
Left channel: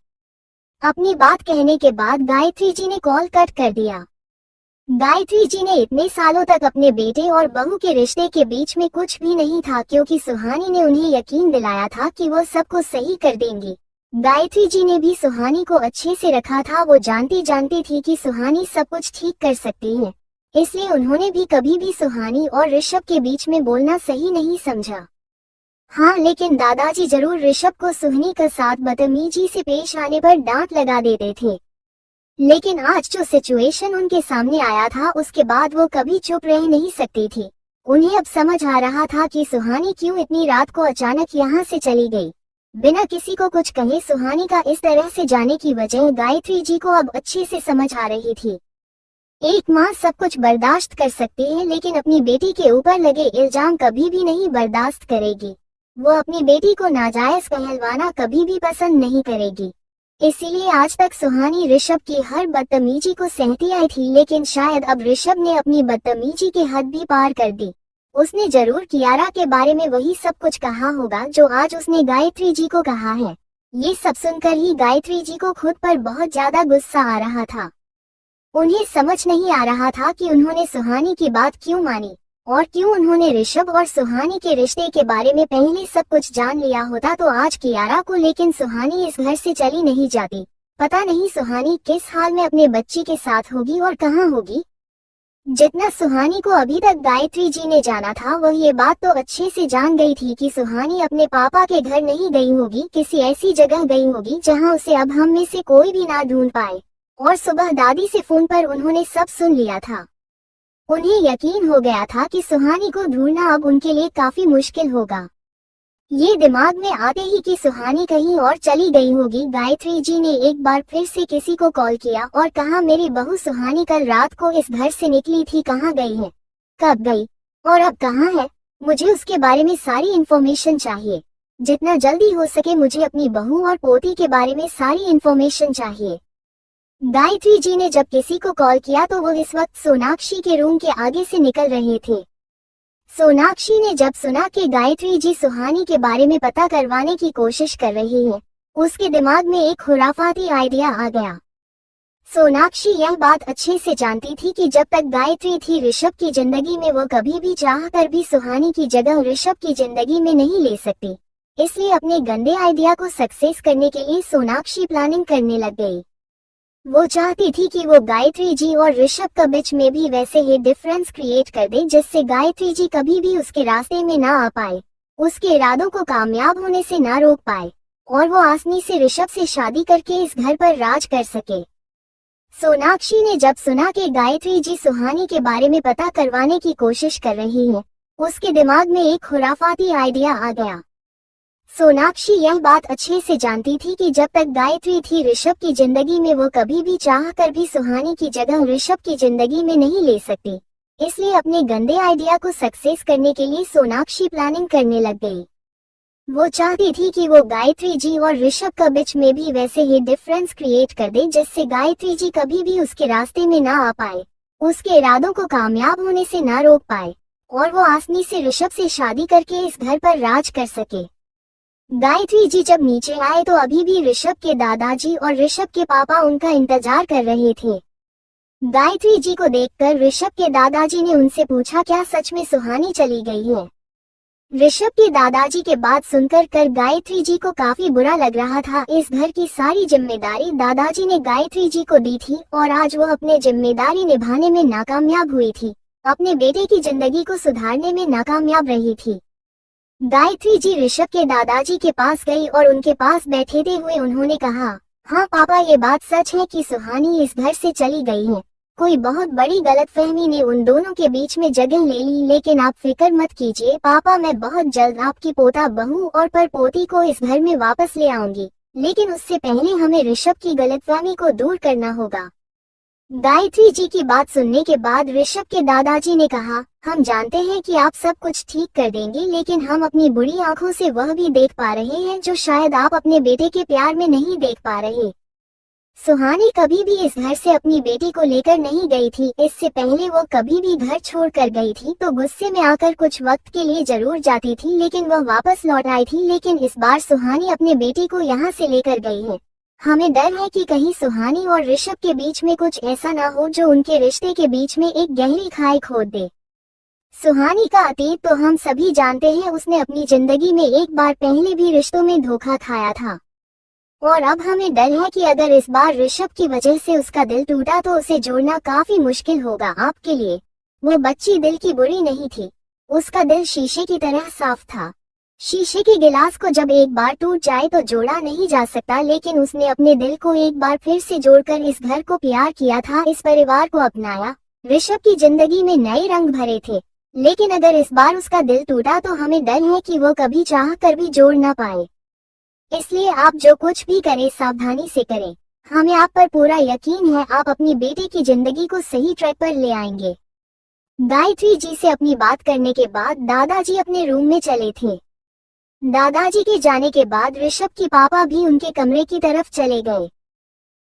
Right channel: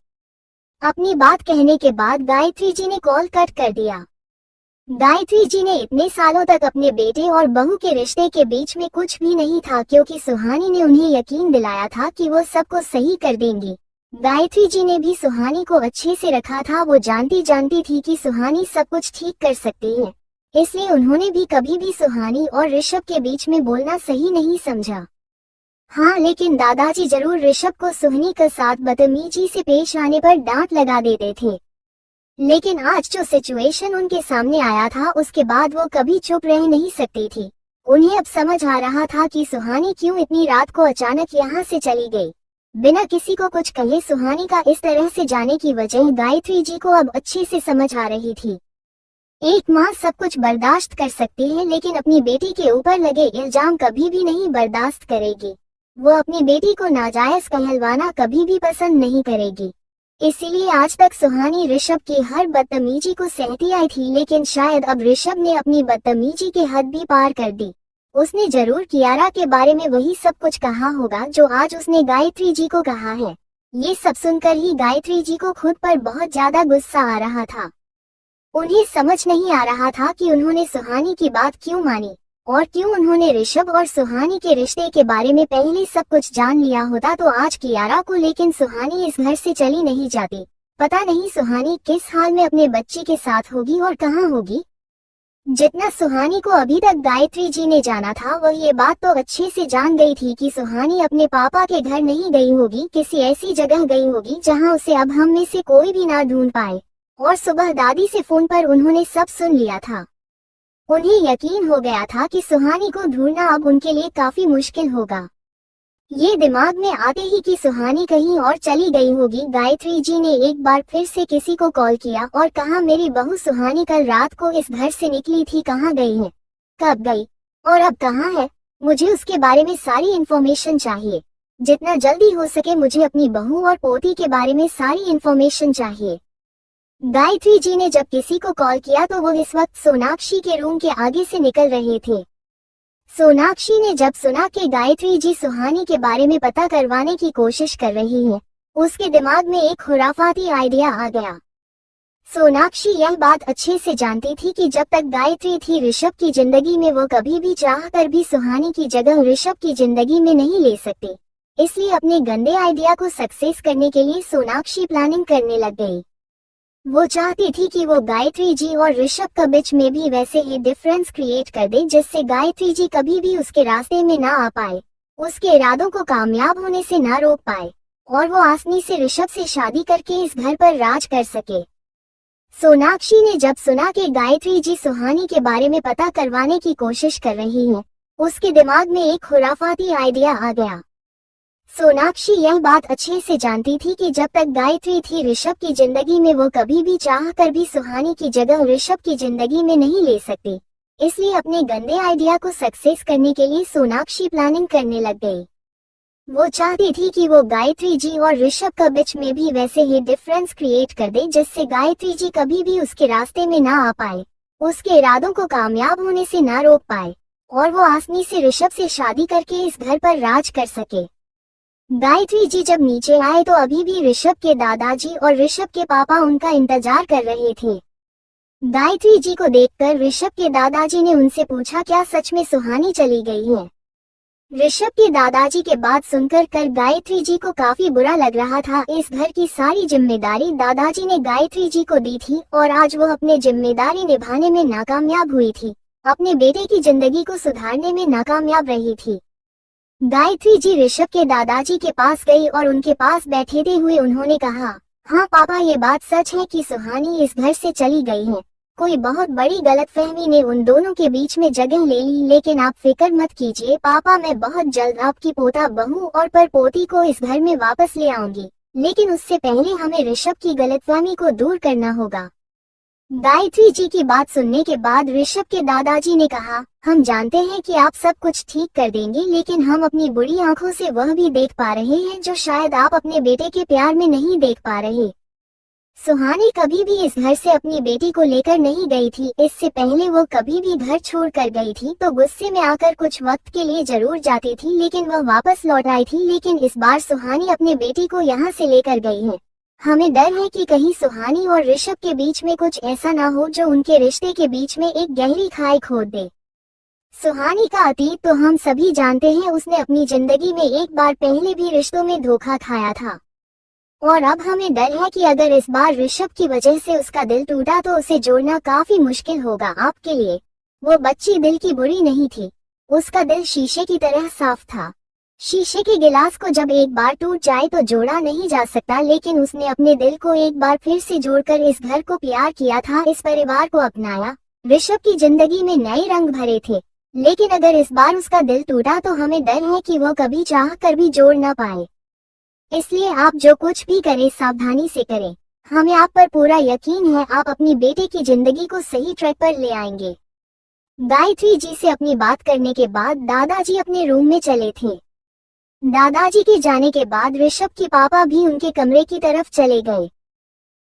अपनी बात कहने के बाद गायत्री जी ने कॉल कट कर दिया। गायत्री जी ने इतने सालों तक अपने बेटे और बहू के रिश्ते के बीच में कुछ भी नहीं था, क्योंकि सुहानी ने उन्हें यकीन दिलाया था कि वो सबको सही कर देंगी। गायत्री जी ने भी सुहानी को अच्छे से रखा था। वो जानती थी कि सुहानी सब कुछ ठीक कर सकती है, इसलिए उन्होंने भी कभी भी सुहानी और ऋषभ के बीच में बोलना सही नहीं समझा। हाँ, लेकिन दादाजी जरूर ऋषभ को सुहानी के साथ बदतमीजी से पेश आने पर डांट लगा देते थे। लेकिन आज जो सिचुएशन उनके सामने आया था उसके बाद वो कभी चुप रह नहीं सकती थी। उन्हें अब समझ आ रहा था कि सुहानी क्यों इतनी रात को अचानक यहाँ से चली गई। बिना किसी को कुछ कहे सुहानी का इस तरह से जाने की वजह गायत्री जी को अब अच्छे से समझ आ रही थी। एक माँ सब कुछ बर्दाश्त कर सकती है लेकिन अपनी बेटी के ऊपर लगे इल्जाम कभी भी नहीं बर्दाश्त करेगी। वो अपनी बेटी को नाजायज कहलवाना कभी भी पसंद नहीं करेगी। इसीलिए आज तक सुहानी ऋषभ की हर बदतमीजी को सहती आई थी, लेकिन शायद अब ऋषभ ने अपनी बदतमीजी के हद भी पार कर दी। उसने जरूर कियारा के बारे में वही सब कुछ कहा होगा जो आज उसने गायत्री जी को कहा है। ये सब सुनकर ही गायत्री जी को खुद पर बहुत ज्यादा गुस्सा आ रहा था। उन्हें समझ नहीं आ रहा था कि उन्होंने सुहानी की बात क्यों मानी और क्यों उन्होंने ऋषभ और सुहानी के रिश्ते के बारे में पहले सब कुछ जान लिया होता तो आज कियारा को लेकिन सुहानी इस घर से चली नहीं जाती। पता नहीं सुहानी किस हाल में अपने बच्चे के साथ होगी और कहाँ होगी। जितना सुहानी को अभी तक गायत्री जी ने जाना था वह ये बात तो अच्छे से जान गई थी कि सुहानी अपने पापा के घर नहीं गई होगी, किसी ऐसी जगह गई होगी जहां उसे अब हम में से कोई भी ना ढूंढ पाए। और सुबह दादी से फोन पर उन्होंने सब सुन लिया था। उन्हें यकीन हो गया था कि सुहानी को ढूंढना अब उनके लिए काफी मुश्किल होगा। ये दिमाग में आते ही कि सुहानी कहीं और चली गई होगी, गायत्री जी ने एक बार फिर से किसी को कॉल किया और कहा, मेरी बहू सुहानी कल रात को इस घर से निकली थी, कहाँ गई है, कब गई और अब कहाँ है? मुझे उसके बारे में सारी इन्फॉर्मेशन चाहिए। जितना जल्दी हो सके मुझे अपनी बहू और पोती के बारे में सारी इन्फॉर्मेशन चाहिए। गायत्री जी ने जब किसी को कॉल किया तो वो इस वक्त सोनाक्षी के रूम के आगे से निकल रहे थे। सोनाक्षी ने जब सुना कि गायत्री जी सुहानी के बारे में पता करवाने की कोशिश कर रही है, उसके दिमाग में एक खुराफाती आइडिया आ गया। सोनाक्षी यह बात अच्छे से जानती थी कि जब तक गायत्री थी ऋषभ की जिंदगी में वो कभी भी चाह कर भी सुहानी की जगह ऋषभ की जिंदगी में नहीं ले सकती। इसलिए अपने गंदे आइडिया को सक्सेस करने के लिए सोनाक्षी प्लानिंग करने लग गई। वो चाहती थी कि वो गायत्री जी और ऋषभ के बीच में भी वैसे ही डिफरेंस क्रिएट कर दे जिससे गायत्री जी कभी भी उसके रास्ते में ना आ पाए, उसके इरादों को कामयाब होने से ना रोक पाए और वो आसानी से ऋषभ से शादी करके इस घर पर राज कर सके। सोनाक्षी ने जब सुना कि गायत्री जी सुहानी के बारे में पता करवाने की कोशिश कर रही है, उसके दिमाग में एक खुराफाती आइडिया आ गया। सोनाक्षी यह बात अच्छे से जानती थी कि जब तक गायत्री थी ऋषभ की जिंदगी में वो कभी भी चाह कर भी सुहानी की जगह ऋषभ की जिंदगी में नहीं ले सकती। इसलिए अपने गंदे आइडिया को सक्सेस करने के लिए सोनाक्षी प्लानिंग करने लग गई। वो चाहती थी कि वो गायत्री जी और ऋषभ के बीच में भी वैसे ही डिफरेंस क्रिएट कर दे जिससे गायत्री जी कभी भी उसके रास्ते में ना आ पाए, उसके इरादों को कामयाब होने से ना रोक पाए और वो आसानी से ऋषभ से शादी करके इस घर पर राज कर सके। गायत्री जी जब नीचे आए तो अभी भी ऋषभ के दादाजी और ऋषभ के पापा उनका इंतजार कर रहे थे। गायत्री जी को देखकर ऋषभ के दादाजी ने उनसे पूछा, क्या सच में सुहानी चली गई है? ऋषभ के दादाजी के बात सुनकर गायत्री जी को काफी बुरा लग रहा था। इस घर की सारी जिम्मेदारी दादाजी ने गायत्री जी को दी थी और आज वो अपनी जिम्मेदारी निभाने में नाकामयाब हुई थी, अपने बेटे की जिंदगी को सुधारने में नाकामयाब रही थी। गायत्री जी ऋषभ के दादाजी के पास गई और उनके पास बैठे हुए उन्होंने कहा, हाँ पापा, ये बात सच है कि सुहानी इस घर से चली गई है। कोई बहुत बड़ी गलतफहमी ने उन दोनों के बीच में जगह ले ली, लेकिन आप फिक्र मत कीजिए पापा, मैं बहुत जल्द आपकी पोता बहू और परपोती को इस घर में वापस ले आऊंगी, लेकिन उससे पहले हमें ऋषभ की गलतफहमी को दूर करना होगा। गायत्री जी की बात सुनने के बाद ऋषभ के दादाजी ने कहा, हम जानते हैं कि आप सब कुछ ठीक कर देंगे, लेकिन हम अपनी बुरी आंखों से वह भी देख पा रहे हैं जो शायद आप अपने बेटे के प्यार में नहीं देख पा रहे। सुहानी कभी भी इस घर से अपनी बेटी को लेकर नहीं गई थी। इससे पहले वो कभी भी घर छोड़ कर गई थी तो गुस्से में आकर कुछ वक्त के लिए जरूर जाती थी, लेकिन वह वापस लौट आई थी। लेकिन इस बार सुहानी अपने बेटी को यहाँ से लेकर गई है। हमें डर है कि कहीं सुहानी और ऋषभ के बीच में कुछ ऐसा ना हो जो उनके रिश्ते के बीच में एक गहरी खाई खोद दे। सुहानी का अतीत तो हम सभी जानते हैं, उसने अपनी जिंदगी में एक बार पहले भी रिश्तों में धोखा खाया था और अब हमें डर है कि अगर इस बार ऋषभ की वजह से उसका दिल टूटा तो उसे जोड़ना काफी मुश्किल होगा आपके लिए। वो बच्ची दिल की बुरी नहीं थी, उसका दिल शीशे की तरह साफ था। शीशे के गिलास को जब एक बार टूट जाए तो जोड़ा नहीं जा सकता, लेकिन उसने अपने दिल को एक बार फिर से जोड़कर इस घर को प्यार किया था, इस परिवार को अपनाया। ऋषभ की जिंदगी में नए रंग भरे थे, लेकिन अगर इस बार उसका दिल टूटा तो हमें डर है कि वो कभी चाह कर भी जोड़ ना पाए। इसलिए आप जो कुछ भी करें सावधानी से करें। हमें आप पर पूरा यकीन है, आप अपनी बेटी की जिंदगी को सही ट्रैक पर ले आएंगे। गायत्री जी से अपनी बात करने के बाद दादाजी अपने रूम में चले थे। दादाजी के जाने के बाद ऋषभ के पापा भी उनके कमरे की तरफ चले गए।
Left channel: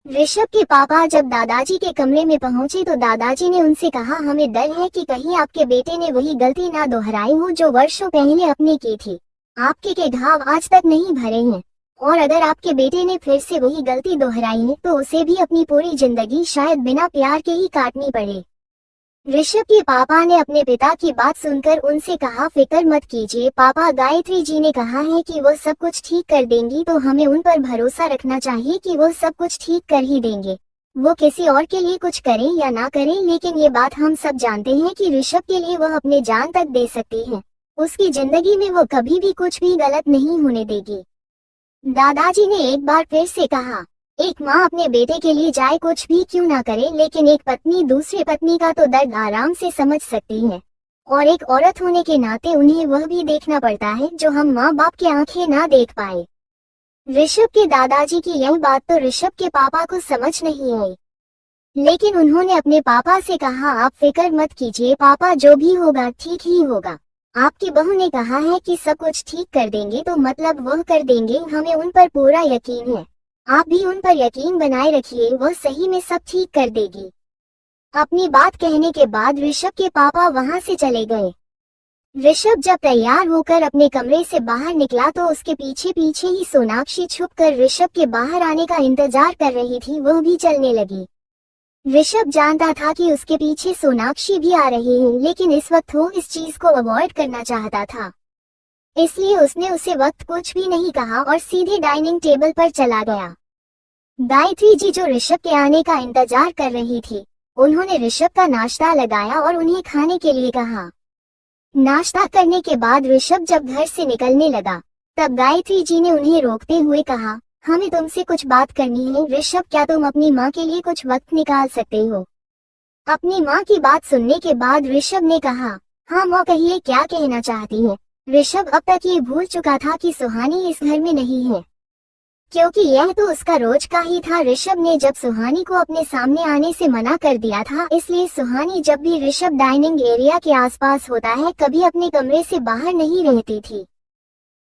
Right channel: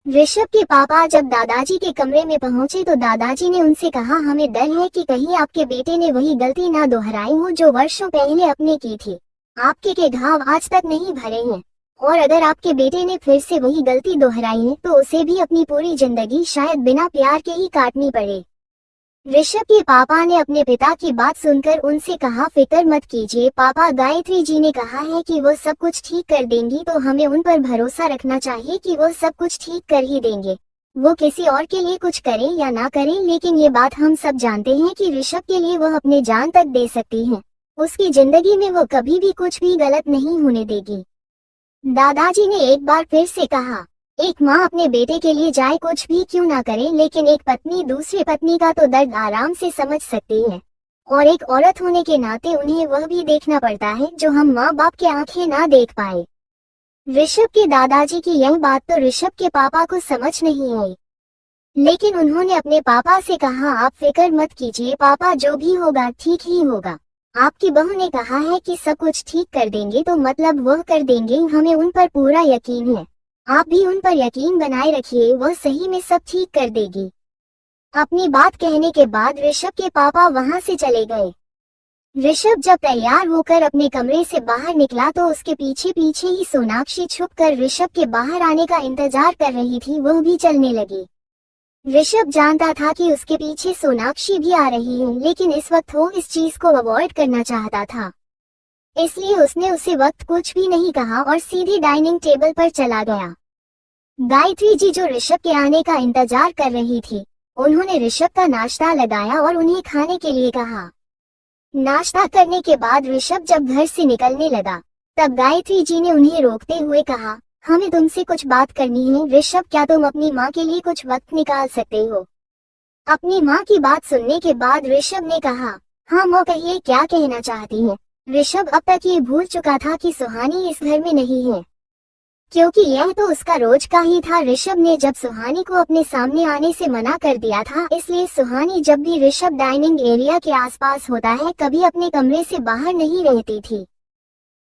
ऋषभ के पापा जब दादाजी के कमरे में पहुंचे तो दादाजी ने उनसे कहा, हमें डर है कि कहीं आपके बेटे ने वही गलती ना दोहराई हो जो वर्षों पहले अपने की थी। आपके के घाव आज तक नहीं भरे हैं, और अगर आपके बेटे ने फिर से वही गलती दोहराई है तो उसे भी अपनी पूरी जिंदगी शायद बिना प्यार के ही काटनी पड़े। ऋषभ के पापा ने अपने पिता की बात सुनकर उनसे कहा, फिक्र मत कीजिए पापा, गायत्री जी ने कहा है कि वो सब कुछ ठीक कर देंगी, तो हमें उन पर भरोसा रखना चाहिए कि वो सब कुछ ठीक कर ही देंगे। वो किसी और के लिए कुछ करें या ना करें, लेकिन ये बात हम सब जानते हैं कि ऋषभ के लिए वह अपने जान तक दे सकती हैं। उसकी जिंदगी में वो कभी भी कुछ भी गलत नहीं होने देगी। दादाजी ने एक बार फिर से कहा, एक माँ अपने बेटे के लिए चाहे कुछ भी क्यों ना करे, लेकिन एक पत्नी दूसरी पत्नी का तो दर्द आराम से समझ सकती है, और एक औरत होने के नाते उन्हें वह भी देखना पड़ता है जो हम माँ बाप की आंखें ना देख पाए। ऋषभ के दादाजी की यह बात तो ऋषभ के पापा को समझ नहीं आई, लेकिन उन्होंने अपने पापा से कहा, आप फिक्र मत कीजिए पापा, जो भी होगा ठीक ही होगा। आपकी बहू ने कहा है कि सब कुछ ठीक कर देंगे, तो मतलब वह कर देंगे, हमें उन पर पूरा यकीन है। आप भी उन पर यकीन बनाए रखिए, वह सही में सब ठीक कर देगी। अपनी बात कहने के बाद ऋषभ के पापा वहां से चले गए। ऋषभ जब तैयार होकर अपने कमरे से बाहर निकला तो उसके पीछे पीछे ही सोनाक्षी छुपकर ऋषभ के बाहर आने का इंतजार कर रही थी, वह भी चलने लगी। ऋषभ जानता था कि उसके पीछे सोनाक्षी भी आ रही है, लेकिन इस वक्त वो इस चीज को अवॉइड करना चाहता था, इसलिए उसने उसे वक्त कुछ भी नहीं कहा और सीधे डाइनिंग टेबल पर चला गया। गायत्री जी जो ऋषभ के आने का इंतजार कर रही थी, उन्होंने ऋषभ का नाश्ता लगाया और उन्हें खाने के लिए कहा। नाश्ता करने के बाद ऋषभ जब घर से निकलने लगा, तब गायत्री जी ने उन्हें रोकते हुए कहा, हमें तुमसे कुछ बात करनी है। ऋषभ, क्या तुम अपनी माँ के लिए कुछ वक्त निकाल सकते हो? अपनी माँ की बात सुनने के बाद ऋषभ ने कहा, हाँ माँ, कहिए क्या कहना चाहती हैं। ऋषभ अब तक ये भूल चुका था कि सुहानी इस घर में नहीं है, क्योंकि यह तो उसका रोज का ही था। ऋषभ ने जब सुहानी को अपने सामने आने से मना कर दिया था, इसलिए सुहानी जब भी ऋषभ डाइनिंग एरिया के आसपास होता है कभी अपने कमरे से बाहर नहीं रहती थी।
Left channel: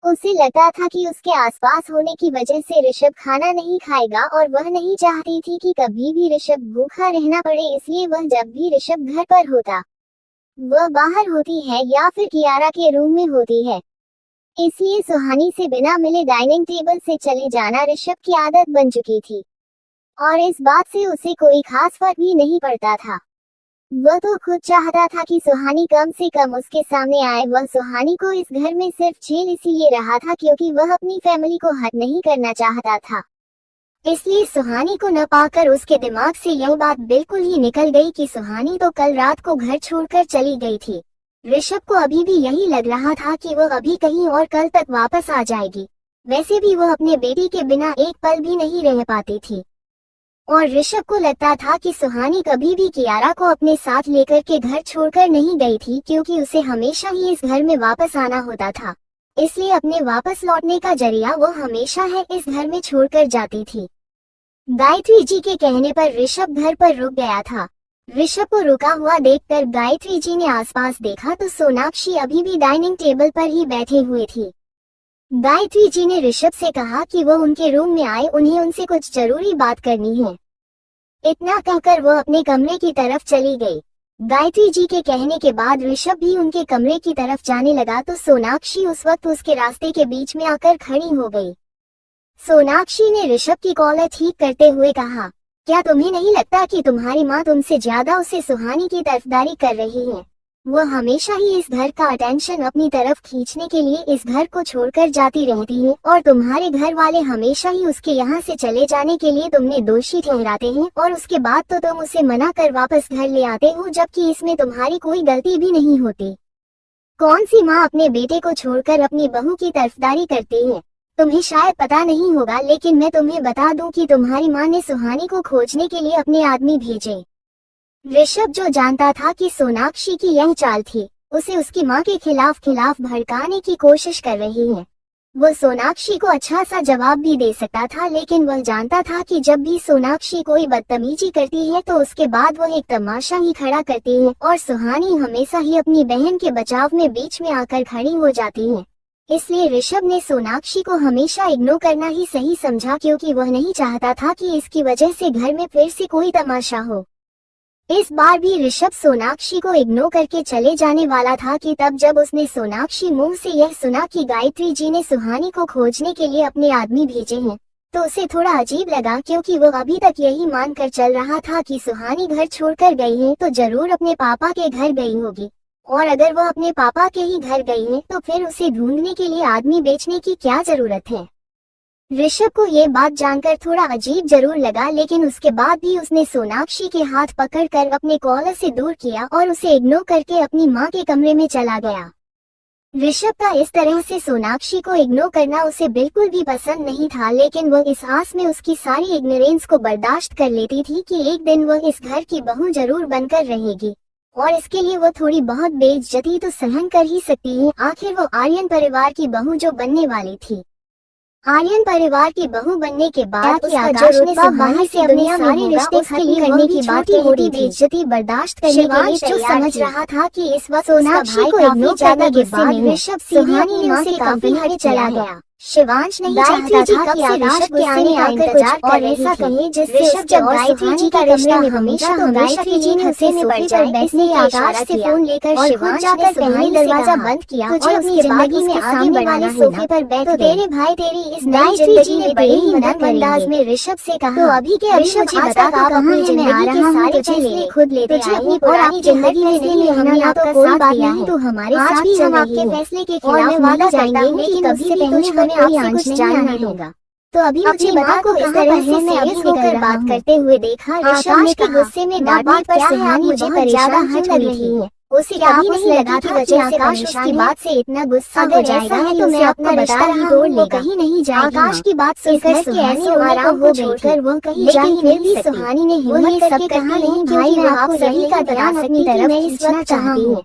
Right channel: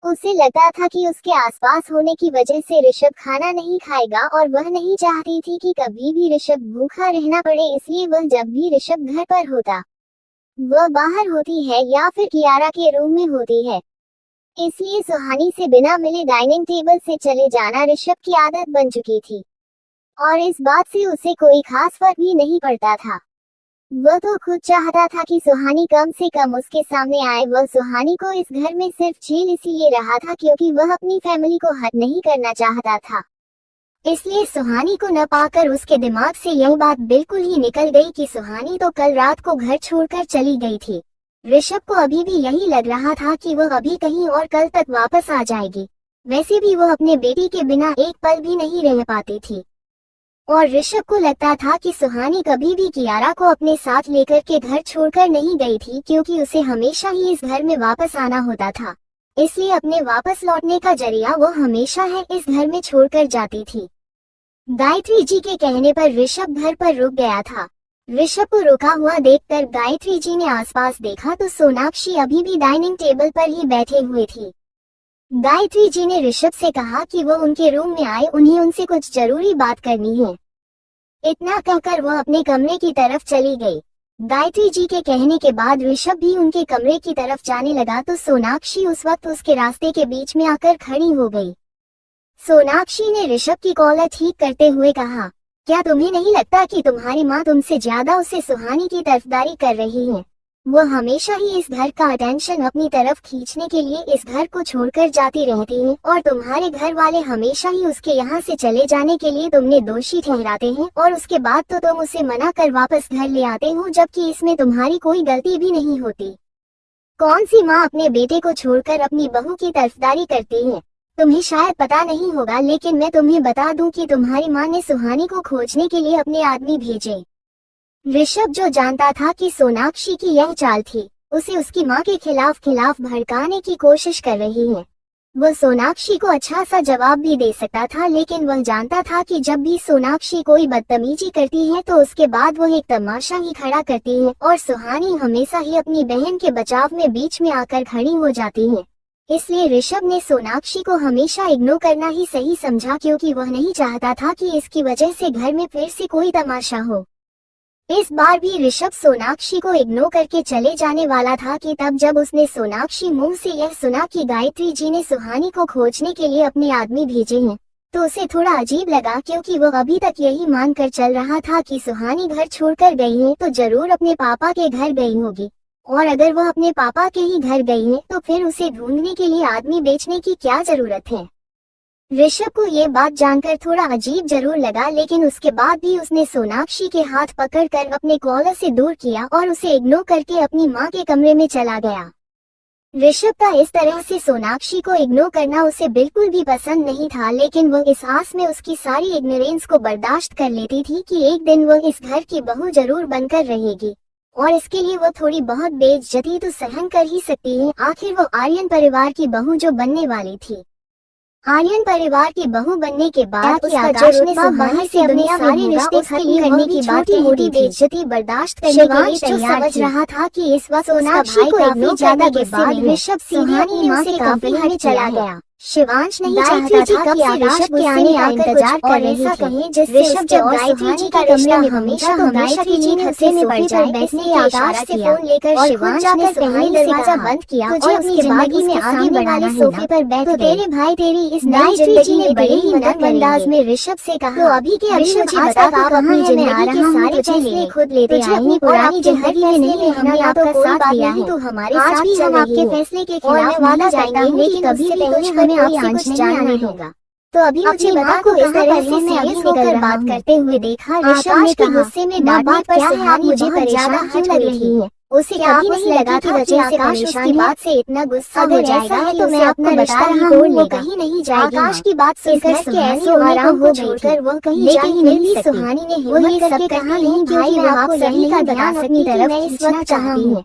उसे लगता था कि उसके आसपास होने की वजह से ऋषभ खाना नहीं खाएगा, और वह नहीं चाहती थी कि कभी भी ऋषभ भूखा रहना पड़े, इसलिए वह जब भी ऋषभ घर पर होता, वह बाहर होती है या फिर कियारा के रूम में होती है। इसलिए सुहानी से बिना मिले डाइनिंग टेबल से चले जाना ऋषभ की आदत बन चुकी थी, और इस बात से उसे कोई खास फर्क भी नहीं पड़ता था। वह तो खुद चाहता था कि सुहानी कम से कम उसके सामने आए। वह सुहानी को इस घर में सिर्फ झेल इसीलिए रहा था क्योंकि वह अपनी फैमिली को हर्ट नहीं करना चाहता था। इसलिए सुहानी को न पाकर उसके दिमाग से यह बात बिल्कुल ही निकल गई कि सुहानी तो कल रात को घर छोड़कर चली गई थी। ऋषभ को अभी भी यही लग रहा था कि वह अभी कहीं और कल तक वापस आ जाएगी। वैसे भी वह अपने बेटी के बिना एक पल भी नहीं रह पाती थी, और ऋषभ को लगता था कि सुहानी कभी भी कियारा को अपने साथ लेकर के घर छोड़कर नहीं गई थी, क्योंकि उसे हमेशा ही इस घर में वापस आना होता था। इसलिए अपने वापस लौटने का जरिया वो हमेशा है इस घर में छोड़कर जाती थी। गायत्री जी के कहने पर ऋषभ घर पर रुक गया था। ऋषभ को रुका हुआ देखकर गायत्री जी ने आसपास देखा तो सोनाक्षी अभी भी डाइनिंग टेबल पर ही बैठे हुए थी। गायत्री जी ने ऋषभ से कहा कि वो उनके रूम में आए, उन्हें उनसे कुछ जरूरी बात करनी है। इतना कहकर वो अपने कमरे की तरफ चली गई। गायत्री जी के कहने के बाद ऋषभ भी उनके कमरे की तरफ जाने लगा तो सोनाक्षी उस वक्त उसके रास्ते के बीच में आकर खड़ी हो गई। सोनाक्षी ने ऋषभ की कॉलर ठीक करते हुए कहा, क्या तुम्हें नहीं लगता कि तुम्हारी माँ तुमसे ज्यादा उसे सुहानी की तरफदारी कर रही है? वो हमेशा ही इस घर का अटेंशन अपनी तरफ खींचने के लिए इस घर को छोड़कर जाती रहती है, और तुम्हारे घर वाले हमेशा ही उसके यहाँ से चले जाने के लिए तुमने दोषी ठहराते हैं, और उसके बाद तो तुम उसे मना कर वापस घर ले आते हो, जबकि इसमें तुम्हारी कोई गलती भी नहीं होती। कौन सी माँ अपने बेटे को छोड़कर अपनी बहू की तरफदारी करती है? तुम्हें शायद पता नहीं होगा, लेकिन मैं तुम्हें बता दूं कि तुम्हारी माँ ने सुहानी को खोजने के लिए अपने आदमी भेजे। ऋषभ जो जानता था कि सोनाक्षी की यह चाल थी, उसे उसकी माँ के खिलाफ भड़काने की कोशिश कर रही है। वह सोनाक्षी को अच्छा सा जवाब भी दे सकता था, लेकिन वह जानता था कि जब भी सोनाक्षी कोई बदतमीजी करती है तो उसके बाद वह एक तमाशा ही खड़ा करती है और सुहानी हमेशा ही अपनी बहन के बचाव में बीच में आकर खड़ी हो जाती है। इसलिए ऋषभ ने सोनाक्षी को हमेशा इग्नोर करना ही सही समझा, क्योंकि वह नहीं चाहता था कि इसकी वजह से घर में फिर से कोई तमाशा हो। इस बार भी ऋषभ सोनाक्षी को इग्नोर करके चले जाने वाला था कि तब जब उसने सोनाक्षी मुंह से यह सुना कि गायत्री जी ने सुहानी को खोजने के लिए अपने आदमी भेजे हैं, तो उसे थोड़ा अजीब लगा, क्योंकि वो अभी तक यही मानकर चल रहा था कि सुहानी घर छोड़कर गई है तो जरूर अपने पापा के घर गई होगी, और अगर वह अपने पापा के ही घर गई है तो फिर उसे ढूंढने के लिए आदमी बेचने की क्या जरूरत है। ऋषभ को ये बात जानकर थोड़ा अजीब जरूर लगा, लेकिन उसके बाद भी उसने सोनाक्षी के हाथ पकड़कर अपने कॉलर से दूर किया और उसे इग्नोर करके अपनी माँ के कमरे में चला गया। ऋषभ का इस तरह से सोनाक्षी को इग्नोर करना उसे बिल्कुल भी पसंद नहीं था, लेकिन वह इस आस में उसकी सारी इग्नोरेंस को बर्दाश्त कर लेती थी कि एक दिन वह इस घर की बहू जरूर बनकर रहेगी, और इसके लिए वह थोड़ी बहुत बेइज्जती तो सहन कर ही सकती है। आखिर वो आर्यन परिवार की बहू जो बनने वाली थी। आर्यन परिवार की बहू बनने के बाद कि आकाश ने सुहानी से अपने सारे रिश्ते खत्म करने की बात कह दी थी। बेइज्जती बर्दाश्त करने शिवांश जो समझ रहा था कि इस वक्त सोनाक्षी को काफी ज्यादा गुस्से में ऋषभ सुहानी ने उसे काफी हट चला गया। शिवांश नहीं चाहता था कि आकाश के आने का इंतजार और ऐसा कहे जिससे उसके और सुहानी का रिश्ता हमेशा के लिए खतरे में पड़ जाए। इसलिए आकाश से फोन लेकर शिवांश ने सुहानी से दरवाजा बंद किया, तुझे अपनी जिंदगी में आगे बढ़ाना सोफे पर बैठ तो तेरे भाई तेरी इस नई जिंदगी में बड़े ही अंदाज में ऋषभ से कहा, तो अभी के अभी मुझे बता कहाँ है, मैं जिंदगी के सारे फैसले खुद लेते आए हैं, पुरानी जिंदगी में नहीं हमने आपका साथ दिया है, तो हमारे साथ भी हम आपके फैसले के खिलाफ वादा जाएंगे, लेकिन कभी भी कुछ हमें आपसे कुछ नहीं आने होगा। तो अभी मुझे बता को इस तरह से मैं अभी होकर बात करते हुए देखा। ऋषभ ने कहा, गुस्से में डांटने पर सुहानी मुझे पर ज्यादा हट रही थी। उसे कभी नहीं लगा था कि आकाश उसकी बात से इतना गुस्सा हो जाएगा, है तो मैं अपना बता रहा हूँ वो कहीं नहीं जाएगा। आकाश की बात सुनकर सुहानी आराम हो छोड़कर वो कहीं जा ही नहीं सकती। सुहानी ने हिम्मत करके कहा, नहीं भाई मैं आपको नहीं का ध्यान अपनी तरफ खींचना चाहती हूँ,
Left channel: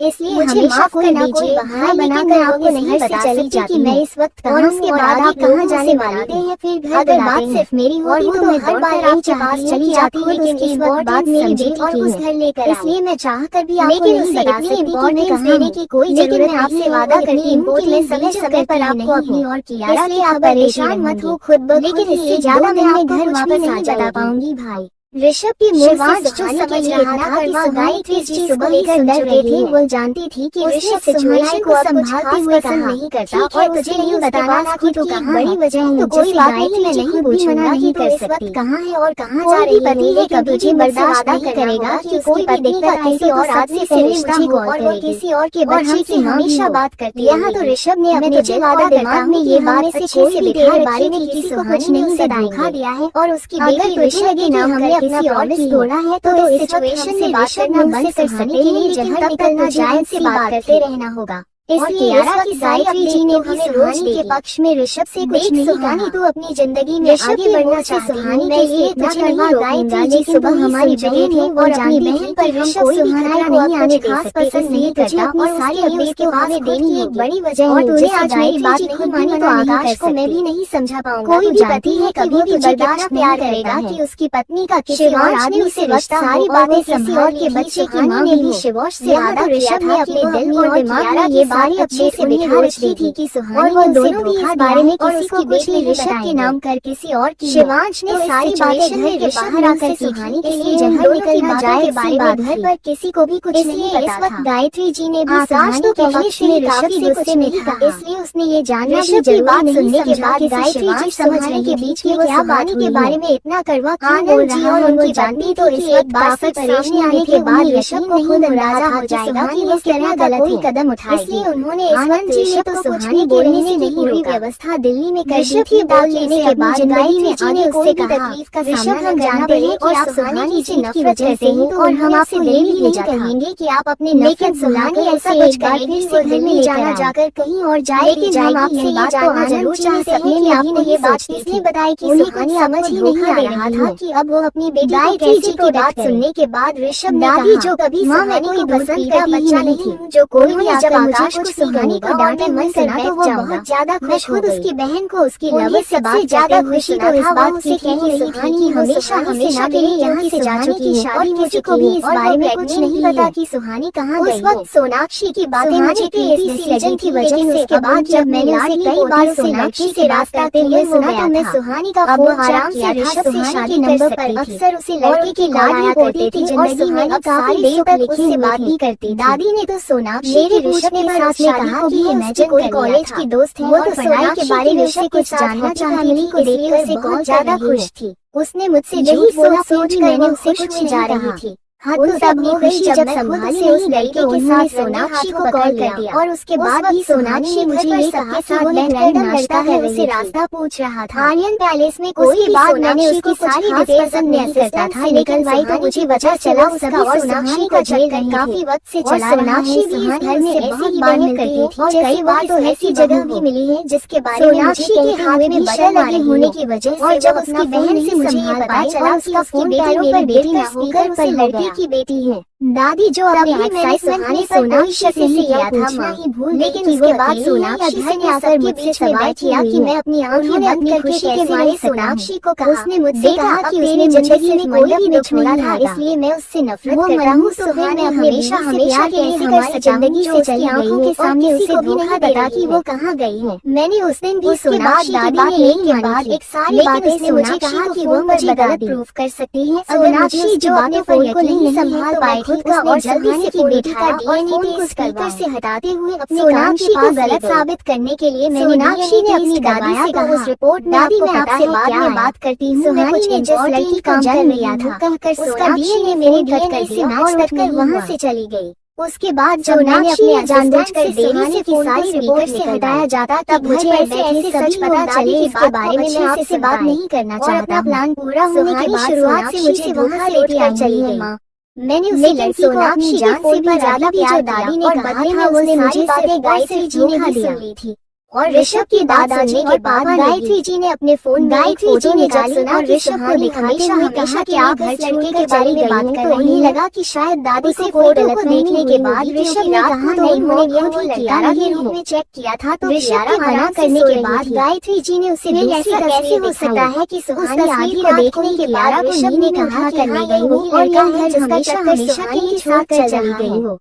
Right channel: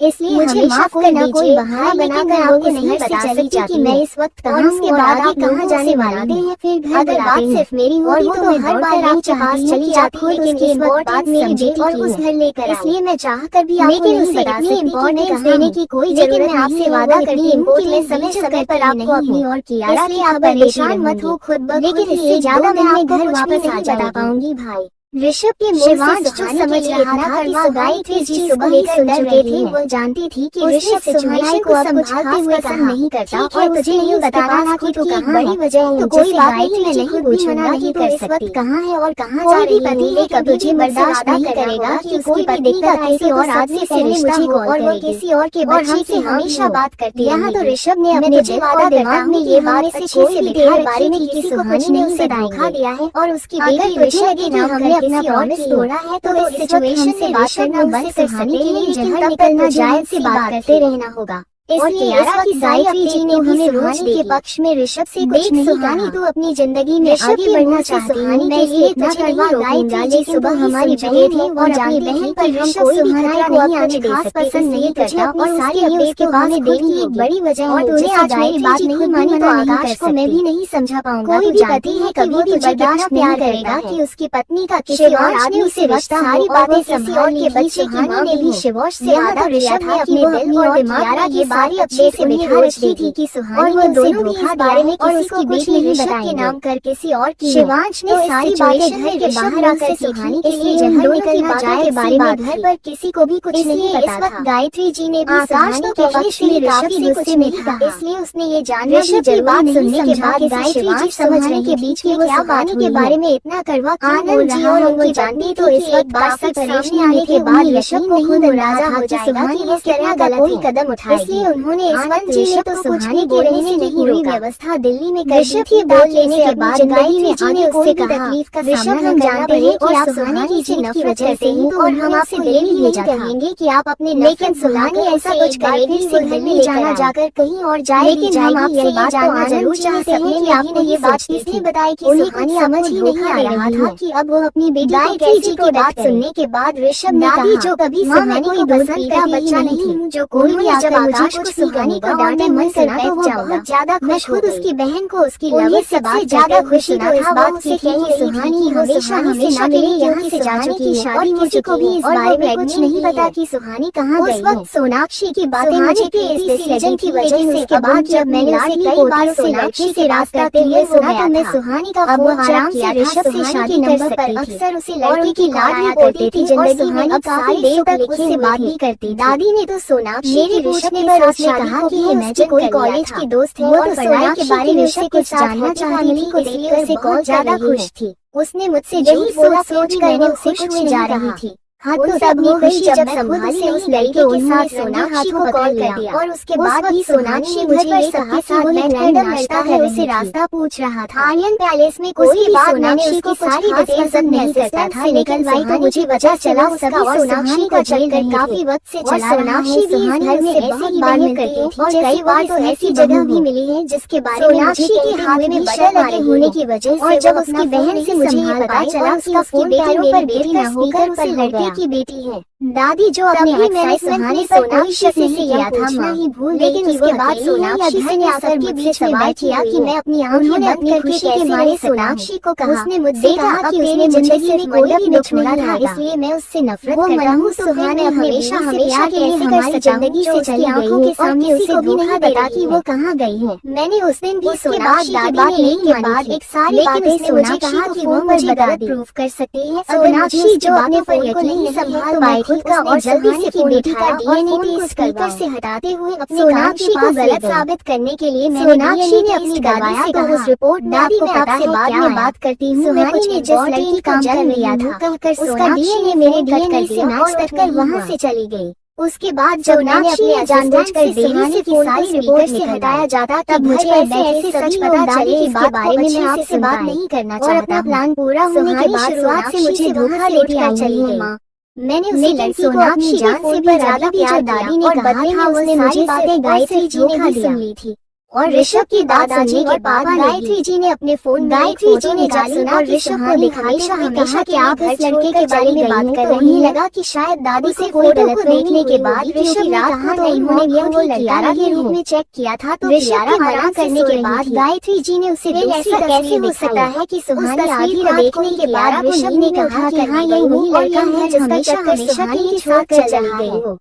इसलिए मुझे माफ करना, कोई बहाना बनाकर आपको नहीं बता सकती कि मैं इस वक्त कहाँ हूँ और आप कहाँ जाने वाले हैं। फिर घर बुलाते हैं सिर्फ मेरी और वो मैं हर बार आपके पास चली जाती, लेकिन इस बात समझे और उस घर लेकर, इसलिए मैं चाह कर भी आपको नहीं बता सकती इम्पोर्टेंस देने की कोई जरूरत नहीं। आपसे वादा करती हूँ कि मैं समय पर आपको अपनी और किया, इसलिए आप परेशान मत हो खुद ब खुद, इसलिए ज्यादा दिन में घर वापस आ बता पाऊंगी भाई। ऋषभ के मुंह से जो समझ रहा था कि गायत्री जी सुबह लेकर डर रही थी, वो जानती थी कि ऋषभ सिचुएशन को संभालते हुए पसंद नहीं करता और तुझे नहीं बताना कि तो कहाँ बड़ी वजह है, तो कोई बात नहीं, मैं नहीं पूछूंगा नहीं तो इस वक्त कहाँ है और कहाँ जा रही है, लेकिन तुझे बर्दाश्त नहीं करेगा कि कोई भी दिक्कत आई और आदमी से मुझे कॉल और वो किसी और के बच्चे की हमेशा बात करती है। यहाँ तो ऋषभ ने मैं तुझे वादा करता हूँ ये बात से कोई भी तेरे बारे में किसी को कुछ नहीं धोखा दिया है, और उसकी बेटी तुझे के नाम करके अपना प्रॉमिस तोड़ा है तो इस सिचुएशन से बात करना बंद कर सकते हैं, जहर निकलना जायज से बात करते रहना होगा। इसलिए इस वक्त गायत्री जी ने भी सुहानी के पक्ष में ऋषभ से कुछ नहीं कहा, तो अपनी जिंदगी में आगे बढ़ना चाहती सुहानी के लिए इतना करवा। गायत्री जी सुबह हमारी जगह थी और अपनी बहन पर ऋषभ सुहानी को अब कुछ खास पसंद नहीं करता और सारी अपडेट के बाद देखी एक बड़ी वजह और तूने आज मेरी बात नहीं मानी तो आकाश को मैं भी नहीं समझा पाऊंगा। कोई भी पति है कभी भी बर्दाश्त नहीं करेगा कि उसकी पत्नी का किसी और आदमी से रिश्ता, सारी बातें किसी और के बच्चे की माँ ने भी शिवांश से वादा किया था अपने दिल और दिमाग में ये बारी अपने से बिठा रखी थी कि सुहानी वो दोनों भी इस बारे में और उसकी बेटी ऋषभ के नाम कर किसी और की। शिवांश ने सारी बातें घर के बाहर आकर सीखी, इसलिए उन दोनों की बातों के बारे में घर पर किसी को भी कुछ नहीं पता था। गायत्री जी ने भी आकाश तो पहले से काफी गुस्से में था, इसलिए उसने ये जानना भी जरूरी सुनने के बाद गायत्री जी सुहानी के बीच में क्या बात के बारे में इतना कड़वा क्यों बोल रहा है उनकी जानती, तो इस वक्त बात सब परेशानी आने के बाद ऋषभ को खुद अंदाजा हो जाएगा कि वो कितना गलत कदम उठाएगी। इसलिए उन्होंने आनंद जी ने तो कुछ भी बोलने से नहीं रोका। व्यवस्था दिल्ली में कर दी थी। दाद लेने के बाद गायत्री जी ने उससे तकलीफ का सामना हम जानते हैं कि आप सुहानी की जीत की वजह से ही, और हम आपसे डेली यही कहेंगे कि आप अपने, लेकिन सुहानी ऐसा कुछ करेगी से घर में जाना जाकर कहीं और जाए। लेकिन हम आपसे ये जानना जरूर चाहते हैं कि आपको ये बात किसने बताई कि सुहानी समझ ही नहीं आ रहा था कि अब वो अपनी बेटी गायत्री जी की बात सुनने के बाद ऋषभ ने कहा, जो कभी सुहानी को पसंद का बच्चा नहीं हूँ, जो कोई भी जब आकाश कुछ सीखेगा और मैं मन कर बैठ जाऊंगा। ज्यादा खुश खुद उसकी बहन को उसकी लवी से बात ज्यादा खुशी तो इस बात से थी कि सुहानी हमेशा के लिए यहाँ से जा चुकी है और किसी को भी इस बारे में कुछ नहीं पता कि सुहानी कहाँ गई। उस वक्त सोनाक्षी की बातें मुझे इस डिसीजन की वजह से के बाद जब मैंने उसे कई बार सोनाक्षी से रास्ता हुए सुना तो मैं सुहानी का फोन आराम से ऋषभ से शादी के नंबर पर अक्सर उसे लड़की की लाड करती थी और सुहानी काफी देर तक उससे बात भी करती। दादी ने तो सोनाक्षी मेरे पूछने पर उसने कहा कि मैं कोई कॉलेज की दोस्त है और पढ़ाई के बारे में उससे कुछ जानना चाहती थी, इसलिए उसे बहुत ज्यादा खुश थी। उसने मुझसे झूठ बोला सोच मैंने उसे कुछ जा रही थी। हाँ तो तब वो खुशी जब संभाल से उस लड़के के साथ सोनाक्षी को कॉल कर दिया और उसके बाद ही सोनाक्षी मुझे ये सबके साथ बैठकर नाश्ता कर उसे रास्ता पूछ रहा था। आर्यन पैलेस में कोई बात मैंने उसकी सारी डिटेल्स नहीं करता था निकलवाई तो मुझे वजह चला उसका और सोनाक्षी को चलकर काफी वक्त से चला रहा हूँ। सुहानी उससे बहुत बार मिलती थी और कई बार तो ऐसी जगह भी मिली है जिसके बारे में मुझे के हाथ में बटन लगे होने की वजह से, और जब उसकी बहन से मुझे ये पता चला उसका फोन पैरों पर बेटी न होकर उसे लड़के की बेटी है। दादी जो अपने मैंने सुहानी सोनाक्षी से लिया था माँ, लेकिन उसके बाद सोनाक्षी से ने सबके बीच में बैठ किया कि मैं अपनी आंखें बंद करके कैसे मारे सोनाक्षी को कहा। उसने मुझसे कहा कि उसने जिंदगी में कोई भी नहीं छोड़ा था इसलिए मैं उससे नफरत करता हूँ। सुहानी हमेशा हमेशा के लिए हमारी जिंदगी से चली गई है और किसी को भी नहीं पता कि वो कहाँ गई है। मैंने उस दिन भी उसके बाद दादी ने एक के बाद एक सारी बातें मुझे कहा कि वो मुझे गलत प्रूफ कर सकती है। सोनाक्षी जो अपने फोन को नहीं संभाल पाए खुद का और जल्दी से की बेटी का डीएनए टेस्ट स्पीकर से हटाते हुए अपने सोनाक्षी को गलत साबित करने के लिए मैंने सोनाक्षी ने अपनी दादी से कहा उस रिपोर्ट में आपको पता है बाद में बात करती हूँ। मैं कुछ ने जिस लड़की काम कर लिया था कहकर उसका डीएनए मेरे कट कर दिया और उठकर वहाँ से चली गई। उसके बाद सोनाक्षी ने जानबूझकर देरी से फोन सारी रिपोर्ट से हटाया जाता तब मुझे ऐसे सच पता चले इसके बारे में मैं आपसे बात नहीं करना चाहता। प्लान पूरा होने के बाद शुरुआत से मुझे धोखा देकर चली गई माँ। मैंने उसे लड़की को अपनी जान से भी ज्यादा प्यार दादी ने और बदले में उसने मुझे बातें गायत्री जी ने भी सुन ली थी और ऋषभ की दादाजी के पापा गायत्री जी ने अपने फोन गायत्री जी ने जब सुना कि सुहानी हमेशा के आप घर छोड़ के बारे में बात कर रही है लगा कि शायद दादी से फोटो को देखने के बाद ऋषभ ने कहा तो उन्होंने यह कियारा के रूप में चेक किया था तो कियारा मना करने के बाद गायत्री जी ने उसे ऐसा कैसे हो सकता है कि सुहानी आधी रात देखने के बाद ऋषभ ने कहा कि हाँ यही वही लड़का है जिसका चक्कर सुहानी के साथ चल रहा है।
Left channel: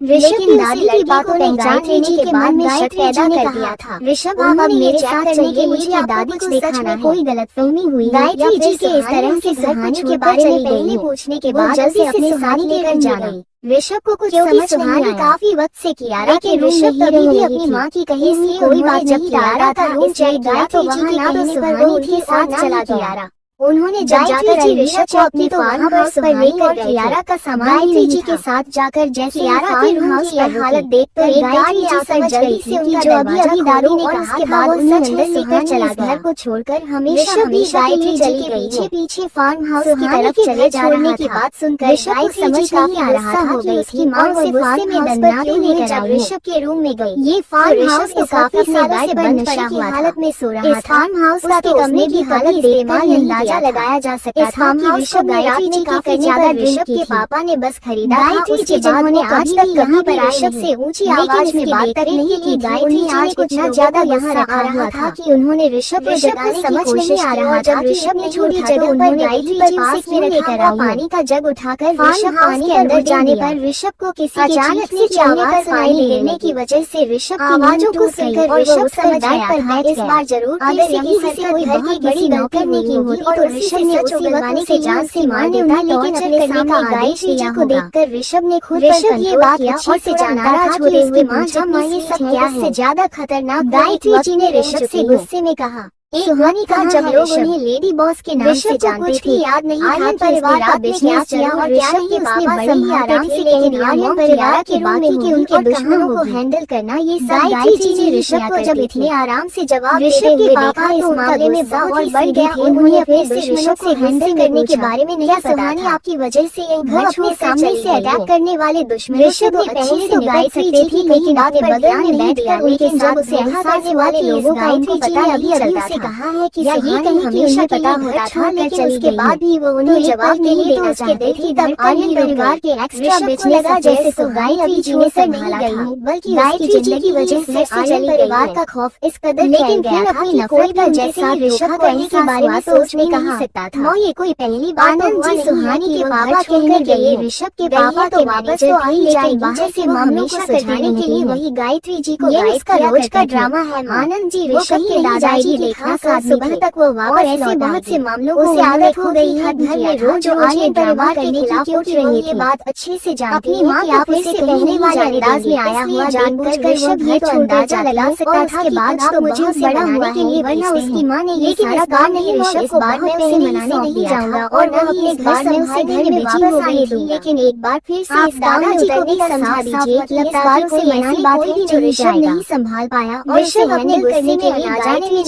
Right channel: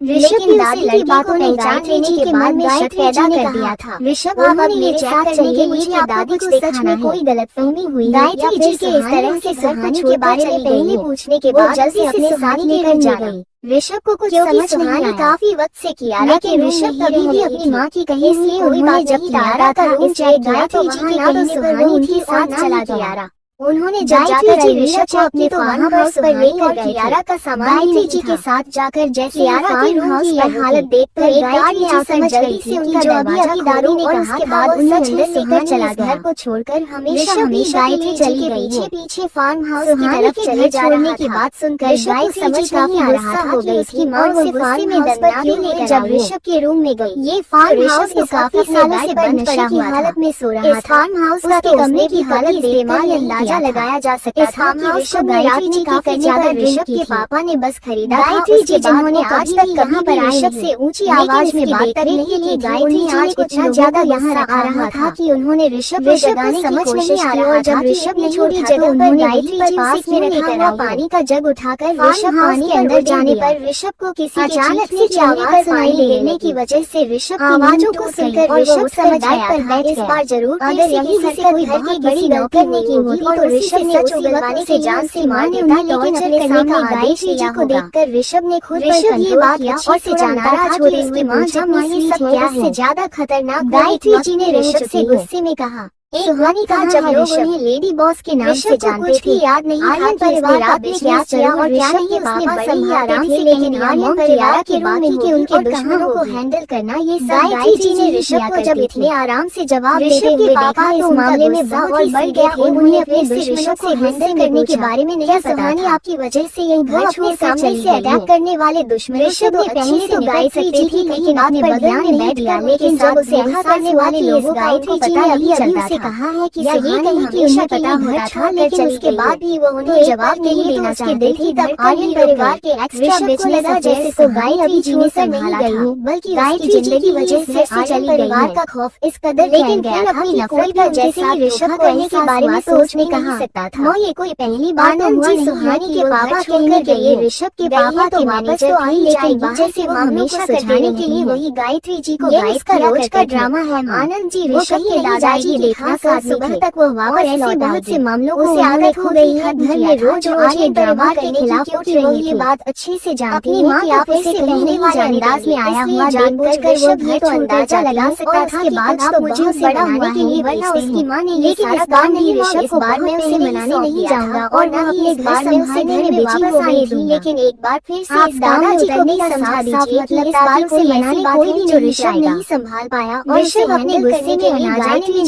ऋषभ की दादी की बातों ने पहचान लेने के बाद में शक पैदा कर दिया था। ऋषभ आप मेरे चेक करने के लिए क्या दादी को सच में कोई गलतफहमी हुई गायत्री जी के इस तरह से सुहानी के बारे में पहले पूछने के बाद जल्दी से सुहानी लेकर जा गई। ऋषभ को कुछ समझ सुहानी काफी वक्त से किया लेकिन ऋषभ कभी भी अपनी माँ की कही हुई कोई बात जब कियारा का रूम चेक किया तो वहाँ के कहने पर वो उनके साथ चला कियारा। उन्होंने गायत्री जी ऋषभ को अपने फार्म हाउस पर लेकर कियारा का सामान गायत्री जी के साथ जाकर जैसे कियारा के रूम की हालत देखकर गायत्री जी समझ गई थी कि जो अभी दादी ने कहा था वो सच है लेकर चला घर को छोड़कर हमेशा गायत्री जी के पीछे पीछे फार्म हाउस की तरफ चले जा रहे की बात सुनकर गायत्री समझ काफी आ रहा था कि उसकी माँ उसे फार्म में दंडनाती हुई जब ऋषभ के रूम में गई। ये फार्म हाउस तो काफी सालों से बंद पड़ा हुआ हालत में सो रहा था। इस फार्म हाउस का कमरे की हालत इस्तेमाल नहीं लगाया जा सकता था कि ऋषभ गायत्री जी काफी ज्यादा ऋषभ के पापा ने बस खरीदा। गायत्री जी जिन्होंने आज तक कहीं पर ऋषभ से ऊंची आवाज में बात करने के लिए गायत्री जी ने कुछ ज्यादा यहाँ आ रहा था कि उन्होंने ऋषभ को समझ नहीं आ रहा था। ऋषभ ने छोटी जगह पर गायत्री जी पास में रखा पानी का जग उठाकर ऋषभ पानी के अंदर जाने पर ऋषभ को किसी अचानक से आवाज सुनाई देने की वजह से ऋषभ आवाजों को सुनकर ऋषभ समझ गया था इस बार जरूर अगर किसी से कोई बहुत बड़ी गलती नहीं होगी और ऋषभ ने उसी वक्त से जान से मार देता लेकिन अपने करने का आदेश जी को देखकर ऋषभ ने खुद ये बात अच्छे से जानता था कि उसकी माँ जब ये सब क्या से ज्यादा खतरनाक। गायत्री जी ने ऋषभ से गुस्से में कहा सुहानी का जब लोग उन्हें लेडी बॉस के नाम से जानते थे, याद नहीं था कि परिवार का बिजनेस चला और क्या नहीं उसने बड़े ही आराम से, लेकिन आर्यन परिवार के रूम में होगी उनके दुश्मनों को हैंडल करना, ये सब गायत्री जी ने ऋषभ को जब इतने आराम से जवाब देते हुए देखा इस मामले में बहुत ही बढ़ गया। उन्होंने अपने दुश्मनों से हैंडल करने के बारे में नहीं पता था। आपकी वजह से यही घर अपने सामने से अटैक करने वाले दुश्मन ऋषभ ने पहले से गायत्री जी थी, लेकिन अपने बगल में बैठ गया, लेकिन जब उसे एहसास करने वाले लोगों का उनको पता नहीं चलता था। कहा है कि सुहानी हमेशा पता होता था, लेकिन उसके बाद भी वो उन्हें जवाब नहीं देना चाहते थे। तब आर्यन परिवार के एक्स्ट्रा बिजनेस जैसे सुहानी अभी जीने से नहीं गई, बल्कि गायत्री जी की वजह से आर्यन परिवार का खौफ इस कदर फैल गया था कि कोई भी जैसे ऋषभ करने के बारे में सोच नहीं सकता था। ये कोई पहली बार तो हुआ नहीं। सुहानी के पापा कहकर गए ऋषभ के पापा तो वापस तो आई, लेकिन बाहर से मामलों को सुलझाने के लिए वही गायत्री जी को गाइड का रोज का ड्रामा है। आनंद जी ऋषभ के दादाजी के खास सुबह तक वो वापस ऐसे बहुत से मामलों को आदत हो गई है। घर में रोज आर्यन परिवार के खिलाफ उठ रही ये बात अच्छे से जानती है कि आप इसे कहने वाले अंदाज में आया हुआ जानबूझकर ऋषभ ये तो अंदाजा लगा सकता था कि आज तो बहुत बड़ा हुआ है, वरना उसकी माँ ने ये सारा काम नहीं ऋषभ को बार में उसे मनाने नहीं जाऊंगा और न ही इस बार में उसे घर में बिजी हो गई थी। लेकिन एक बार फिर से इस दादाजी को भी समझा दीजिए कि इस बात से मनाने बात है जो ऋषभ नहीं संभाल पाया और ऋषभ अपने गुस्से में ना जाने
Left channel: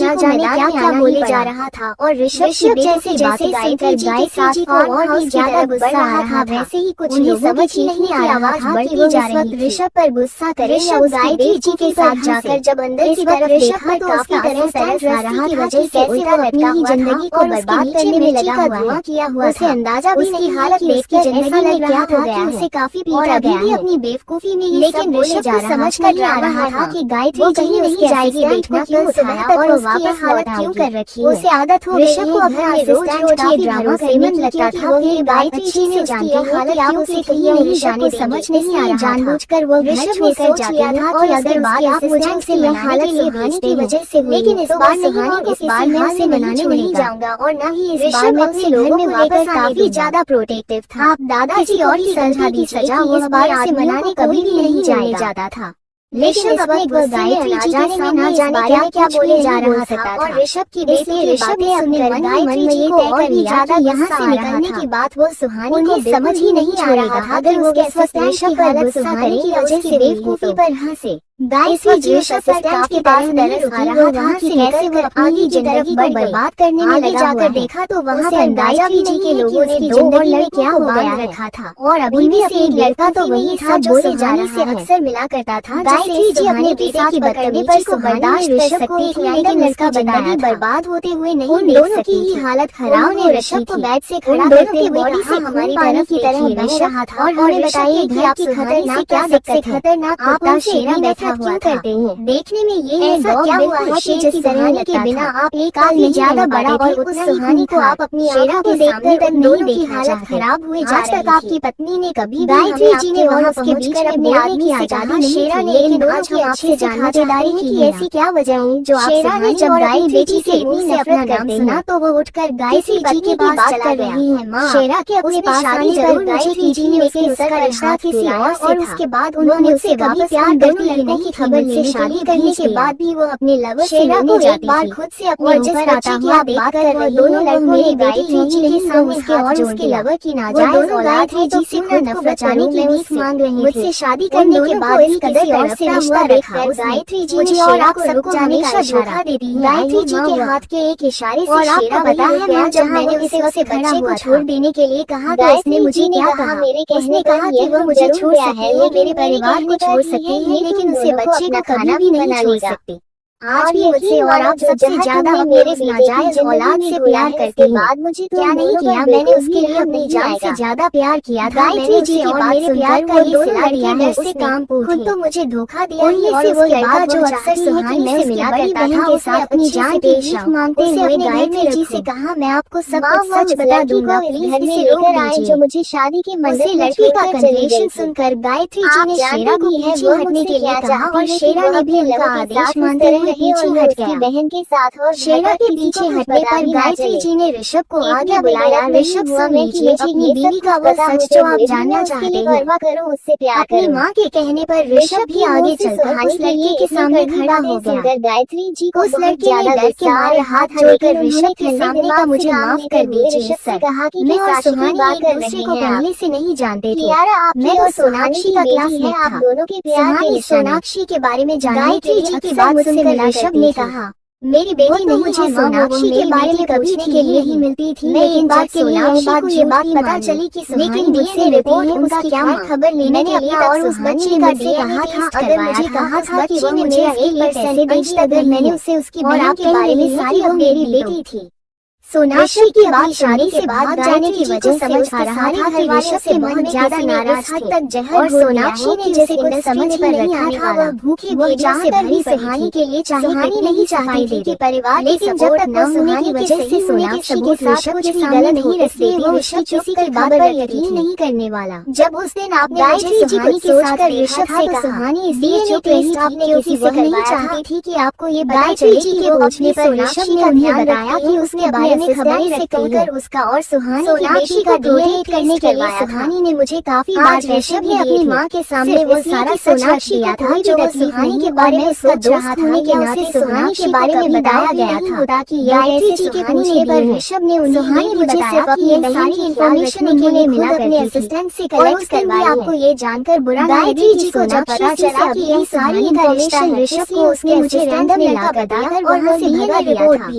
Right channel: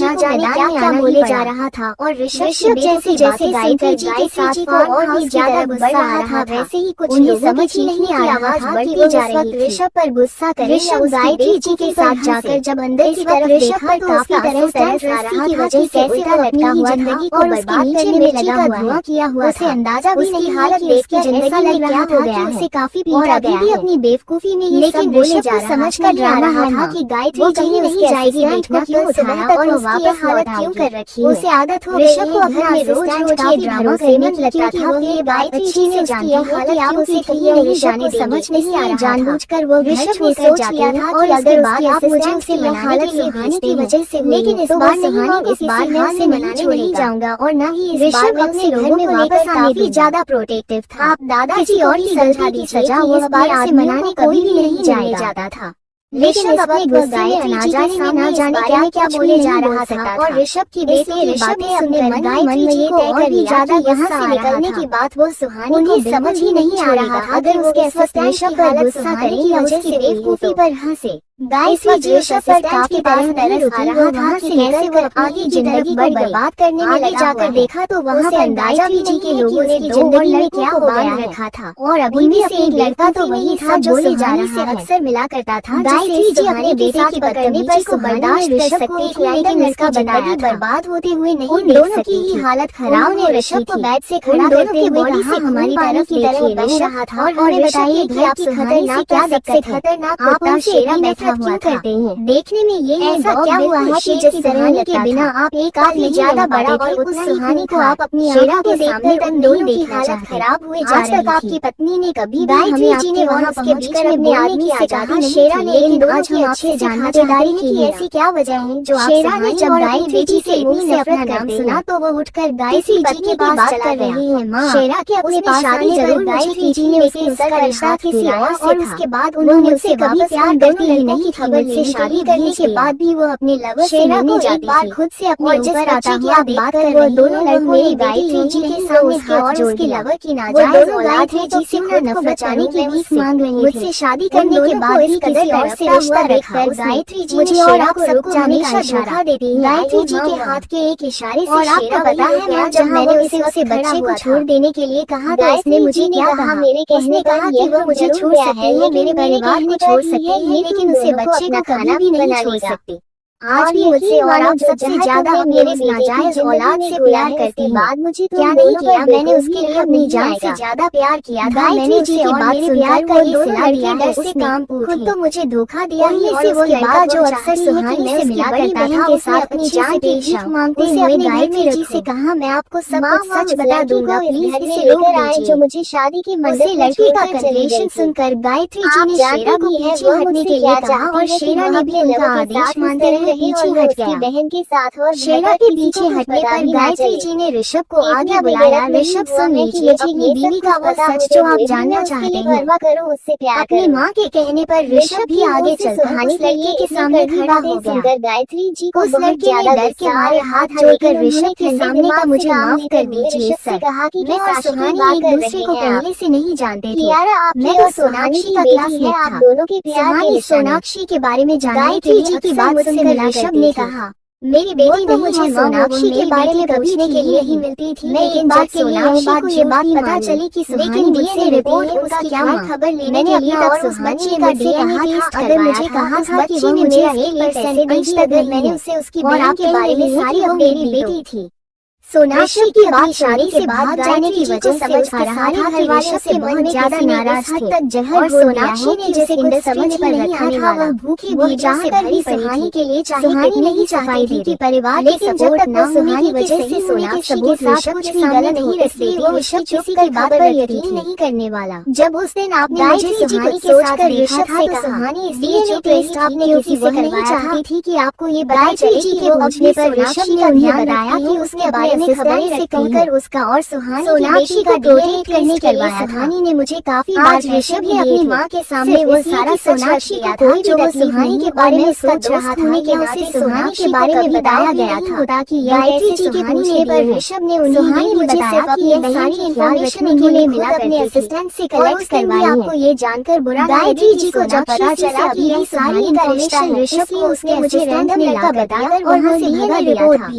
क्या बोले जा रहा था। और ऋषभ जैसे गायत्री जी के साथ और भी ज्यादा गुस्सा आ रहा था, वैसे ही कुछ लोगों समझ ही नहीं की आवाज बढ़ती जा रही थी। ऋषभ पर गुस्सा कर ऋषभ गायत्री जी के साथ जाकर जब अंदर की तरफ देखा तो उसकी तरफ आ रहा की वजह से उल्टा लटका हुआ जिंदगी को बर्बाद करने में लगा हुआ किया हुआ उसे अंदाजा भी उसकी हालत देख के ऐसा लग रहा था कि उसे काफी पीटा गया है अपनी बेवकूफी में। लेकिन ऋषभ को समझ कर आ रहा था कि गायत्री जी ने उसके असिस्टेंट को क्यों उठाया और उसकी हालत क्यों कर रखी है। उसे आदत हो गई है घर में रोज ये ड्रामा करने लगता था वो ये गायत्री जी ने जानती है कि आप उसे कहीं नहीं जाने समझ नहीं आ जानबूझकर वो ऋषभ ने सोच लिया था और अगर बात आप मुझे उसे मनाने के लिए भेजने की वजह से, लेकिन इस बार नहीं और इस बार मैं उसे मनाने नहीं जाऊंगा और न ही इस बार मैं उसे घर में वापस आने भी ज्यादा प्रोटेक्टिव था। आप दादाजी और ही समझा दीजिए कि इस बार उसे मनाने कोई भी नहीं जाने जाता था। लेकिन इस वक्त गायत्री जी के सामने जाने क्या बोले जा रहा था और ऋषभ की बेटी ऋषभ ने अपने मन गायत्री जी को और भी ज्यादा यहाँ से निकलने की बात वो सुहानी को समझ ही नहीं आ रहा था। अगर उसके असिस्टेंट की हालत सुहानी की वजह से बेवकूफी पर हंसे गायत्री जी ऋषभ पर काफी तरस आ रहा था कि कैसे वो आगे की तरफ बर्बाद करने में लगा जाकर देखा तो वहाँ पर गायत्री जी के लोगों ने दो और लड़कियां को बांध रखा था और अभी में से एक लड़का तो वही था जो बोले जाने से अक्सर मिला करता था। गायत्री जी अपने बेटे की बदतमीजी को बर्दाश्त कर सकती थी, लेकिन उसका जिंदगी बर्बाद होते हुए नहीं देख सकती थी। हालत खराब ने ऋषभ को बेड से खड़ा करते हुए बॉडी से हमारी तरफ की तरफ ऋषभ था और बताइए कि आपकी खतरनाक क्या सबसे खतरनाक कुत्ता शेरा बैठा हुआ करते हैं। देखने में ये ऐसा क्या हुआ है कि जिस सुहानी के बिना आप एक आदमी ज्यादा बड़ा और उस सुहानी को आप अपनी आंखों के सामने तक दोनों की हालत खराब हुए जा रही थी। आपकी पत्नी ने कभी भी हमें आपके और उसके बीच में बोलने की आजादी शेरा ने, लेकिन आज हम आपसे जानना चाहते हैं कि ऐसी क्या वजह है जो शेरा ने जब गायत्री जी के मुंह से अपना नाम सुना तो वो उठकर गायत्री जी की बात चला रही है। माँ शेरा के अपने पास शादी जरूर गायत्री जी ने उसे उसका रिश्ता किसी और से था। उसके बाद उन्होंने उससे कभी प्यार करने लगने की खबर से शादी करने के बाद भी वो अपने लवर शेरा को एक बार खुद से अपने ऊपर आता हुआ बात कर रही दोनों लड़कों गायत्री जी के सामने और उसके लवर की नाजायज औलाद है जो सिर्फ नफरत बचाने की भीख मांग रही मुझसे शादी करने के बाद इस कदर और से रिश्ता देखकर गायत्री जी ने शेरा को रुक जाने का इशारा दे दी। गायत्री जी के हाथ के एक इशारे से शेरा पता है माँ जब मैंने उसे बच्चे को छोड़ देने के लिए कहा तो उसने मुझे क्या कहा मेरे कहने कहा कि वो मुझे छोड़ सकती है, मेरे परिवार को छोड़ सकती है, लेकिन उसे बच्चे का खाना भी नहीं छोड़ सकती। आज भी मुझसे और आप सबसे ज्यादा मेरे नाजायज औलाद से प्यार करती हूँ। बाद मुझे क्या नहीं किया, मैंने उसके लिए अपनी जान से ज्यादा प्यार किया था। मैंने जी की बात प्यार का ये सिला दिया है, उससे काम खुद तो मुझे धोखा दिया ही और वो लड़का जो अक्सर सुहानी से मिला करता था के साथ अपनी जान की भीख मांगते हुए गायत्री जी से कहा मैं आपको सब कुछ सच बता दूंगा, प्लीज घर में लेकर आए जो मुझे शादी की मर्जी। लड़की का कन्फेशन सुनकर गायत्री जी ने शेरा को पीछे हटने के लिए कहा और शेरा ने भी उनका आदेश मानते रहे वो पीछे हट गया। बहन के साथ और शेरा के पीछे हटने पर गायत्री जी ने ऋषभ को आगे बुलाया। ऋषभ सुने कि ये देवी का वो सच जो आप जानना चाहते हो, करो उससे प्यार। अपनी माँ के कहने पर ऋषभ भी आगे चलकर उस लड़के के सामने खड़ा हो गया। गायत्री जी को उस लड़के ने डर के मारे हाथ जोड़कर ऋषभ के सामने का मुझे माफ कर दीजिए सर, मैं और सुहानी एक दूसरे को पहले से नहीं जानते थे। मैं तो सोनाक्षी का क्लासमेट था। सुहानी सोनाक्षी के बारे में जानती थी। जी की बात सुनकर ऋषभ ने कहा, मेरी बेटी तो मुझे सोनाक्षी के बारे में पूछने के लिए ही मिलती थी, लेकिन जब सोनाक्षी को ये बात पता चली कि सुहानी मुझसे मिलती है, उसकी क्या खबर लेने के लिए और उस बच्ची का कहा था, अगर मुझे कहा था कि वो मुझे 1% देगी अगर मैंने उससे उसकी बहन के बारे में सारी वो मेरी बेटी थी। सोनाक्षी की बात शादी से भाग जाने की वजह से उसके सारे घर वाले से बहुत ज्यादा नाराज थे और सोनाक्षी ने जिस इंद्र समझ पर रखा था वह भूखी बेटा से भरी सुहानी के लिए सुहानी नहीं चाहती थी कि परिवार के सपोर्ट न होने की वजह से सोनाक्षी के साथ कुछ भी गलत हो, इसलिए वो ऋषभ किसी की बात पर यकीन नहीं करने वाला। जब उस दिन आपने मुझे सुहानी के साथ देखा था तो सुहानी इसलिए चुप रही थी क्योंकि वह नहीं चाहती थी कि आपको ये पता चले कि पूछने पर ऋषभ ने उन्हें बताया कि उसके बारे में खबरें से कहकर उसका और सुहानी की बेटी का डेट करने के लिए सुहानी ने मुझे काफी बार ऋषभ ने अपनी माँ के सामने वो सारा सोनाक्षी किया था जो वो सुहानी के बारे में सोच रहा था कि उसे सुहानी के बारे में बताया गया था कि गायत्री जी के पूछने पर ऋषभ ने उन्हें मुझे सिर्फ अपनी सारी इन्फॉर्मेशन के लिए मिला अपने असिस्टेंट से कलेक्ट करवाई। आपको ये जानकर बुरा गायत्री जी को जब पता चला कि ये सारी इन्फॉर्मेशन ऋषभ को उसने मुझे रैंडम लड़का बताकर और मुझे भगा दिया था।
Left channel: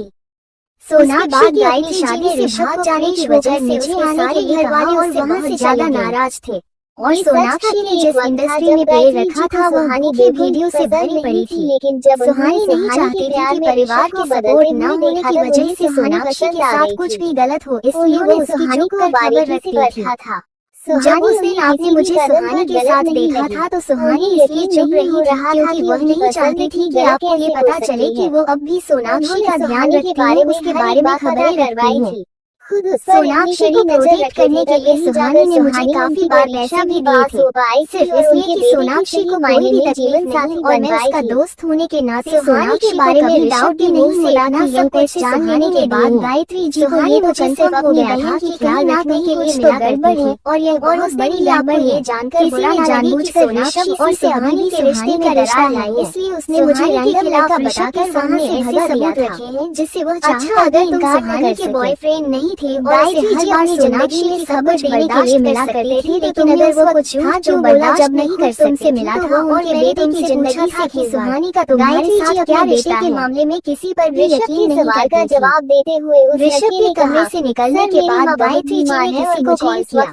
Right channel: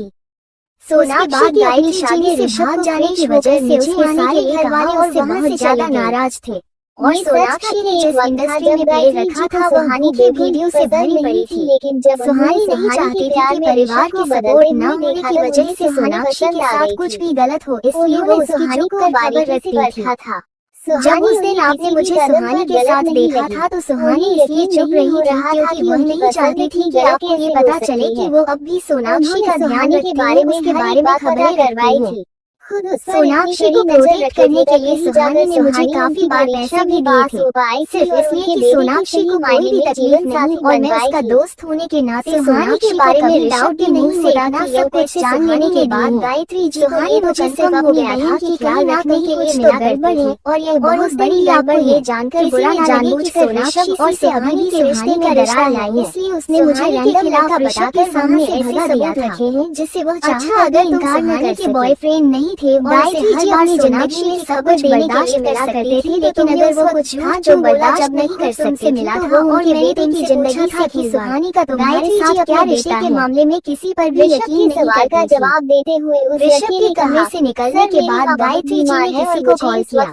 सोनाक्षी की अपनी शादी से भाग जाने की वजह से उसके सारे घर वाले और वहाँ से ज्यादा नाराज थे और सोनाक्षी ने जिस इंडस्ट्री में पैर रखा था वो सुहानी के वीडियो से भरी पड़ी थी, लेकिन जब सुहानी नहीं चाहती थी कि परिवार के सपोर्ट न होने की वजह से सोनाक्षी के साथ कुछ भी गलत हो, इसलिए उन्होंने सुहानी को बारीकी से रखा था। जब उस दिन आपने मुझे सुहानी के साथ देखा था तो सुहानी इसलिए चुप रही थी क्योंकि वह नहीं चाहती थी कि आपको ये पता चले कि वो अब भी सोनाक्षी का ध्यान रखती है, उसके बारे में खबरें करवाई थी। खुद सोनाक्षी को प्रोटेक्ट करने के लिए सुहानी ने मुझे काफी बार पैसे भी दिए थे, सिर्फ इसलिए कि सोनाक्षी को मायने में तकलीफ ना थी और मैं उसका दोस्त होने के नाते सुहानी के बारे में ऋषभ के मुंह से ना सब कुछ जान लेने के बाद गायत्री जी को ये तो कंफर्म हो गया था कि ख्याल रखने के लिए मिला गड़बड़ है और यह बहुत बड़ी गड़बड़ है जानकर बुरा जाने कि सोनाक्षी और सुहानी के रिश्ते में दरार लाई, इसलिए उसने मुझे रैंडम लड़का बताकर सामने ऐसे सबूत रखे हैं जिससे वह अच्छा अगर इनकार न करके बॉयफ्रेंड नहीं थे और इसे हर बार सोनाक्षी की खबर देने के लिए मिला करते थे, लेकिन अगर वो कुछ था जो बोला जब नहीं कर तुमसे मिला था और मैंने तुमसे पूछा था कि सुहानी का तुम्हारे साथ क्या रिश्ता है, के मामले में किसी पर भी यकीन सवाल का जवाब देते हुए ऋषभ के कमरे से निकलने के बाद गायत्री जी ने किसी को कॉल किया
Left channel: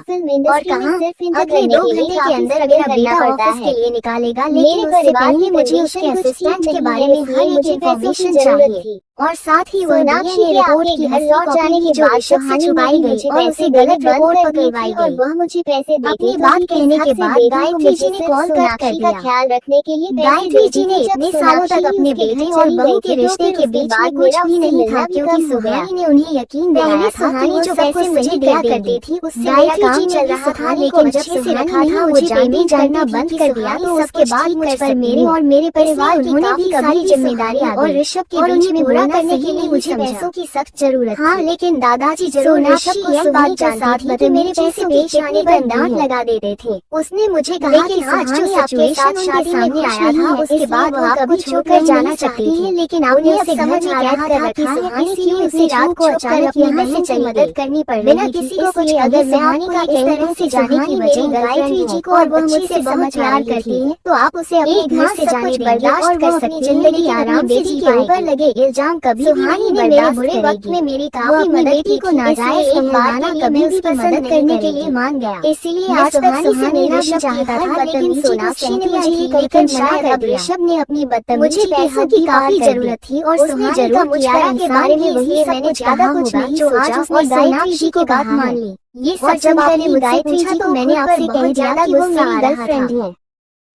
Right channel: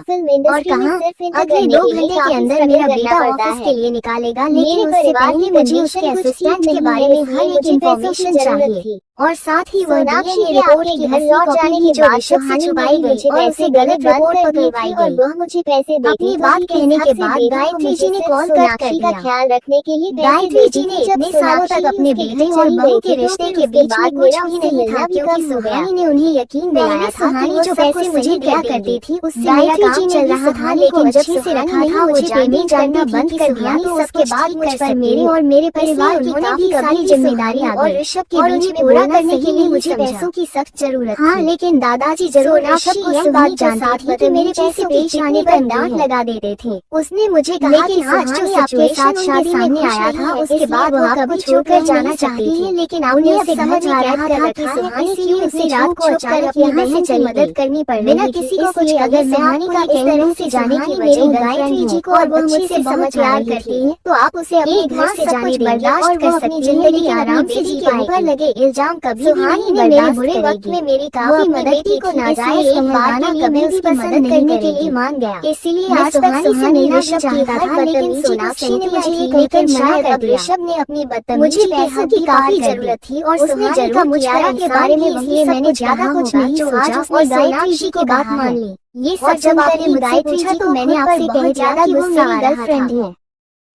और कहा अगले 2 घंटे के अंदर मेरा बेटा ऑफिस के लिए निकालेगा, लेकिन उससे पहले मुझे उसके असिस्टेंट के बारे में हर एक इन्फॉर्मेशन चाहिए और साथ ही सोनाक्षी ने रिपोर्ट की हर लौट जाने की जो ऋषभ से छुपाई गई और उसे गलत रिपोर्ट पकड़वाई गई। वह मुझे पैसे देती अपनी बात कहने के बाद गायत्री जी ने कॉल कट कर दिया। ख्याल रखने के लिए गायत्री जी ने इतने सालों तक अपने बेटे और बहू के रिश्ते के बीच में कुछ भी नहीं था क्योंकि सुहानी ने उन्हें यकीन दिलाया था कि जो पैसे मुझे दिया करती थी उससे मेरा काम चल रहा था, लेकिन अच्छे से रखा था मुझे पेमेंट करना बंद कर दिया तो उसके बाद मुझ पर मेरे और मेरे परिवार उन्होंने भी कभी जिम्मेदारियां और ऋषभ के बीच में पूरा करने के लिए मुझे पैसों की सख्त जरूरत हाँ, लेकिन दादाजी जरूर ऋषभ को यह बात जानती थी तो मेरे पैसे पेश आने पर डांट लगा देते थे। उसने मुझे कहा कि आज जो सिचुएशन शादी में आया था उसके बाद वो आपको छोड़कर जाना चाहती है, लेकिन आपने उसे समझ में कैद कर रखा है इसलिए उसे रात को अचानक अपनी बहन से मदद करनी पड़ रही किसी को कुछ अगर मैं आपका इस तरह से जाने की वजह गायत्री जी को और वो मुझसे बहुत प्यार करती है तो आप उसे अपने घर से जाने बर्दाश्त कर सकती है, लेकिन आराम से जी के ऊपर लगे इल्जाम कभी सुहानी ने मेरे बुरे वक्त में मेरी काफी मदद की को नाजायज समझाना कभी उसकी मदद करने के लिए मान गया, इसलिए आज तक से मेरा शक चाहता था, लेकिन सोनाक्षी ने मुझे ये कहकर मना कर दिया। ऋषभ ने अपनी बदतमीजी मुझे पैसों की काफी जरूरत थी और उसने जरूर मुझे के बारे में वही मैंने ज्यादा कुछ नहीं सोचा और सोनाक्षी की बात मान ली। ये सच जब आपने मुझसे पूछा तो मैंने आपसे कह दिया कि वो मेरी गर्लफ्रेंड है।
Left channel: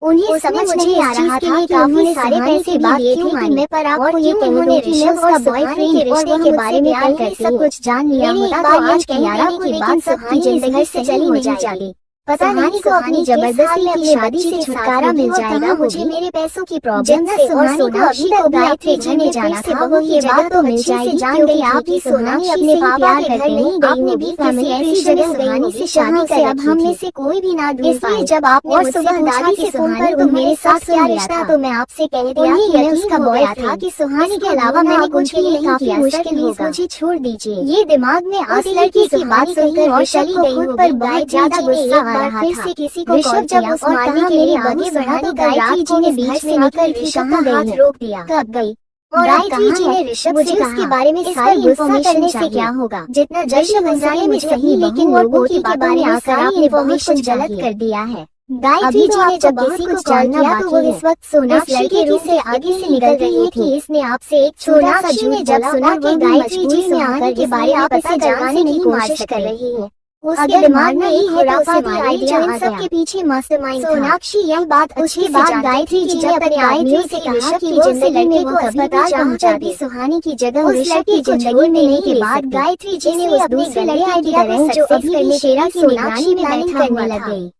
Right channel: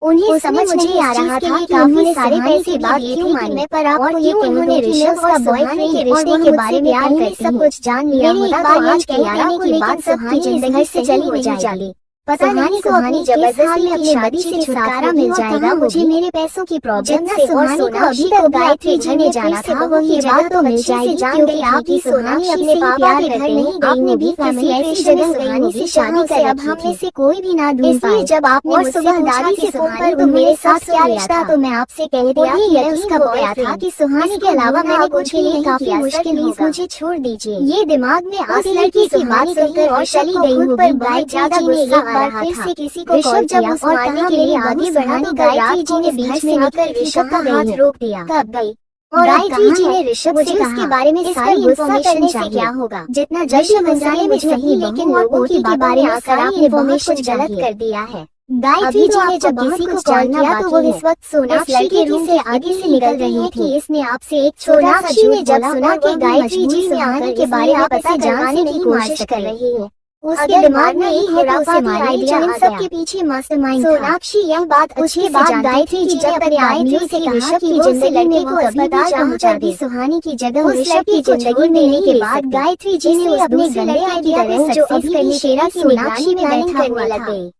उन्हें समझ नहीं आ रहा था कि काफी सारे पैसे बात दिए थे कि मैं पर आपको ये उन्होंने ऋषभ का बॉयफ्रेंड के रिश्ते के बारे में सब कुछ जान लिया। मेरी एक बार आज कह देने के बाद सुहानी जिंदगी से चली नहीं जाएगी। पता नहीं सुहानी जबरदस्ती अपने बच्चे से छुटकारा मिल जाएगा मुझे मेरे पैसों की प्रॉब्लम से। और सोनाक्षी को गायत्री जी ने जाना था वो ये बात तो मिल जाएगी क्योंकि आपकी सोनाक्षी अपने पापा के घर नहीं गई आपने भी किसी ऐसी जगह सुहानी से शादी कर अब हमने से कोई भी ना ढूंढ पाए। जब आपने और सुबह दादी से सुहानी तो मेरे साथ क्या रिश्ता तो मैं आपसे कह दिया ये यकीन कब आया था कि सुहानी के अलावा मैंने कुछ भी नहीं काफी मुश्किल मुझे छोड़ दीजिए। ये दिमाग में आस लड़की की बात सुनकर और चली गई हो पर बहुत ज्यादा गुस्सा आ रहा था। किसी को ऋषभ जब उस मारने के लिए आगे बढ़ा तो गायत्री जी ने बीच में आकर ऋषभ का हाथ रोक दिया। कब गई और गायत्री जी ने ऋषभ से उसके बारे में सारी इन्फॉर्मेशन चाहिए। क्या होगा जितना जल्दी मसाले में सही लेकिन लोगों की बारे में सारी इन्फॉर्मेशन गलत कर दिया है। गायत्री जी ने जब किसी को कॉल किया तो वो इस वक्त सोनाक्षी के रूम से आगे से निकल रही थी। इसने आपसे एक सोनाक्षी ने जब सुना कि गायत्री जी ने आने के बारे में पता जानने की कोशिश कर रही है उसके दिमाग में एक खुराफाती आइडिया इन सब के पीछे मास्टरमाइंड सोनाक्षी यह बात उसके बाद गायत्री जी जब अपने आइडिया से ऋषभ की जिंदगी में को अस्पताल पहुंचा दी सुहानी की जगह ऋषभ की जिंदगी में लेने के बाद गायत्री जी ने अपने गले आइडिया को जो अभी शेरा की निगरानी में बैठा हुआ लग गई।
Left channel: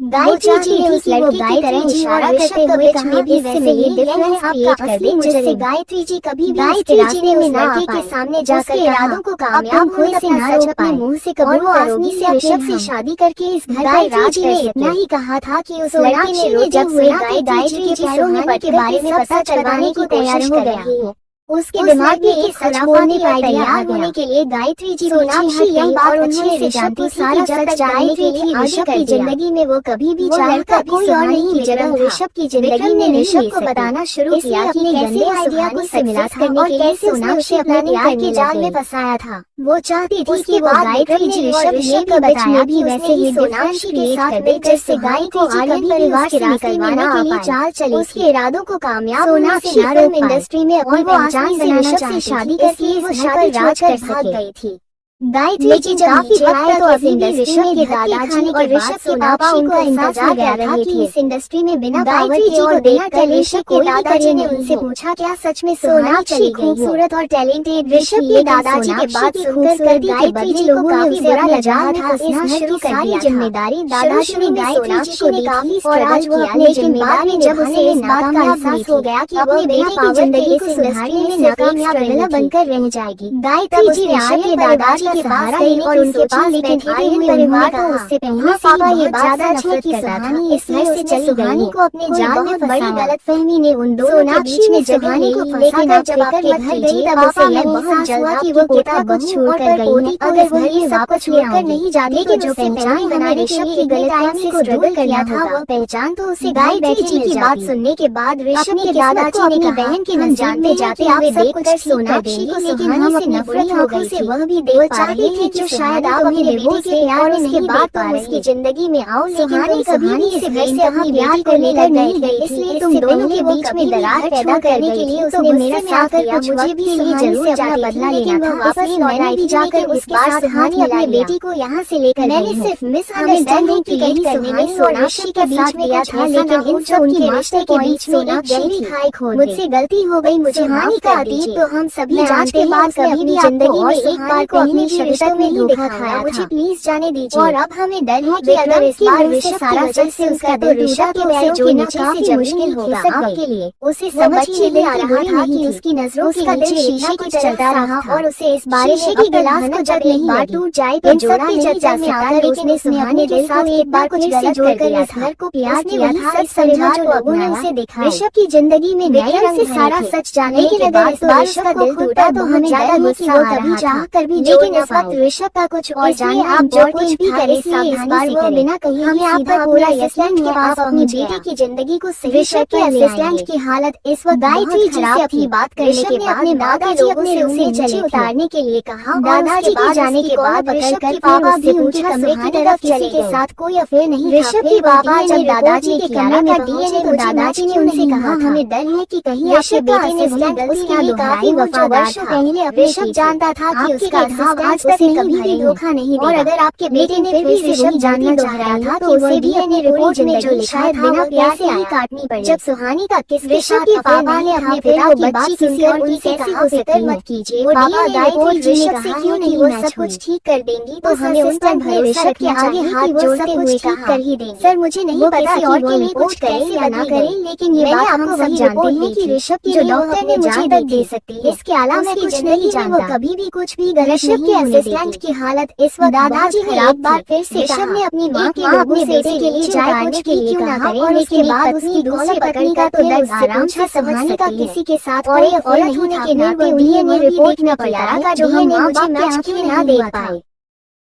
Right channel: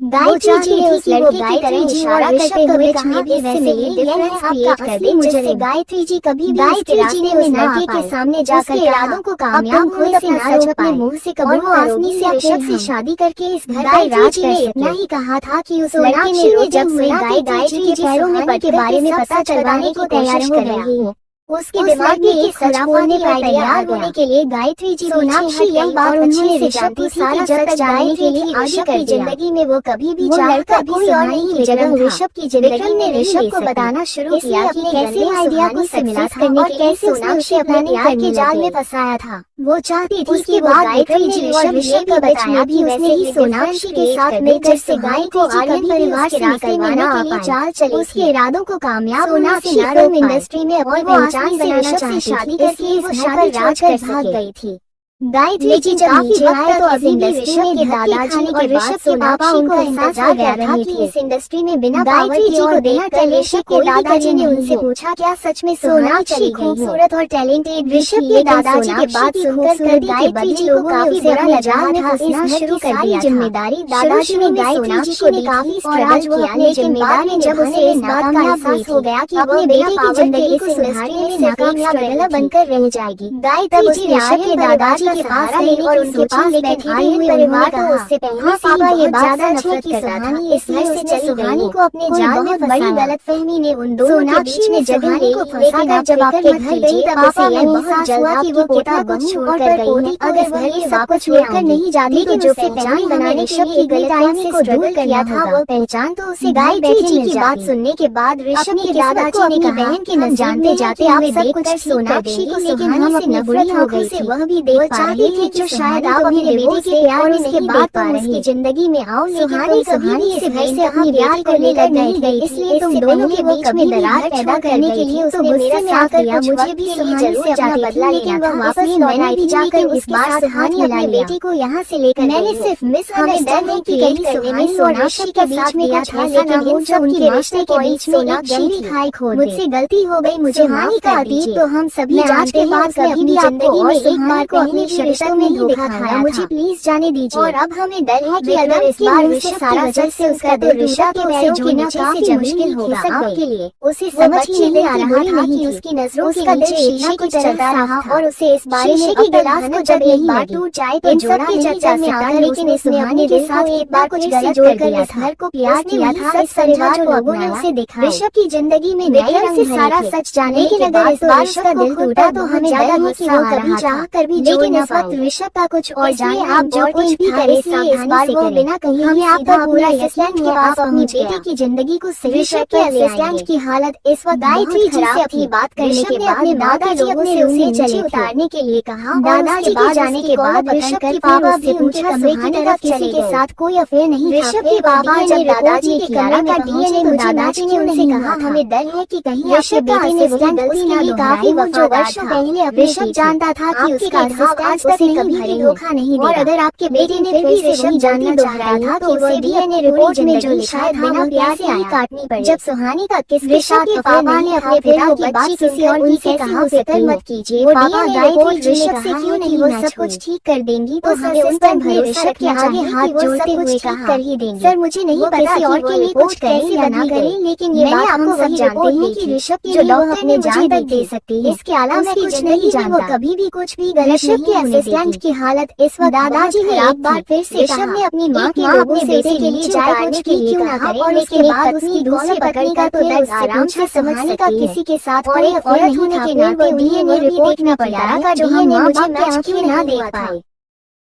गायत्री जी ने उस लड़की की तरह इशारा करते हुए कहा कि वैसे ये डिफरेंस क्रिएट कर दे जिससे गायत्री जी कभी गायत्री जी ने उस लड़के के सामने जाकर इरादों को कामयाब होने से ना रोक पाए मुंह से कबूल आसानी से ऋषभ से शादी करके इस घर का राज कर इतना ही कहा था कि उस लड़के ने जब सुना कि गायत्री जी सुहानी के बारे में पता चलवाने की तैयारी कर रही है उसके दिमाग में एक सच बोलने का तैयार होने के लिए गायत्री जी सोनाक्षी यही बात उन्होंने ऋषभ को सारा सच जानने के लिए ऋषभ की जिंदगी में वो कभी भी चाहता भी सुहानी की जगह ऋषभ की जिंदगी में ऋषभ को बताना शुरू किया कि कैसे आइडिया को सक्सेस करने के लिए सोनाक्षी अपने प्यार के जाल में फंसाया था। वो चाहती थी कि वो गायत्री जी ऋषभ को बताया भी उसने ही सोनाक्षी के साथ मिलकर से गायत्री जी कभी परिवार से निकलवाने के लिए चाल चली उसके इरादों को कामयाब सोनाक्षी फिल्म इंडस्ट्री में अपनी ऋषभ से शादी करके इस घर पर राज कर भाग गई थी। गायत्री जी जब नीचे आए तो अब इंडस्ट्री के दादाजी और ऋषभ के पापा उनका इंतजार कर रहे थे। इस इंडस्ट्री में बिना गायत्री जी और बिना ऋषभ के दादाजी ने उनसे पूछा क्या सच में सोनाक्षी खूबसूरत और टैलेंटेड ऋषभ के दादाजी के बात सुनकर गायत्री जी लोगों का उसे बुरा लगा था उसने शुरू कर दिया जिम्मेदारी दादाजी ने गायत्री जी को दी काफी और आज वो अपने जिम्मेदारी जब उसे इस बात का एहसास हो गया कि अपने बेटे की जिंदगी को सुधारने में नाकामयाब बनकर रह जाएगी। गायत्री जी ऋषभ के दादाजी के पास गई और उनके पास बैठे आए हुए परिवार को उससे पहले पापा ये बात नफरत करता था इस वजह से चली सुहानी को अपने जाल में बड़ी गलतफहमी ने उन दोनों सोनाक्षी ने सुहानी को फंसाकर जब आपके घर गई तब उसे यह एहसास हुआ कि वो पोता कुछ छोड़कर गई अगर वो ये वापस छोड़कर नहीं जाती तो जो पहचान बनाने ऋषभ के गलत को दूर किया था वो पहचान तो उसे गायत्री जी की बात सुनने के बाद ऋषभ के दादाजी ने अपनी बहन के नजर जानते जाते हुए देखकर सोनाक्षी को सुहानी से नफरत हो गई वह भी चाहती थी जो शायद आप अपने बेटे के प्यार में नहीं देख पा रहे उसकी जिंदगी में आओ लेकिन कहानी इस वजह से अपनी प्यार को लेकर नहीं गई इसलिए तुम दोनों के बीच में दरार पैदा करने के लिए उसने मेरा साथ दिया मुझे भी यही जरूर जाता बदला लेकिन वह वापस नौनाइट जाकर इस बार सुहानी अपनी बेटी को यहाँ से लेकर मैंने सिर्फ मिसअंडरस्टैंडिंग क्रिएट करने में सोनाक्षी के साथ किया था लेकिन इन सब की रिश्ते के बीच सोनाक्षी खाई खो मुझसे गलती हो गई मुझे माफ कर दीजिए तो हम सभी जानते हैं अपनी जिंदगी में एक बार को अपनी रिश्तों में धोखा खाया मुझे प्लीज जाने दीजिए और अब हमें डर है कि अगर इस बार ऋषभ सारा सच से उसका तो ऋषभ के पैरों के नीचे से मुश्किल होगा आपके लिए उसे समझ ही नहीं आ रहा था कि उसकी नजरों के नीचे शीशे कुछ चलता रहा और उसे इस बारिश की गिलास को जब एक बार टूट जाए तो जोड़ा के चर्चा में आता लेकिन उसने अपने दिल साथ एक बार कुछ गलत कर इस घर को प्यार किया था इस समझा जो लोगों ने उसे देखा ऋषभ की जिंदगी में नए रंग से सारा सच जानने के बाद इस बार ऋषभ का दिल टूटा तो हमें ज्यादा गुस्सा आ रहा था कर भी लेकिन इस वक्त ऋषभ का कुछ और जाने आप जो कुछ भी करें इसलिए इस बार वो बिना कहीं हमें सीधा पूरा असिस्टेंट के पास अपनी बेटी की जिंदगी को ऋषभ के असिस्टेंट की हालत इस वक्त गायत्री जी से अपनी बात करने के बाद दादाजी अपने उसे नीचे उतारने के लिए कहा दादाजी के जाने के बाद ऋषभ के पापा भी उनके कमरे की तरफ चले के साथ कोई अफेयर नहीं ऋषभ के पापा जब दादाजी के कमरे में दिए तो दादाजी ने उनसे कहा हमें डर है कि कहीं ऋषभ का असिस्टेंट उसके लिए काफी वफादार था ऋषभ जानता था कि उसका आज तक कभी भी धोखा नहीं दिया। और अगर आपके बेटे ने फिर से ऋषभ जानना दोहराया था तो उसे डीएनए रिपोर्ट में जो लिखा था बिना प्यार से काटनी पड़ी। जब सुहानी का ऋषभ के पापा ने अपने पिता की बात किसी और उनसे कहा उसे मत कीजिए। पापा गायत्री जी ने कहा क्यों नहीं वो सब कुछ ठीक कर देंगी तो हमें उस पर भरोसा रखना चाहिए कि वो सब कुछ ठीक कर ही देंगी। सर मुझे नहीं पता और के लिए कुछ करे या ना करे, लेकिन ये बात आपको सब जानते हैं कि ऋषभ की जो डॉक्टर ने मुझे दर्द दे सकती है। इसके अलावा मैं कुछ नहीं जानता। कभी भी कुछ भी ऋषभ के असिस्टेंट की हालत इस वक्त दादाजी खराब बार फिर से ऋषभ ने अपनी माँ अपने बेटे के लिए चाय कुछ भी क्यों ना करे और इसके बाद उसकी दूसरी पकड़ने का तो दर्द आराम से समझ सकती है। किसी के साथ और एक औरत होने के नाते डीएनए रिपोर्ट में पड़ा था जो हम मुझे मैच क्यों ना देख पाए।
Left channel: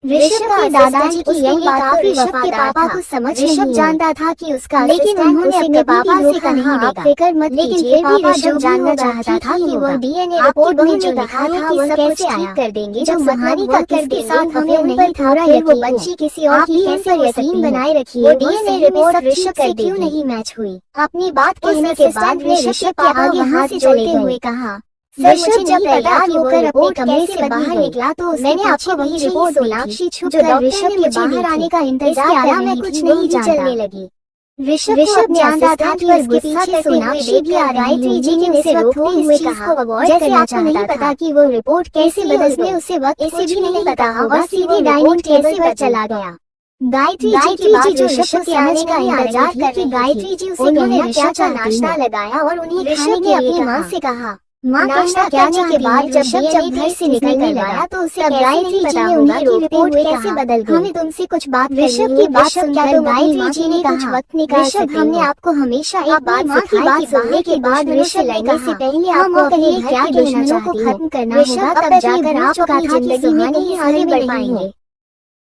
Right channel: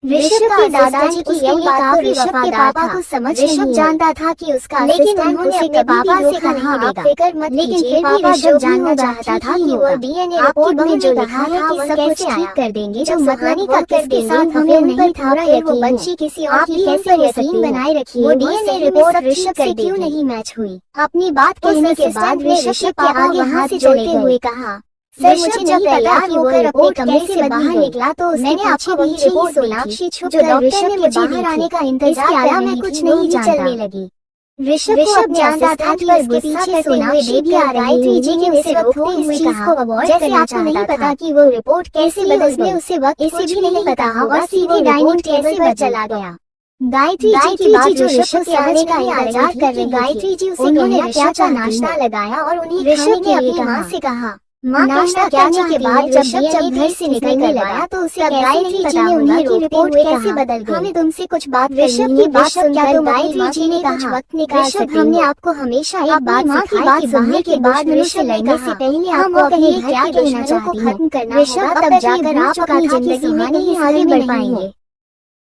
ऋषभ के दादाजी की यही बात तो ऋषभ के पापा को समझ ऋषभ जानता था कि उसका लेकिन उन्होंने अपने पापा से कहा आप फिक्र मत, लेकिन फिर भी ऋषभ जानना चाहता था कि वो डीएनए रिपोर्ट में जो लिखा था वो कैसे ठीक कर देंगे। जब सुहानी का किसके साथ हमें नहीं था यकीन बच्ची किसी और की कैसे यकीन बनाए रखी। वो डीएनए रिपोर्ट ऋषभ से क्यों नहीं मैच हुई। अपनी बात कहने के बाद ऋषभ के आगे हाथ से चलते हुए कहा ऋषभ जब तैयार होकर अपने कमरे से बाहर निकला तो मैंने आपको वही रिपोर्ट सोनाक्षी छुप कर डॉक्टर ने बाहर आने का इंतजार किया। मैं कुछ नहीं जानने लगी। ऋषभ जानता था कि उसके पीछे सोनाक्षी भी आ रही थी जी ने उसे रोकते हुए कहा जैसे आपको नहीं पता कि वो रिपोर्ट कैसे बदलने उसे वक्त इसे भी नहीं पता और सीधे डाइनिंग टेबल पर चला गया। गायत्री जी की बात जो ऋषभ के आने का इंतजार कर रही गायत्री जी उसे ऋषभ का नाश्ता लगाया और उन्हें ऋषभ ने अपनी माँ से कहा नाश्ता करने के बाद जब घर से निकलने लगा तो उसे गायत्री जी ने उन्हें कि रिपोर्ट कैसे बदल गई। हमें तुमसे कुछ बात ऋषभ की बात सुनकर गायत्री जी ने कुछ वक्त निकाल सकते हमने आपको हमेशा एक बात सिखाई कि सुनने के बाद ऋषभ लगने से पहले आपको अपने घर के दुश्मनों को खत्म करना होगा, तब जाकर आप अपनी जिंदगी में आगे बढ़ पाएंगे।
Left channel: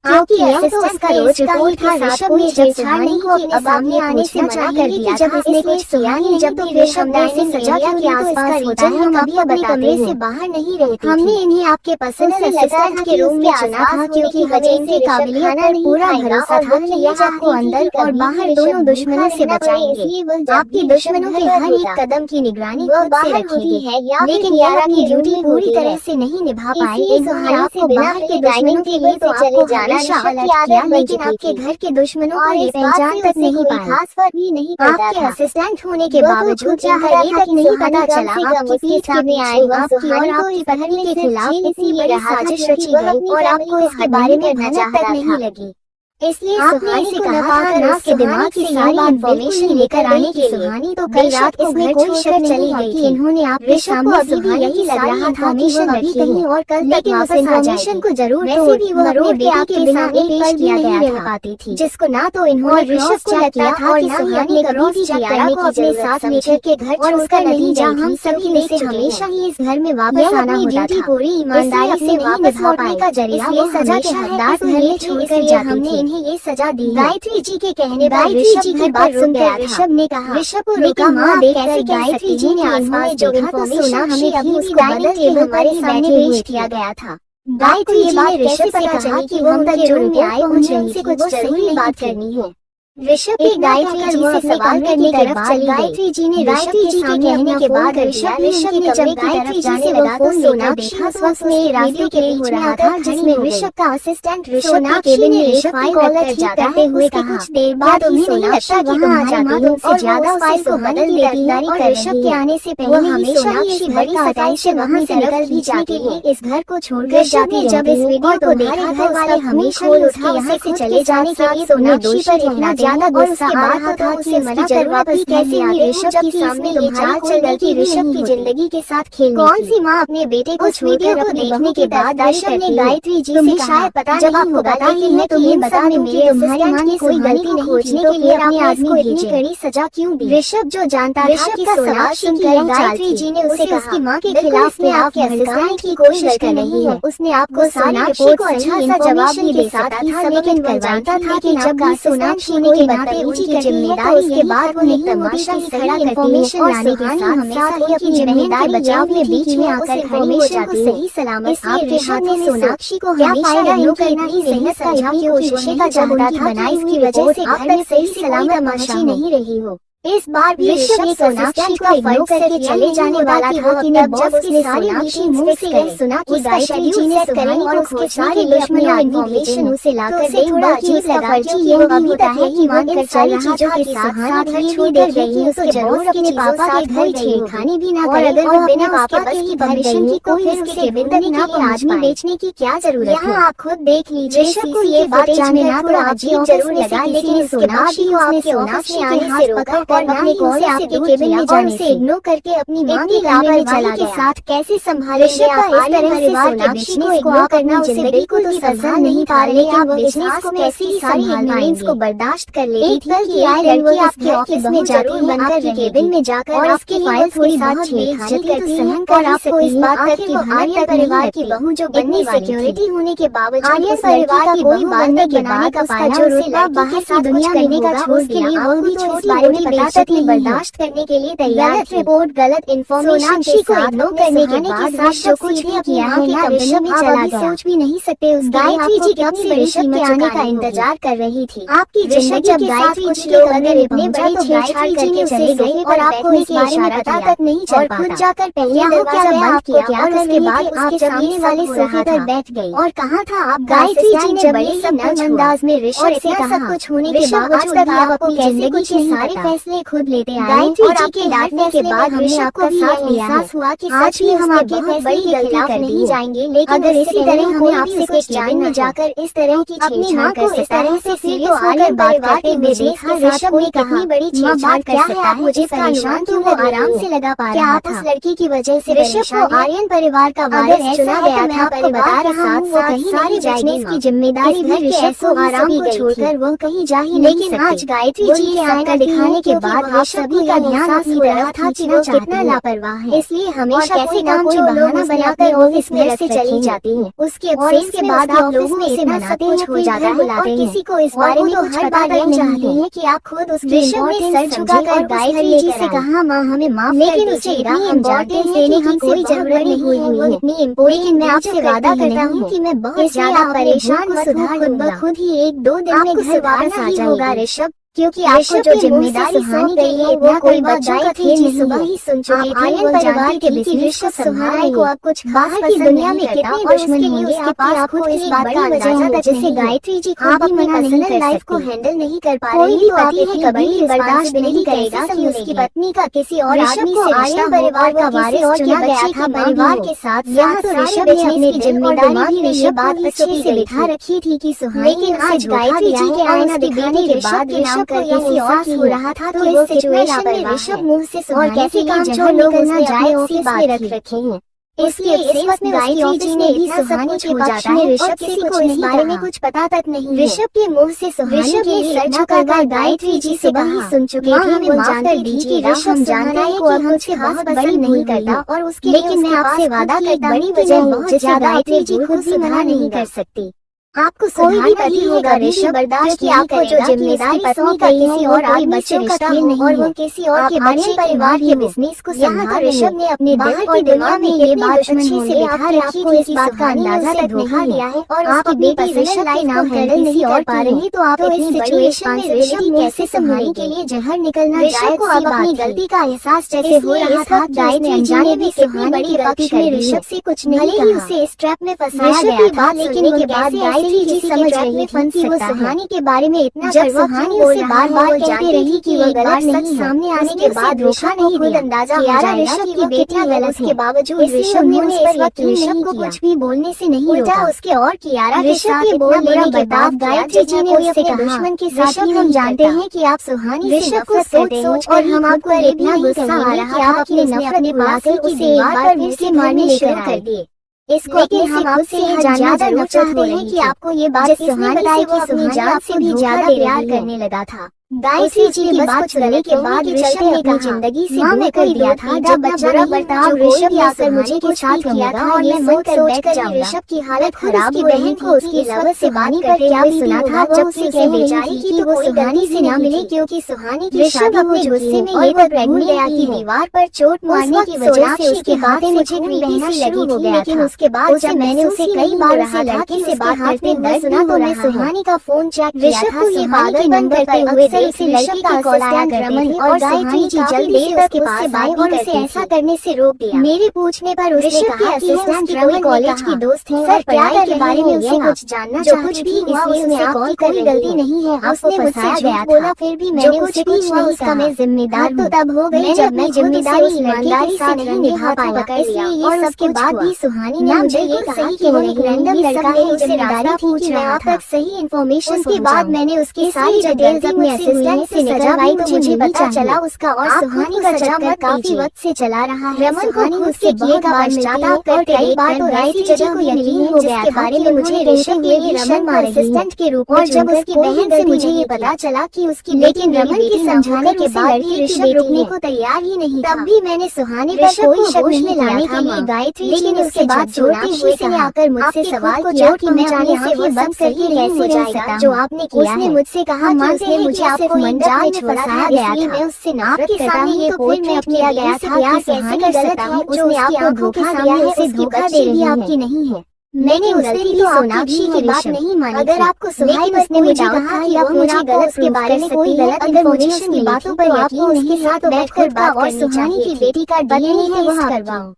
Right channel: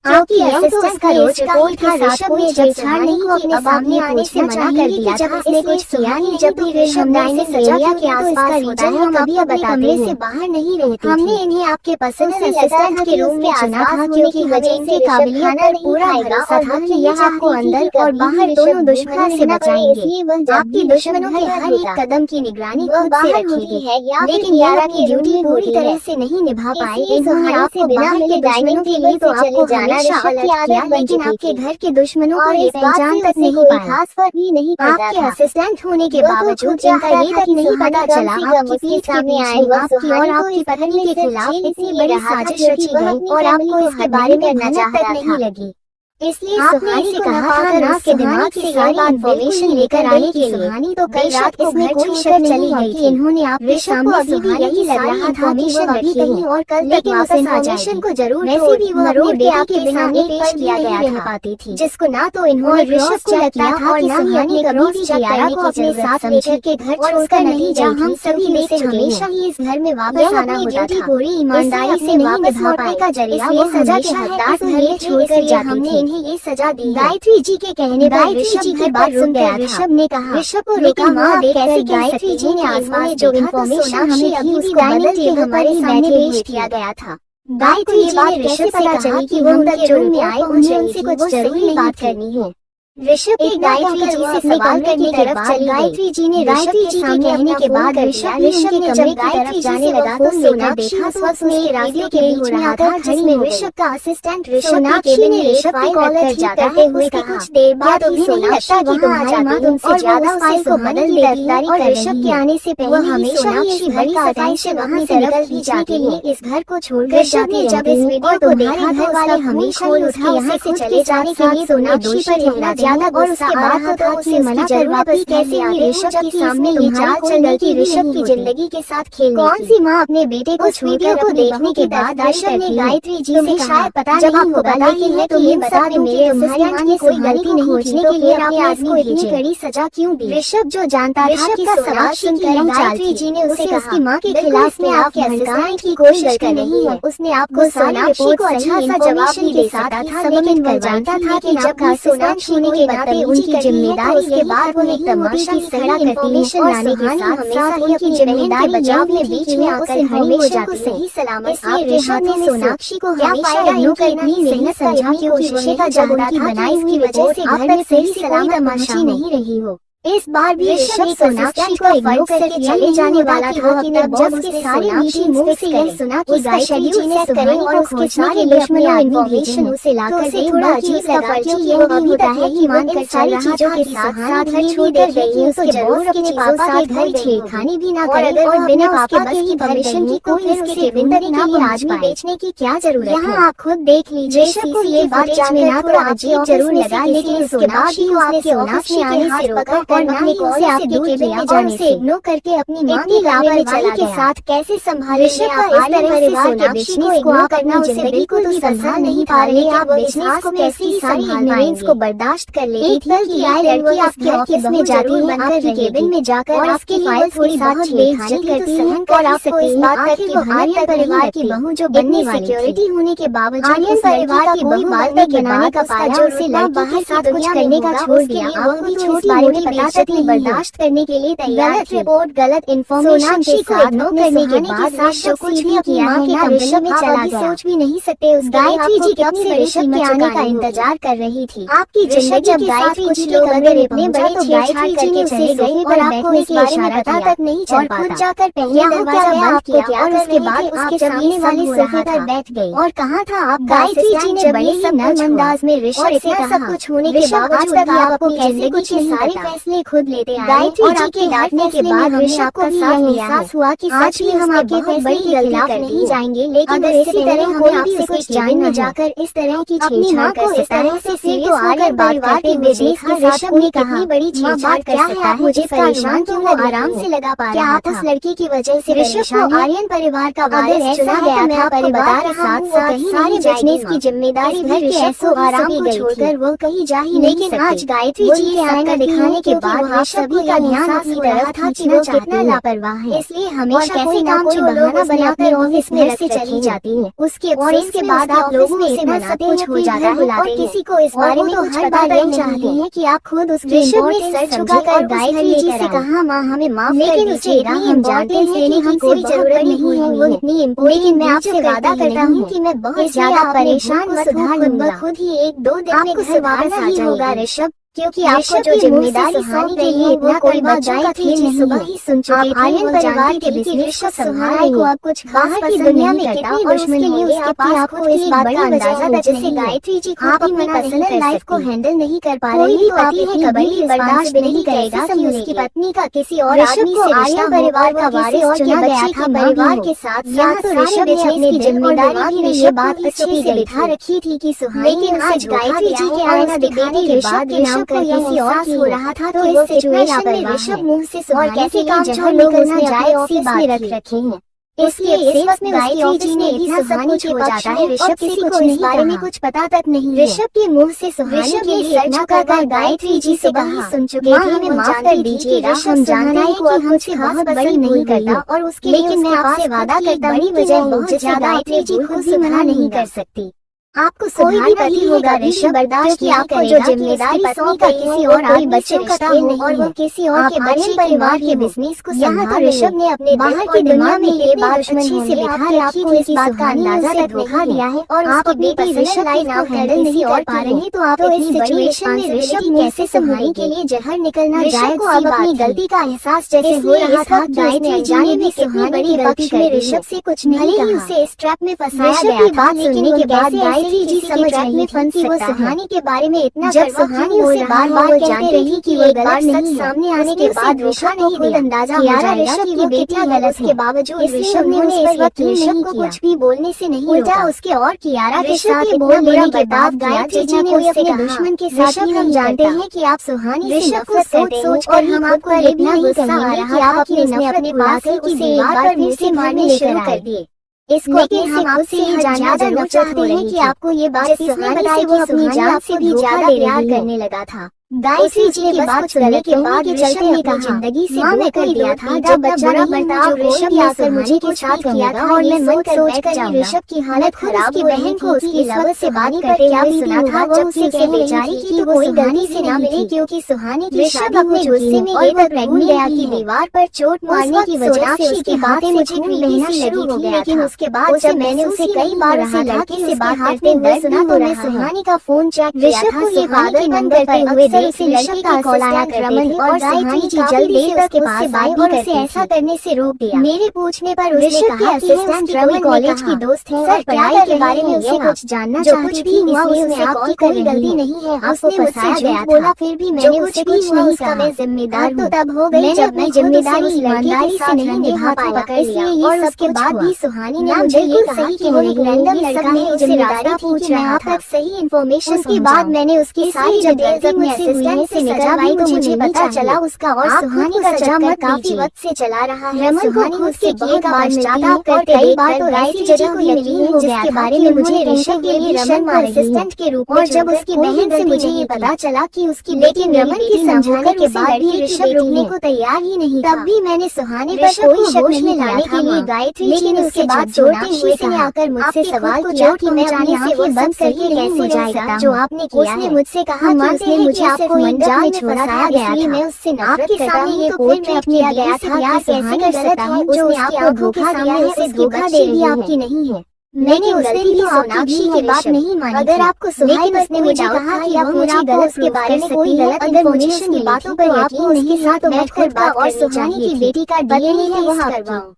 आपकी असिस्टेंट का रोज रिपोर्ट के साथ कोई जब सुहानी को अपने सामने आने से मना कर दिया जब इसने कुछ किया नहीं जब भी ऋषभ ने सजा के आसपास होता है कभी अपने कमरे से बाहर नहीं रहते। हमने इन्हें आपके पसंद से असिस्टेंट के रूम में चुना था क्योंकि हमें इनसे खाना नहीं पूरा भरोसा था कि यह आपको अंदर और बाहर दोनों दुश्मनों से बचाएंगे। आपके दुश्मनों के हर एक कदम की निगरानी खुद से रखेंगे है, लेकिन यार अपनी ड्यूटी पूरी तरह से नहीं निभा पाए। आपको बाहर के दुश्मनों के लिए तो आपको जाना लेकिन आपके घर के दुश्मनों को ये पहचान तक नहीं पाया। खास फर्क भी नहीं पड़ता था। असिस्टेंट होने के बावजूद यहाँ ये तक नहीं पता चला आपकी पीठ सामने आए आपकी और आपकी पत्नी के खिलाफ इतनी बड़ी साजिश रची गई और आपको इसके बारे में करना चाहता नहीं लगी। इसलिए सुहानी से कहा था ना के दिमाग से सारी इन्फॉर्मेशन लेकर आने के लिए। सुहानी तो कल रात को घर छोड़कर चली गई थी। इन्होंने आप ऋषभ को अभी भी यही लग रहा था कि वो अभी कहीं और कल तक वापस इन्फॉर्मेशन को जरूर वैसे भी वो अपने बेटे के सामने पेश किया गया था पाती थी जिसको ना तो इन्होंने क्रॉस चेक किया और ना ही अपने क्रॉस चेक करने को अपने साथ लेकर के घर और उसका नतीजा हम सभी में से हमेशा ही इस घर में वापस आना होता था। पूरी ईमानदारी से नहीं निभा पाए का जरिया वो सजा के हकदार घर छोड़कर जाती थी। ये सजा दी। गायत्री जी के कहने पर ऋषभ की बात सुनकर ऋषभ ने कहा ऋषभ को रोका माँ कैसे गायत्री जी ने आसपास जो इन्फॉर्मेशन हमें थी उसको बदल के हमारे सामने पेश किया गया था। गायत्री जी ने ऋषभ से कहा कि वो उनके रूम में आए मुझे उनसे कुछ जरूरी बात करनी है। ऋषभ एक गायत्री जी से सवाल करने के बाद गायत्री जी ने ऋषभ के सामने कहने के बाद ऋषभ के कमरे की तरफ जाने लगा तो सोनाक्षी उस वक्त में रास्ते के बीच में आता जिसमें ऋषभ का असिस्टेंट ऋषभ के केबिन में ऋषभ की कॉलर कर जाता है। उसके कुछ देर बाद उन्हें सोनाक्षी की वहाँ जाती उनसे ज्यादा उससे मदद लेगी और ऋषभ के आने से पहले हमेशा ही इस घर का सताई से वहाँ से निकल भी जाती है। इस घर को छोड़कर जाती है। जब इस वीडियो को देखा घर वाले हमेशा ही उसके यहाँ से चले जाने के लिए सोनाक्षी पर ठहरा ज्यादा और उसके बाद तो उसे मना कर वापस कैसे आते हो जबकि सामने ये चाल चलने की ऋषभ की जिंदगी के साथ खेलने कौन सी माँ अपने बेटे को छोड़कर को देखने के बाद ऋषभ ने गायत्री जी से शायद पता नहीं होगा लेकिन मैं तुम्हें बता दूं कि तुम्हारी माँ ने कोई गलती को खोजने के लिए अपने आदमी को इतनी कड़ी सजा क्यों दी। ऋषभ जो जानता ऋषभ का सवाल सुनकर गायत्री जी ने उसे उसकी माँ के खिलाफ में आपके भड़काने की कोशिश कर नहीं है। उसने आपको सोनाक्षी को अच्छा सा जवाब नहीं दे सकता था लेकिन वह जानता था कि जब सोनाक्षी के नाते उनकी जिम्मेदारी के बाद वो एक तमाशा खड़ा इन्फॉर्मेशन लाने के साथ हमेशा उनकी जिम्मेदारी बचाव के बीच में आकर इन्फॉर्मेशन को सही सलामत आपके हाथों में सोनाक्षी को हमेशा नो करना ही मेहनत समझा कि कोशिशें का जवाब बनाई इसकी वजह से घर में सही सलामत तमाशा नहीं रही हो। इस बार भी ऋषभ सोनाक्षी को इग्नोर करके चले जाने वाला था कि जब उसने सोनाक्षी मुंह से यही सुना कि गायत्री जी ने कहानी को खोजने के लिए अपनी इन्फॉर्मेशन उसे लाकर दे, थोड़ा अजीब लगा क्योंकि वो अभी तक यही मान कर सारी चीजों के साथ साथ घर छोड़ देख रही थी। उसके जरूर अपने पापा के घर छेड़खानी भी ना करे, अगर वो बिना पापा के ही घर गई तो फिर उसे बिंदनी के लिए आदमी बेचने की क्या जरूरत है। यहाँ आप खुद देख लीजिए। ऋषभ को ये बात जानना थोड़ा अजीब जरूर लगा, लेकिन सोनाक्षी को अपने सोनाक्षी के हाथ पकड़ और ना ही उसे आपके केबिन में जाने से इग्नोर करके अपनी मां की लापरवाही के साथ कैसे संभाले। ऋषभ का इस तरह से सोनाक्षी को इग्नोर करना उसे बिल्कुल भी पसंद नहीं था, लेकिन आप बिजनेस में ऐसी सारी इग्नोरेंस को बर्दाश्त कर लेती थी कि एक लड़की आपके ऑफिस में जरूर बनकर केबिन में जाकर आपकी फाइल्स के साथ छेड़खानी करती है और आपको इस बात तक कि आर्यन परिवार की बहू जो बनने सिक्योरिटी होने के बावजूद आर्यन परिवार की कोई बाल तक बनाने का पाया उसे बाहर की दुनिया करने का छोड़ दिया। आपको भी छोटी बारे में पता तक नहीं बर्दाश्त करने के लिए तैयार। गलत रिपोर्ट, गलत इन्फॉर्मेशन को इग्नोर करने के बाद ऋषभ कुछ भी किया मां के कमरे में चला गया। सोच भी नहीं सकते गायत्री जी कब से ऋषभ के आने का इंतजार कर रही थी। आपकी जिंदगी जब गायत्री जी के कमरे में पहुंचा तो गायत्री जी ने उसे चले और आपको इस बारे में पता तक नहीं चल पाता। खुद जाकर पहले दरवाजा बंद किया और उसके बाद उसके सामने वाली सोफे पर बैठ गई। और कहाँ था आप? गायत्री जी ने बड़े ही नर्म अंदाज में ऋषभ से सब कुछ होने के बावजूद आपको जिंदगी के सारे फैसले खुद लेते आए। गायत्री जी के डांटने के बाद ऋषभ को भी एहसास हुआ कि सच ही हम आपके बहुत बड़ी गलती कर नहीं जाएंगे, लेकिन अगर इसी तरह हमें आपसे कुछ जान न जाकर इस तरह की छेड़छाड़ कर इस तरह से सीरियस होकर बात करते हुए देखा। ऋषभ ने कहा बड़ी छेड़छाड़ कर सकता है, मुझे परेशान क्यों वो आराम से लगा पा रहा था। उस लड़की की वजह से ऋषभ को आर्यन परिवार का वारिस चुना गया था। मैं आपको बता रहा हूँ वो कहीं नहीं जाएगी, इसकी जिम्मेदारी घर के ऐसो आराम को छोड़कर वो कहीं जा ही नहीं। लेकिन आज गायत्री जी के आपका दिखाने के बाद आप सभी का ध्यान अपनी तरफ था कि वो कितना लापरवाह है, इसलिए हमेशा कैसे काम जो बहाना बनाकर ऑफिस में रख चली जाती है। उसके बाद आप लोगों में इतना सब कुछ हो जाता है और किसी को इस बारे में कुछ पता नहीं चाहते हैं कि आप खुद उसकी इम्पोर्टेंस सर झुकाकर गायत्री जी से कहा माँ हमें माफ कर दीजिए, उसे इतनी इम्पोर्टेंस देने की कोई जरूरत नहीं है, वो इतनी इम्पोर्टेंट। लेकिन मैं आपसे वादा करता हूँ कि मैं बहुत ज्यादा परेशान को सुधार लूंगा। खुद ही 1-2 दिन में घर वापस आ जाऊंगा ऋषभ, क्योंकि आपको जो जिम्मेदारी सौंपी गई है वो कोई बच्चों का खेल नहीं। सुबह ही सुन चुके थे आर्यन परिवार के बिजनेस को संभालने को अब कुछ बाहर की दुनिया में कितनी दुश्मनी होगी उसके पास खुद की इस बात का अंदाजा है। जैसे गायत्री जी खुद भी अपनी पर्सनल लाइफ को हैंडल नहीं कर पा रही तो आप इतनी बड़ी रिस्पांसिबिलिटी करेगा कि उसकी पत्नी का किसी और आदमी से आर्यन परिवार का वारिस चुना गया था परिवार के साथ। यहाँ तो ऋषभ ने अपने दिल और दिमाग में ये बात अच्छे से बिठा रखी थी कि सुहानी ने उसे गायत्री जी के आने के बेटे के बाद ऋषभ को किसी और से हो रहा था। तो इस सिचुएशन में ऋषभ मुंह से सुहानी के लिए जहाँ निकलना जाए ऑफिस में रखे हैं। इसलिए इस वक्त में गायत्री जी ने इतना सब कुछ हो जाता है। ऋषभ किसी को इस बारे में कुछ पता तक नहीं। ऋषभ के मुंह से सुहानी के लिए सच कर गायत्री जी से वही सुन चुके थे। हमें माफ कर दीजिएगा, हम जानते हैं कि हम उसे बहुत बड़ी नहीं करता और उसके लेकिन मैं आपसे वादा करता बड़ी वजह बहुत ज्यादा गायत्री जी खुद भी मना नहीं कर सकती। आपको कोई भी पति होगा ऋषभ बर्दाश्त किया आपको जो जिम्मेदारी सौंप गई है और कोई बच्चों का खेल नहीं और वो किसी और के बच्चे परिवार के बिजनेस को यहाँ तो ऋषभ ने अपने दिल की दुनिया में ये बात अच्छे से बिठा रखी थी। इस बात का अंदाजा तक धोखा दिया है और आपकी बेटी ऋषभ के नाम कर किसी और पालेगी तो आप इस सिचुएशन में ऋषभ कैसे संभालने के लिए जहर निकलना ऋषभ को अब अपनी गलती का एहसास जैसे हो रहा था। गायत्री जी ने भी कितनी बड़ी गलती कर दी। ऋषभ से कुछ नहीं ही उसे इस ट्रैप में फंसाया गया था, लेकिन वो कैसे जी समझ रही फंसी वो सुहानी के बारे में इतना जब सुहानी उसे बार-बार कहती रही कि वो बार नहीं सामने आने के बाद ऋषभ ने खुद अंदाजा हो जाएगा कि वो बेटियां गलत के बावजूद ऋषभ ने उस पर यकीन नहीं को कुछ भी बोलने से नहीं उल्टा उसके और कियारा के साथ इतना बुरा बर्ताव गायत्री जी ने उससे दुश्मन के साथ ही हम जानते हैं कि आप सुहानी से ऋषभ को सोच कर हम आपको इतना गुस्सा आ रहा है आप अपने अपने पास उसे एक बार फिर से मारने शुरू कर दिए। लेकिन हम आपसे ये जानना जरूर चाहते हैं कि आपको ये बात किसने बताई कि अपनी जान से भी ज्यादा प्यार करने लगा था। गायत्री जी की बात सुनने के बाद ऋषभ ने अपनी जिंदगी से दूर कर दिया था। जब बुरा बर्ताव ऋषभ ने आकर मुझे के साथ किया था और मैं मन कर बैठ जाऊंगा। ऋषभ की हालत खराब हो बहन को उसकी लवर से बात करते हुए सुना था वो उससे कह बेचारी की वो सुहानी से ना मिले क्योंकि सुहानी ऋषभ अपने गुस्से में लेकर भूल गया कि दीवार पर चोट मारने की वजह से उसके बातें मुझे भी बहना लगी थी। लेकिन उसके बाद जब मैंने उसे कई बार उसे लड़की से बात करते हुए सुना तो मैं सुहानी का फोन चेक किया था। सुहानी के नंबर पर अक्सर पर उसे लड़के के कॉल आया करते थे और गायत्री जी जल्दी से उसके पास आई और उसे ऐसा करने से रोक दिया। मेरे पूछने पर उसने कहा कि उसकी कोई कॉलेज की दोस्त है और पढ़ाई के बारे में उसे कुछ जानना चाहती थी, इसलिए उसने आपकी कोई गलती नहीं है, आपको फंसाया गया बोला। फिर भी मैंने उसे कुछ नहीं कहा, मैं जिम्मेदार तो तब हो गई जब मैं जिम्मेदारी उस ईमानदारी से नहीं निभा पाया पकड़ लिया। और उसके बाद भी सुहानी ने मुझे ये कहा कि वो एक रैंडम लड़का है, जिम्मेदारी थी कि मैं आप तक सही इन्फॉर्मेशन। उसके बाद मैंने उसकी सारी डिटेल्स अपने असिस्टेंट से निकलवाई तो मुझे पता चला उसका और सुहानी का चक्कर काफी वक्त से चला रहा है। सुहानी उससे बहुत बार मिलती है और कई बार तो ऐसी जगह को मिली है जिसके बारे में मुझे ऋषभ के लिए शर्म आ रही है। के रूप और जब उसकी बहन से मुझे ये पता चला कि उसकी लेकिन रमन के समझाने के बाद भी ऋषभ रुकने को तैयार ही नहीं, तब भी मैंने सुहानी पर कोई शक नहीं लाने के लिए गायत्री जी ने उसके बाद सोनाक्षी ने आकर मुझसे सवाल किया कि मैं जाने से वो सब सही कैसे हो जाएगा जो आपने किया है। मुझसे कहा कि उसने मुझे सिर्फ मंडप में छोड़ा था, इसलिए मैं उससे नफरत करता हूँ, तो फिर मैं अपने गया था प्यार कैसे कर सकता हूँ जो उसकी आंखों के सामने उसे धोखा दे रही आपकी नहीं है। मैंने उस दिन भी सोनाक्षी की बात नहीं मानी अगर आपको, लेकिन उसने मुझे कहा कि आप मुझे गलत के बारे में कोई गलत इन्फॉर्मेशन की बातों पर यकीन नहीं है तो बैठकर बात और सुहानी की बेटी का डीएनए टेस्ट करवाऊं।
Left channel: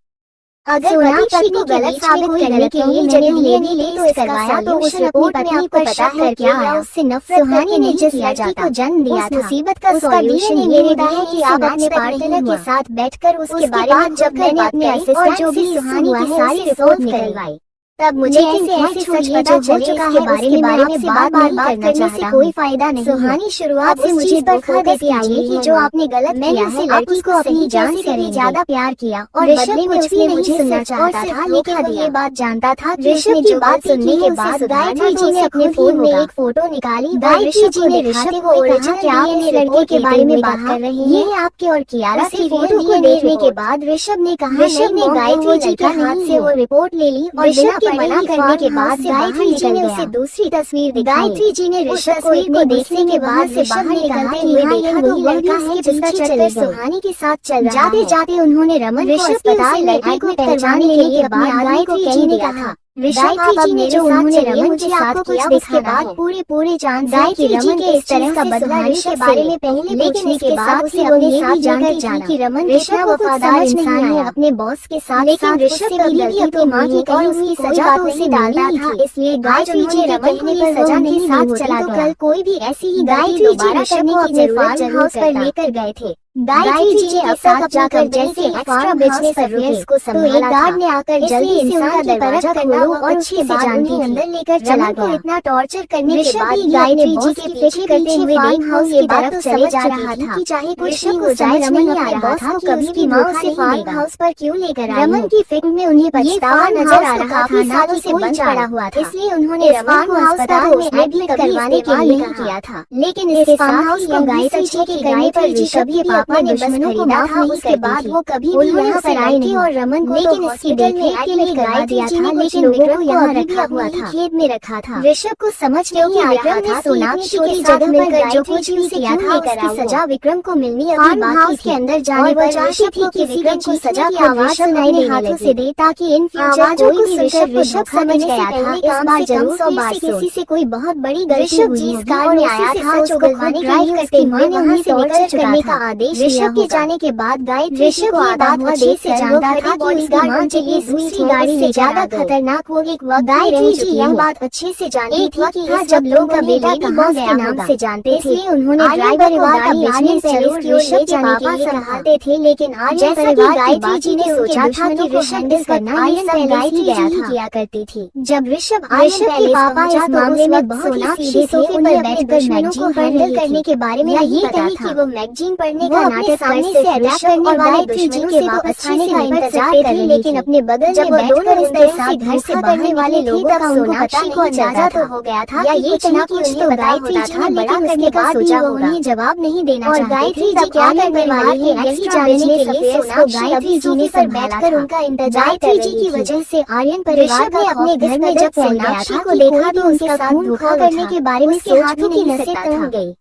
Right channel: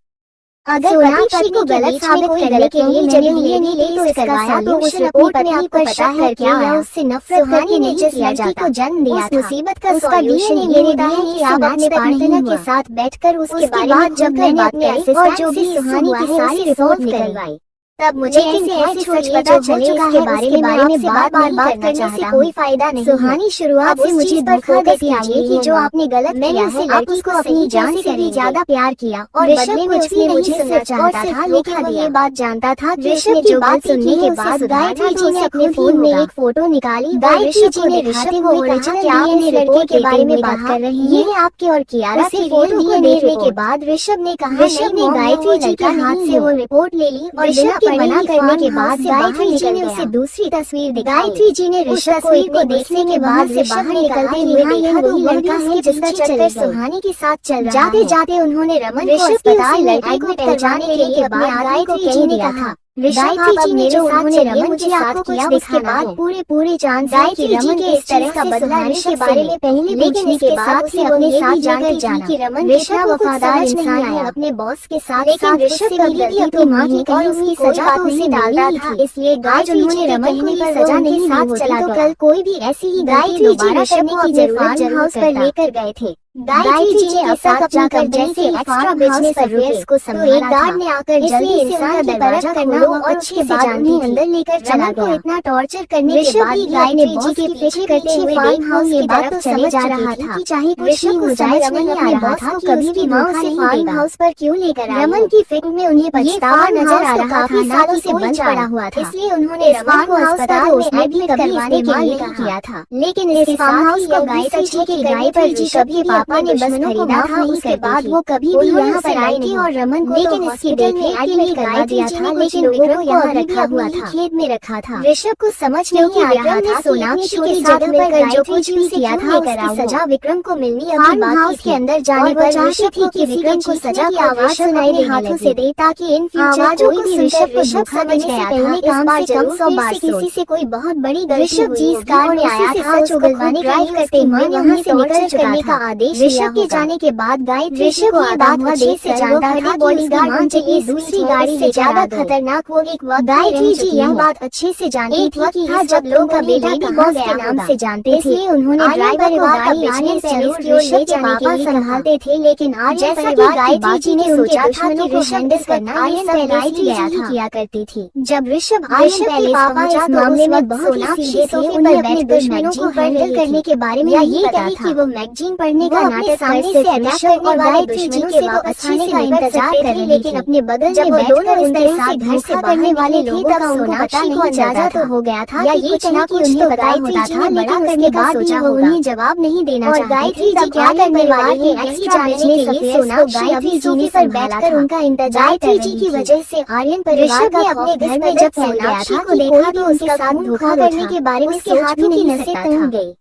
अगर पति को गलत में कोई गलत नहीं जगह ले भी ले तो इसका सॉल्यूशन अपनी पत्नी पर शक करके या उससे नफरत करके ने जिस लड़की को जन्म दिया था मुसीबत का सॉल्यूशन मेरे दिए कि आप अपने पार्टनर के साथ बैठकर उसके बारे में जब मैंने अपने असिस्टेंट जो भी सुहानी की सारी रिपोर्ट निकलवाई तब मुझे ऐसे सच पता चल चुका के बारे में आपसे बार करना करने से कोई फायदा नहीं। सुहानी शुरुआत से मुझे धोखा देती आई है कि जो आपने गलत मैंने उसे लड़की को अपनी जान से भी ज्यादा प्यार किया और बदले में उसने मुझे सुनना चाहता था, लेकिन ये बात जानता था। ऋषभ की बात सुनने के बाद गायत्री जी ने अपने फोन में एक फोटो निकाली। गायत्री जी ने ऋषभ को ओरिजिनल डीएनए लड़के के बारे में बात कर रहे हैं, ये है आपके और कियारा की फोटो को देखने के बाद ऋषभ ने कहा, ऋषभ ने गायत्री जी के हाथ से वो रिपोर्ट ले ली और ऋषभ मना करने के बाद गायत्री जी ने उसे दूसरी तस्वीर दिखाई। गायत्री जी ने ऋषभ तस्वीर को देखने के बाद ऋषभ ने कहा कि यहाँ ये वही लड़का है जिसका चक्कर सुहानी के साथ चल रहा है। जाते जाते उन्होंने रमन को अस्पताल में एडमिट करवाने के लिए अपने आदमी को कह दिया था। ऋषभ अब मेरे साथ चलिए, मुझे आपको किया उसके बाद पूरे चांद गायत्री जी के इस तरह का बदला ऋषभ के बारे में पहले पूछने के बाद उसे अपने साथ जानकर जाना कि रमन ऋषभ वफादार इंसान है अपने बॉस के साथ, लेकिन ऋषभ कभी भी अपनी माँ की कही उसकी सजा तो उसे डालता था, इसलिए गायत्री जी रमन को ये सजा नहीं साथ चला तो कल कोई भी ऐसी ही गायत्री जी ऋषभ को अपने फार्म हाउस पर लेकर गए थे। गायत्री जी के साथ जाकर जैसे एक्स्ट्रा बिजनेस अफेयर्स को संभाला तो एक गार्ड ने आकर जल्दी इंसान का दरवाजा खोला और उसके बाद उन्हें अंदर लेकर चला गया। इतना टॉर्चर करने के बाद गायत्री जी के पीछे करते हुए फार्म हाउस की तरफ चले जा रहा था कि चाहे कुछ ही हो जाए रमन नहीं आ रहा था कि कभी भी माँ उसे फार्म हाउस पर क्यों लेकर आई। रमन की फिल्म में उन्हें पछतावा नजर आ रहा था, ना उसे बंद पड़ा हुआ था, इसलिए उन्होंने रमन को अस्पताल में एडमिट करवाने के लिए नहीं किया था। लेकिन इसके फार्म हाउस को गायत्री जी के कहने पर ऋषभ भी पापा ने दुश्मनों को माफ नहीं उसके बाद वो कभी भी यहाँ पर आए नहीं और रमन को लेकिन इसकी देखने के लिए करवा दिया था, लेकिन लोगों को यहाँ रखा हुआ था, खेत में रखा था। ऋषभ को समझ नहीं आ रहा था सोनाक्षी की जगह पर जो कुछ भी किया था उसकी सजा विक्रम को मिलनी। फार्म हाउस के अंदर जाने पर चाहती थी कि विक्रम की सजा की आवाज सुनाई देने हाथों से दे ताकि इन फ्यूचर कोई भी ऋषभ को समझने से पहले काम से कम 100 बार किसी से कोई बहुत बड़ी ऋषभ जी इस कार में आया था उसको खाने ड्राइव करते हुए वहाँ से निकल चुका था आदेश। ऋषभ के जाने के बाद गायत्री ऋषभ को बात अच्छे से जानता था बॉडीगार्ड मान चाहिए दूसरी गाड़ी से ज्यादा खतरनाक वो एक वक्त गायत्री जी यह बात अच्छे से जानती थी कि हाँ जब लोग का बेटा कहाँ गया नाम से जानते थे, इसलिए उन्होंने ड्राइवर को गाड़ी आने से ऋषभ के पापा संभालते थे। लेकिन आज जैसा कि गायत्री जी ने सोचा था कि ऋषभ इस करना ये सब गायत्री जी ही किया करती थी। जब ऋषभ के पापा इस मामले में बहुत सीधे थे, उन्हें अपने दुश्मनों को हैंडल करने के बारे में ये कही कि वो मैगजीन पढ़ने का नाटक करते ऋषभ और गायत्री जी के वापस आने का इंतजार करे, लेकिन अपने बदल जब वो दोनों इस तरह से घर से बाहर वाले थे तब सोनाक्षी को अंदाजा तो हो गया था कि कुछ न कुछ तो गायत्री जी ने बड़ा करने का सोचा होगा। उन्हें जवाब नहीं देना चाहते गायत्री जी क्या करने वाली है यही जानने के लिए सोनाक्षी गायत्री जी ने संभाला कर उनका इंतजार गायत्री जी की वजह से आर्यन परिवार का अपने घर में जब फैल गया था को देखा तो उसके साथ धोखा करने के बारे में सोच भी नहीं सकता था।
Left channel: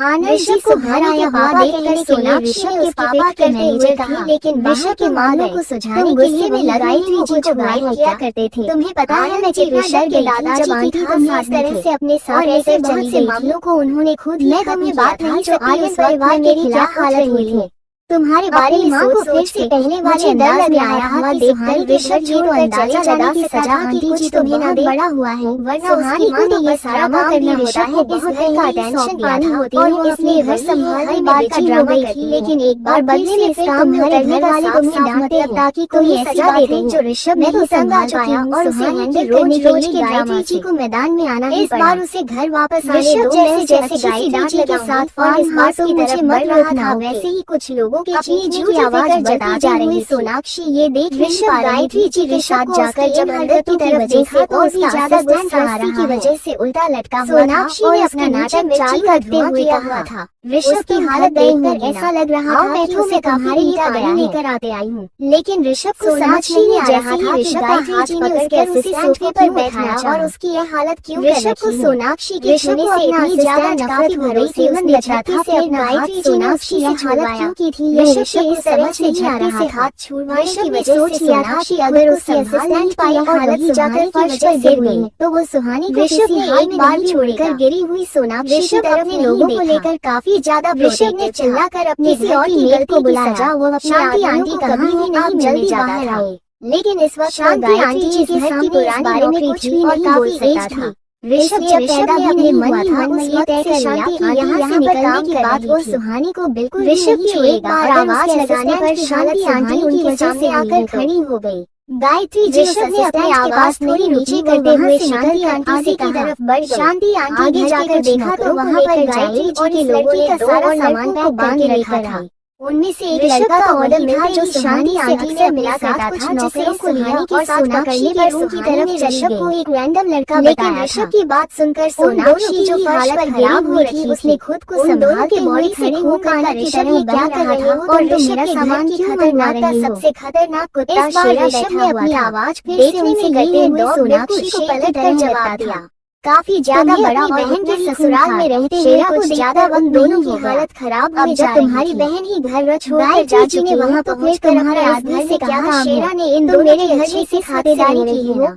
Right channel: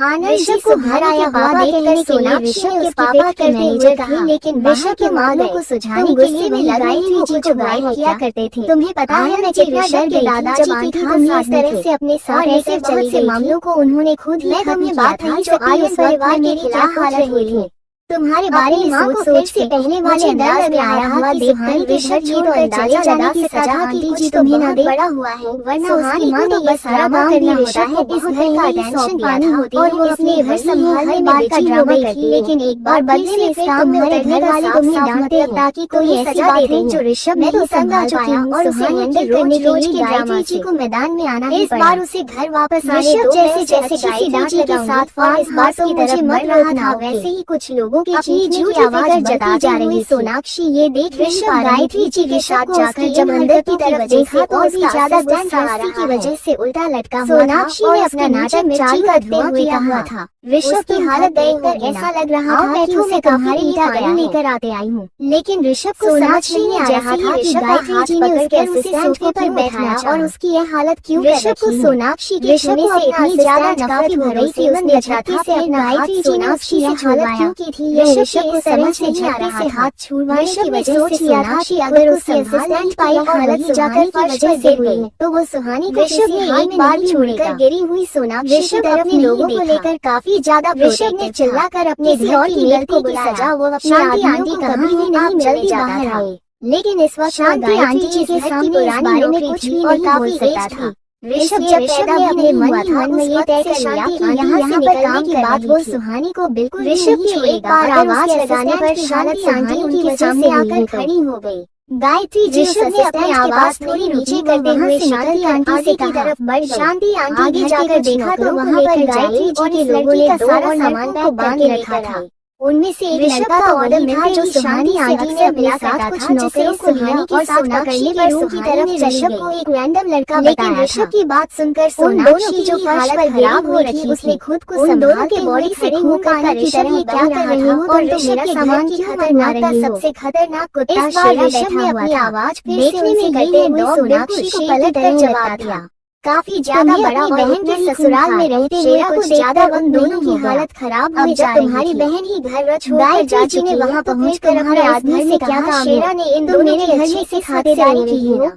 ऋषभ को घर आया हुआ देखकर सोनाक्षी ऋषभ के पापा के मैनेजर थे, लेकिन ऋषभ के माँ गए को सुझाने के लिए वे लगाई थी जो गायब किया करते थे। तुम्हें पता है मैं कितना डर गई दादाजी की तुम इस तरह से अपने साथ ऐसे बहुत से मामलों को उन्होंने खुद ही खत्म बात नहीं जो आज इस परिवार मेरी क्या हालत हुई थी तुम्हारे बारे में सोच के पहले मुझे डर लग रहा था कि सुहानी के शक छोड़कर चले जाने की सजा आंटी जी तुम्हें न दे बड़ा हुआ है, वरना सुहानी को तो बस सारा काम करना होता है। इस घर का टेंशन पानी होती है, इसलिए हर बार का ड्रामा करती है, लेकिन एक बार बदले में फिर तुम्हारे घर वाले तुम्हें डांटते हैं ताकि तुम्हें सजा देते हैं। जो ऋषभ मैं तो तंग आ चुकी हूँ सुहानी के रोज के ड्रामा से। को मैदान में आना इस बार उसे घर वापस आने दो। जैसे गायत्री के साथ इस बार तो मुझे मर रहा था, वैसे ही कुछ लोगों के चीज की आवाज जता जा रही। सोनाक्षी ये देख ऋषभ गायत्री जी के साथ जाकर जब अंदर की तरफ देखा तो उसका ज्यादा गुस्सा आ रहा की वजह से उल्टा लटका हुआ। सोनाक्षी ने अपना नाटक चालू करते हुए कहा था, ऋषभ की हालत देखकर ऐसा लग रहा था कि उसे तुम्हारे ईटा गया लेकर आते आई हूँ, लेकिन ऋषभ को समझ नहीं आ रहा था कि गायत्री जी ने उसके असिस्टेंट को पर बैठाया और उसकी यह हालत क्यों। ऋषभ को सोनाक्षी के छूने से इतनी ज्यादा नफरत हो रही थी उसने झटके से अपना हाथ सोनाक्षी की हालत क्यों की थी। ऋषभ को समझ नहीं आ रहा था हाथ छुड़वाने की वजह से लिया था कि अगर उसे असिस्टेंट पाई हालत जाकर फर्श पर गिर गई तो वो सुहानी को ऋषभ ने एक बार छोड़कर गिरी हुई सोनाक्षी की तरफ नहीं लेकर काफी ज्यादा ऋषभ ने चिल्लाकर अपनी किसी और की गलती की सजा वो अपनी आंटी कभी भी नहीं मिलने जाता था, लेकिन इस वक्त शांति आंटी जी के सामने इस बारे में कुछ भी नहीं बोल सकता था। ऋषभ जब पैदा भी नहीं हुआ था उस ये तय कर लिया कि यहाँ से निकलने के बाद वो सुहानी को बिल्कुल ऋषभ की एक बार आवाज लगाने पर शांति आंटी के सामने आकर खड़ी हो गई। गायत्री जी ने अपनी आवाज थोड़ी नीचे करते हुए शांति आंटी से की तरफ बढ़ शांति आंटी ने जाकर देखा तो वहाँ पर गायत्री जी के लोगों ने दो और सामान को बांध रखा था। उनमें से एक लड़का का ऑर्डर था जो शांति आंटी से मिला करता था, जिसे सुहानी के साथ पकड़ने पर रूम की तरफ ऋषभ को एक रैंडम लड़का बताया। ऋषभ की बात सुनकर सोनाक्षी जो फर्श पर खराब हो रही उसने खुद को संभालते बॉडी से होकर ऋषभ ये क्या कर रहे हो और मेरा सामान की खतरनाक का सबसे खतरनाक कुत्ता शेरा ऋषभ ने अपनी आवाज देखने से करते हुए सोनाक्षी को पलट कर जवाब दिया। काफी ज्यादा बड़ा बहन के ससुराल में रहते हुए कुछ ज्यादा वक्त दोनों की हालत खराब अब जब तुम्हारी बहन ही घर छोड़कर जा चुकी ने वहाँ पहुँचकर हमारे आदमी से कहा शेरा ने इन दोनों ने अच्छे से खातिरदारी की है ना।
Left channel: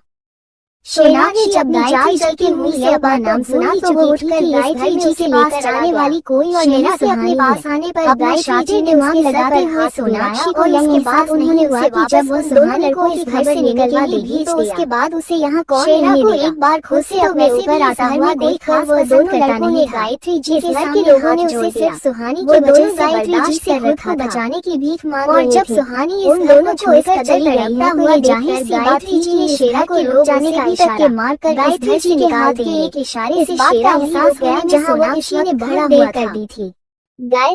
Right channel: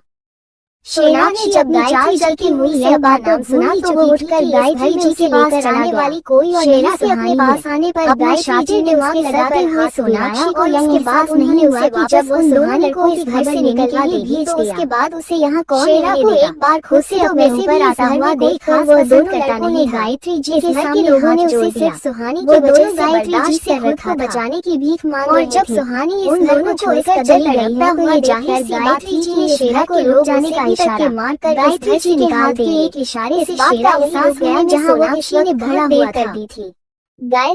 शेरा ने जब गायत्री जलती हुई यह बात नाम सुना तो वो उठकर गायत्री जी के पास आने वाली कोई और शेरा से अपने पास आने पर गायत्री जी ने वहाँ लगाकर हाथ सोनाक्षी को इसके बाद नहीं हुआ कि जब वो सुहानी को इस घर से निकलवा देगी तो उसके बाद उसे यहाँ कौन लेने देगा। एक बार खुद से अपने ऊपर आता हुआ देखकर वो दोनों करता नहीं। गायत्री जी के सामने लोगों ने उसे सिर्फ सुहानी वो दोनों गायत्री जी से खुद को बचाने की भीख मांग रही थी। और जब सुहानी इस दोनों को इस कदर लड़ता हुआ जाहिर सी गायत्री जी ने शेरा को रोक जाने का इशारा मारकर गायत्री जी निकाल देने के इशारे से शेरा एहसास गया जहाँ सोनाक्षी ने बड़ा हुआ कर दी थी।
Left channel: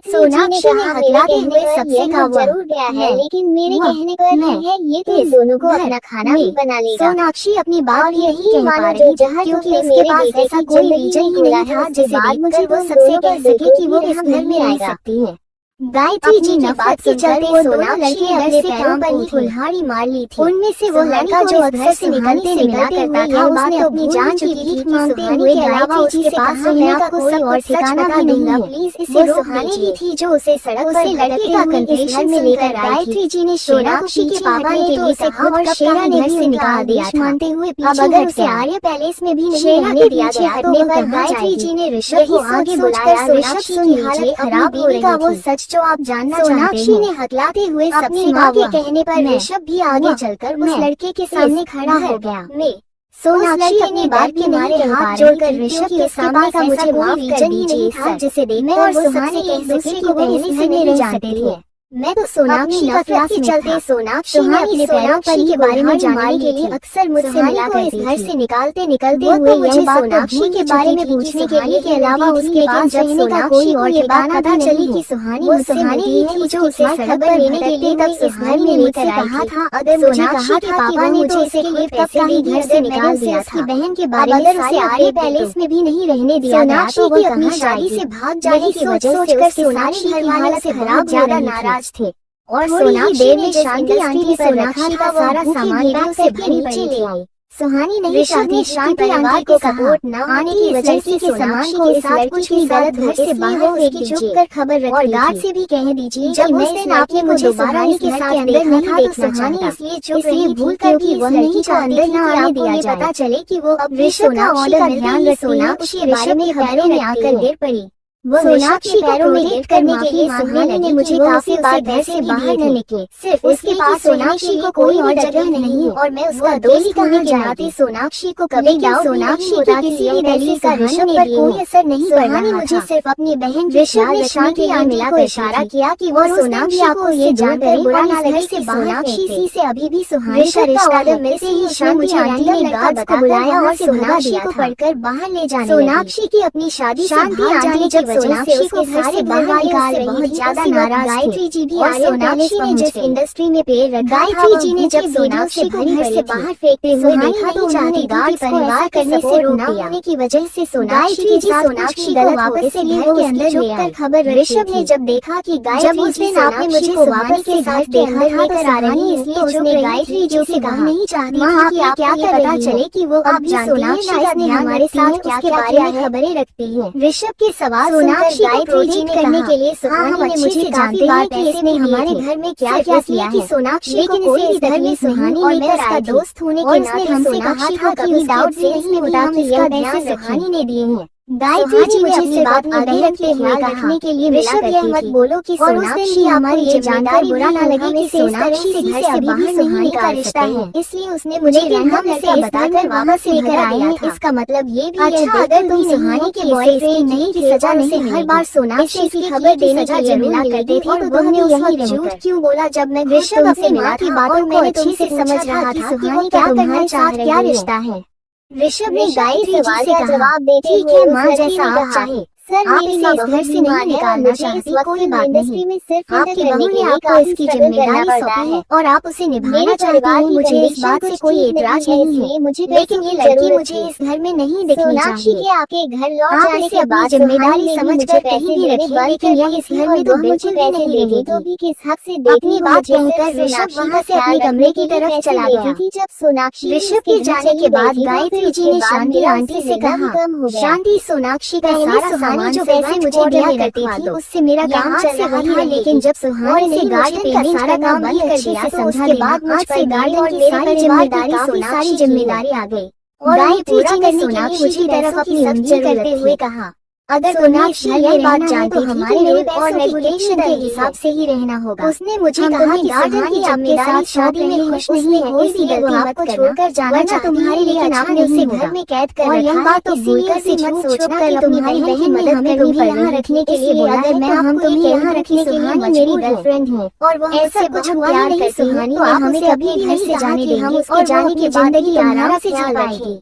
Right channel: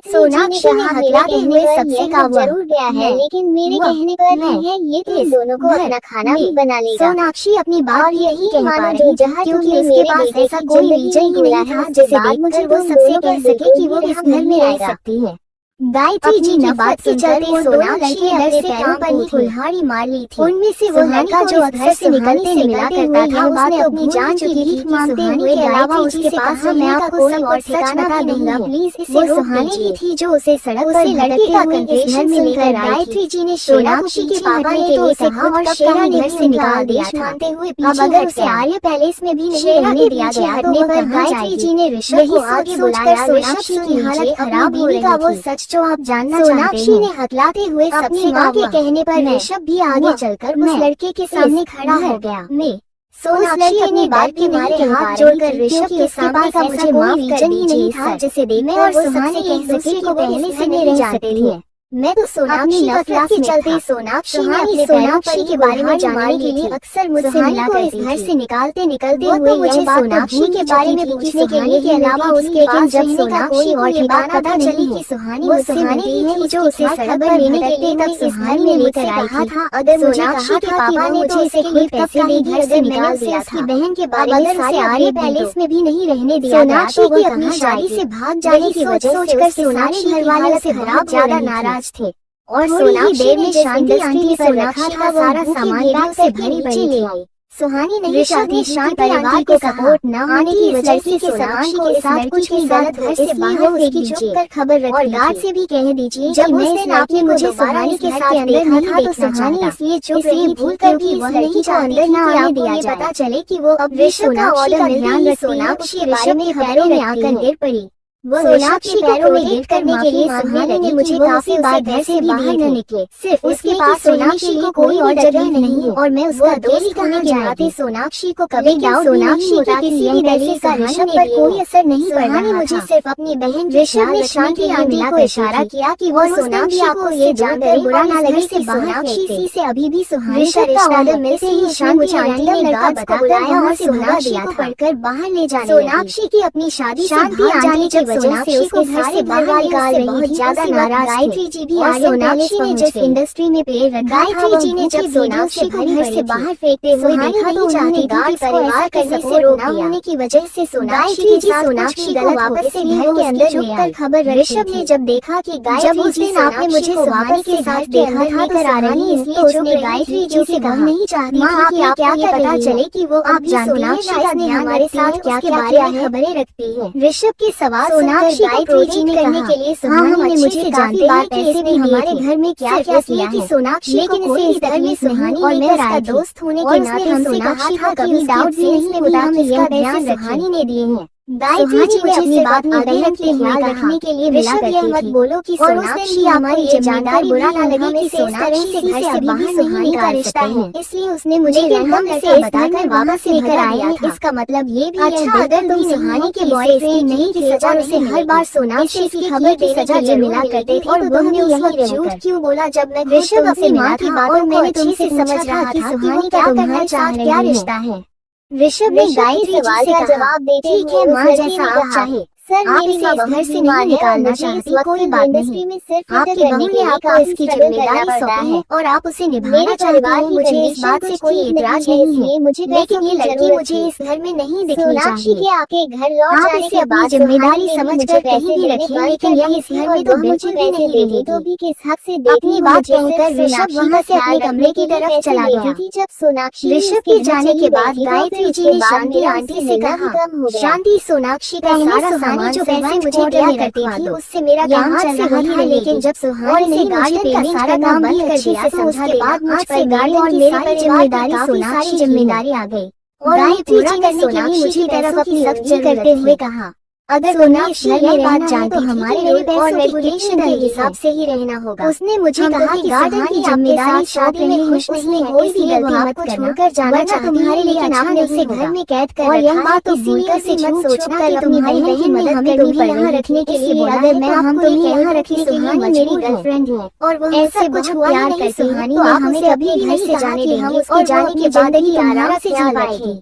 सोनाक्षी ने हथियाते हुए सबसे काम जरूर गया है, लेकिन मेरे कहने पर है ये तो दोनों को अपना खाना भी बना लेगा। सोनाक्षी अपनी बात यही मानो जो जहाँ क्योंकि मेरे पास ऐसा कोई रीजन ही नहीं था जिसे बाद मुझे वो सबसे कह सके कि वो हम घर में आ सकती है। गायत्री जी की बात के चलते सोनाक्षी ने अपने पैरों पर ही कुल्हाड़ी मार ली थी। उनमें से वो लड़का जो घर से निकलते मिला करता था उसने अपनी जान चुकी थी मांगते हुए के अलावा उसके पास रहने का कोई और ठिकाना भी नहीं है। प्लीज इसे सुहानी ही थी जो उसे सड़क पर लड़के का कंटेनर में लेकर आई थी। जी ने सोनाक्षी के पापा ने तो उसे कहा और शेरा ने घर से निकाल दिया मानते हुए अब अगर उसे आर्य पैलेस में भी नहीं रहने दिया गया हटने पर गायत्री जी ने ऋषभ को आगे बुलाया। सोनाक्षी की हालत खराब हो रही वो सच जो आप जानना सोनाक्षी ने हकलाते हुए अपनी माँ के कहने पर ऋषभ भी आगे चलकर उस लड़के के सामने खड़ा हो गया। मैं सोनाक्षी अपनी बात के मारे हाथ जोड़कर ऋषभ के सामने का मुझे माफ कर दीजिए सर, जिसे देखकर वो सुहानी एक दूसरे को कहने से नहीं जानते थे। मैं तो सोनाक्षी का क्लास में चलते सोनाक्षी ने अपने सोनाक्षी के बारे में जानने के लिए अक्सर मुझसे मिला करती थी। घर से निकालते हुए यह बात सोनाक्षी के बारे में पूछने के लिए के अलावा उसके पास जब सोनाक्षी को ये बात पता चली कि सुहानी मुझसे मिली थी जो उसे सड़क पर लेने के लिए तब इस घर में लेकर कहा था अगर सोनाक्षी के पापा ने तो इसे खेत पैसे लिए घर से निकाल दिया था। बहन के बारे में उसे आर्य पैलेस में भी नहीं रहने दिया गया तो वह कहाँ शादी से भाग जाने की सोच कर सोनाक्षी की हालत खराब ज्यादा नाराज थे और सोनाक्षी देर में शांति आंटी पर रखा था सारा सामान बैग से भरी पड़ी ले आई। सुहानी नहीं चाहती शांति परिवार को सपोर्ट न आने की वजह से सोनाक्षी के साथ कुछ भी गलत हो, इसलिए वो उसकी चुप कर खबर रखी और गार्ड से भी कह दीजिए जब उसने आपने मुझे सुहानी के साथ अंदर नहीं देखना चाहा, इसलिए भूल कर भी वह लड़की को अंदर न आने दिया जाए। पता चले कि वो अब ऋषभ का ऑर्डर ध्यान रख सोनाक्षी के बारे में खबरों में आकर गिर पड़ी। वो सोनाक्षी को पैरों में गिर करने के लिए मांगने लगी मुझे काफी उसे घर से बाहर न निकले, सिर्फ उसके पास सोनाक्षी को कोई और जगह नहीं और मैं उसका दोस्त कहने जाते सोनाक्षी को कभी डाउट सोनाक्षी होता कि यही वैसे का ऋषभ पर कोई असर नहीं पड़ रहा। मुझे सिर्फ अपनी बहन ऋषभ ने शांति आंटी को इशारा किया कि वो सोनाक्षी को ये जानकर बुरा ना लगे से सोनाक्षी से अभी भी सुहानी का रिश्ता है। मिलते ही शांति आंटी ने गार्ड्स को बुलाया और सोनाक्षी को पढ़कर बाहर ले जाने सोनाक्षी की अपनी शादी से भाग जाने की वजह से उसके सारे बाहर निकाल रही थी, ज्यादा नाराज गायत्री जी भी और सोनाक्षी ने जिस इंडस्ट्री में पैर रखा गायत्री जी ने जब सोनाक्षी को घर से बाहर फेंकते हुए देखा तो चाहती गार्ड परिवार करने से रोक होने की वजह से सोनाक्षी जी सोनाक्षी गलत वापस से घर के अंदर छुप कर खबर ऋषभ ने जब देखा कि जब उस दिन आपने मुझे सुहानी के साथ देखा था कर आ रही, इसलिए उसने गायत्री जी से कहा नहीं चाहती थी कि आपको ये पता चले कि वो अब सोनाक्षी का ध्यान हमारे साथ क्या के बारे में खबरें रखती है। ऋषभ के सवाल सोनाक्षी को प्रोटेक्ट करने के लिए सुहानी ने मुझे जानते हैं कि इसने हमारे घर में क्या क्या किया है सोनाक्षी को कोई इस घर में सुहानी और मैं उसका दोस्त होने के नाते हमसे कहा था कभी डाउट से नहीं होता कि यह ध्यान सुहानी ने दिए हैं। गायत्री जी ने अपनी बात आगे रखते हुए रखने के लिए मिला करती मत बोलो कि सोनाक्षी हमारी जिम्मेदारी बुरा ना लगे कि सोनाक्षी से घर से बाहर नहीं निकाल सकते हैं, इसलिए उसने मुझे हम इसे बताकर वापस लेकर आए हैं। इसका मतलब ये भी है अगर तुम सुहानी के बॉयफ्रेंड नहीं की सजा नहीं हर बार सोनाक्षी की खबर की सजा जरूर करती थी और तुमने उस वक्त झूठ क्यों बोला जब मैं ऋषभ अपनी माँ की बातों में तुमसे समझ रहा था कि वो क्या तुम्हारे साथ क्या रिश्ता है। ऋषभ ने गायत्री सवाल का जवाब देते हुए मां जैसा आप चाहे सर आप इसे घर से नहीं निकालना चाहती कोई बात नहीं में सिर्फ आपकी बहू ने आपको इसकी जिम्मेदारी सौंपी है और आप उसे निभाना चाहती हैं। मुझे इस बात से कोई एतराज नहीं है मुझे लेकिन ये लड़की मुझे इस घर में नहीं दिखनी चाहिए के आके घर लौट जाने के बाद जिम्मेदारी समझकर कहीं भी रखी लेकिन यह इस घर में तो बिल्कुल भी नहीं रहेगी। तो भी किस हक से अपनी बात कहकर ऋषभ वहाँ से अपने कमरे की तरफ चला गया। जब सोनाक्षी ऋषभ के जाने के बाद गायत्री जी ने शांति आंटी से कहा शांति सोनाक्षी का सारा जो पैसे मुझे दिया करती थी उससे मेरा काम चल रहा था लेकिन जब सुहानी ने गार्डन का सारा काम बंद कर दिया तो उसके बाद मुझ पर गाड़ी और मेरी सारी जिम्मेदारी आ गई। और गायत्री जी ने सोनाक्षी की तरफ अपनी समझी करते हुए कहा अगर सोनाक्षी ये बात जानती तो हमारे रोल और रेपुटेशन के हिसाब से ही रहना होगा। उसने मुझे कहा कि गार्डन की जिम्मेदारी शादी में खुश नहीं है कोई भी गलती मत छोड़कर जाना तुम्हारे लिए अच्छा नहीं घर में कैद कर और यह बात तो भूलकर से मत सोचना कि तुम्हारी बहन ने हमें तुम्हें यहाँ रखने के लिए बोला है तो हम तुम्हें यहाँ रखने के लिए मजबूर गर्लफ्रेंड हैं और वो ऐसा कुछ हुआ ही नहीं। सुहानी ने हमें कभी भी नहीं जाने की हम उसके जाने के बाद ही आराम से ख्याल रखेंगे।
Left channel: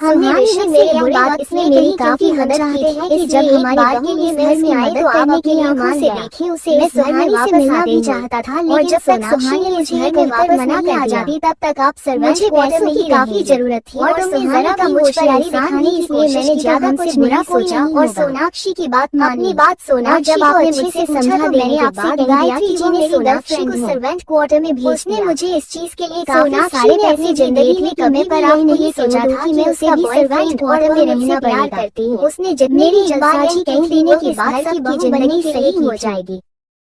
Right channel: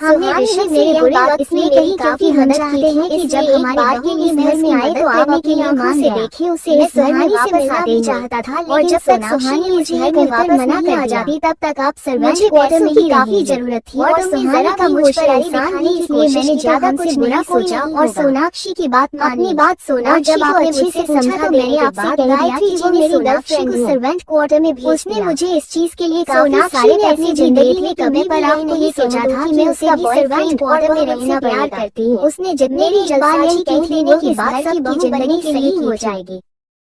सुहानी ने मेरे बुरी बात इसलिए मेरी काफी हम चाहते हैं कि जब हमारी बहू इस घर में आई तो आप अपनी आंखों से देखी उसे इस घर में वापस आना चाहता था लेकिन जब तक सुहानी मुझे घर में वापस मना कर जाती तब तक आप सर्वेंट क्वार्टर में ही काफी जरूरत थी और जरा का मुझ पर एहसान नहीं इसलिए मैंने ज्यादा कुछ बुरा सोचा और सोनाक्षी की बात अपनी बात सोनाक्षी को अच्छे से समझा देने के बाद गायत्री जी ने सोनाक्षी को सर्वेंट क्वार्टर में भेज उसने मुझे इस चीज के लिए काफी सारी ऐसी जिंदगी में कभी पर नहीं सोचा था कि मैं उसे सर्वेंट क्वार्टर में रहना प्यार करती हूँ। उसने जितनी जबानी कह देने के बाद सबकी जिंदगी सही हो जाएगी।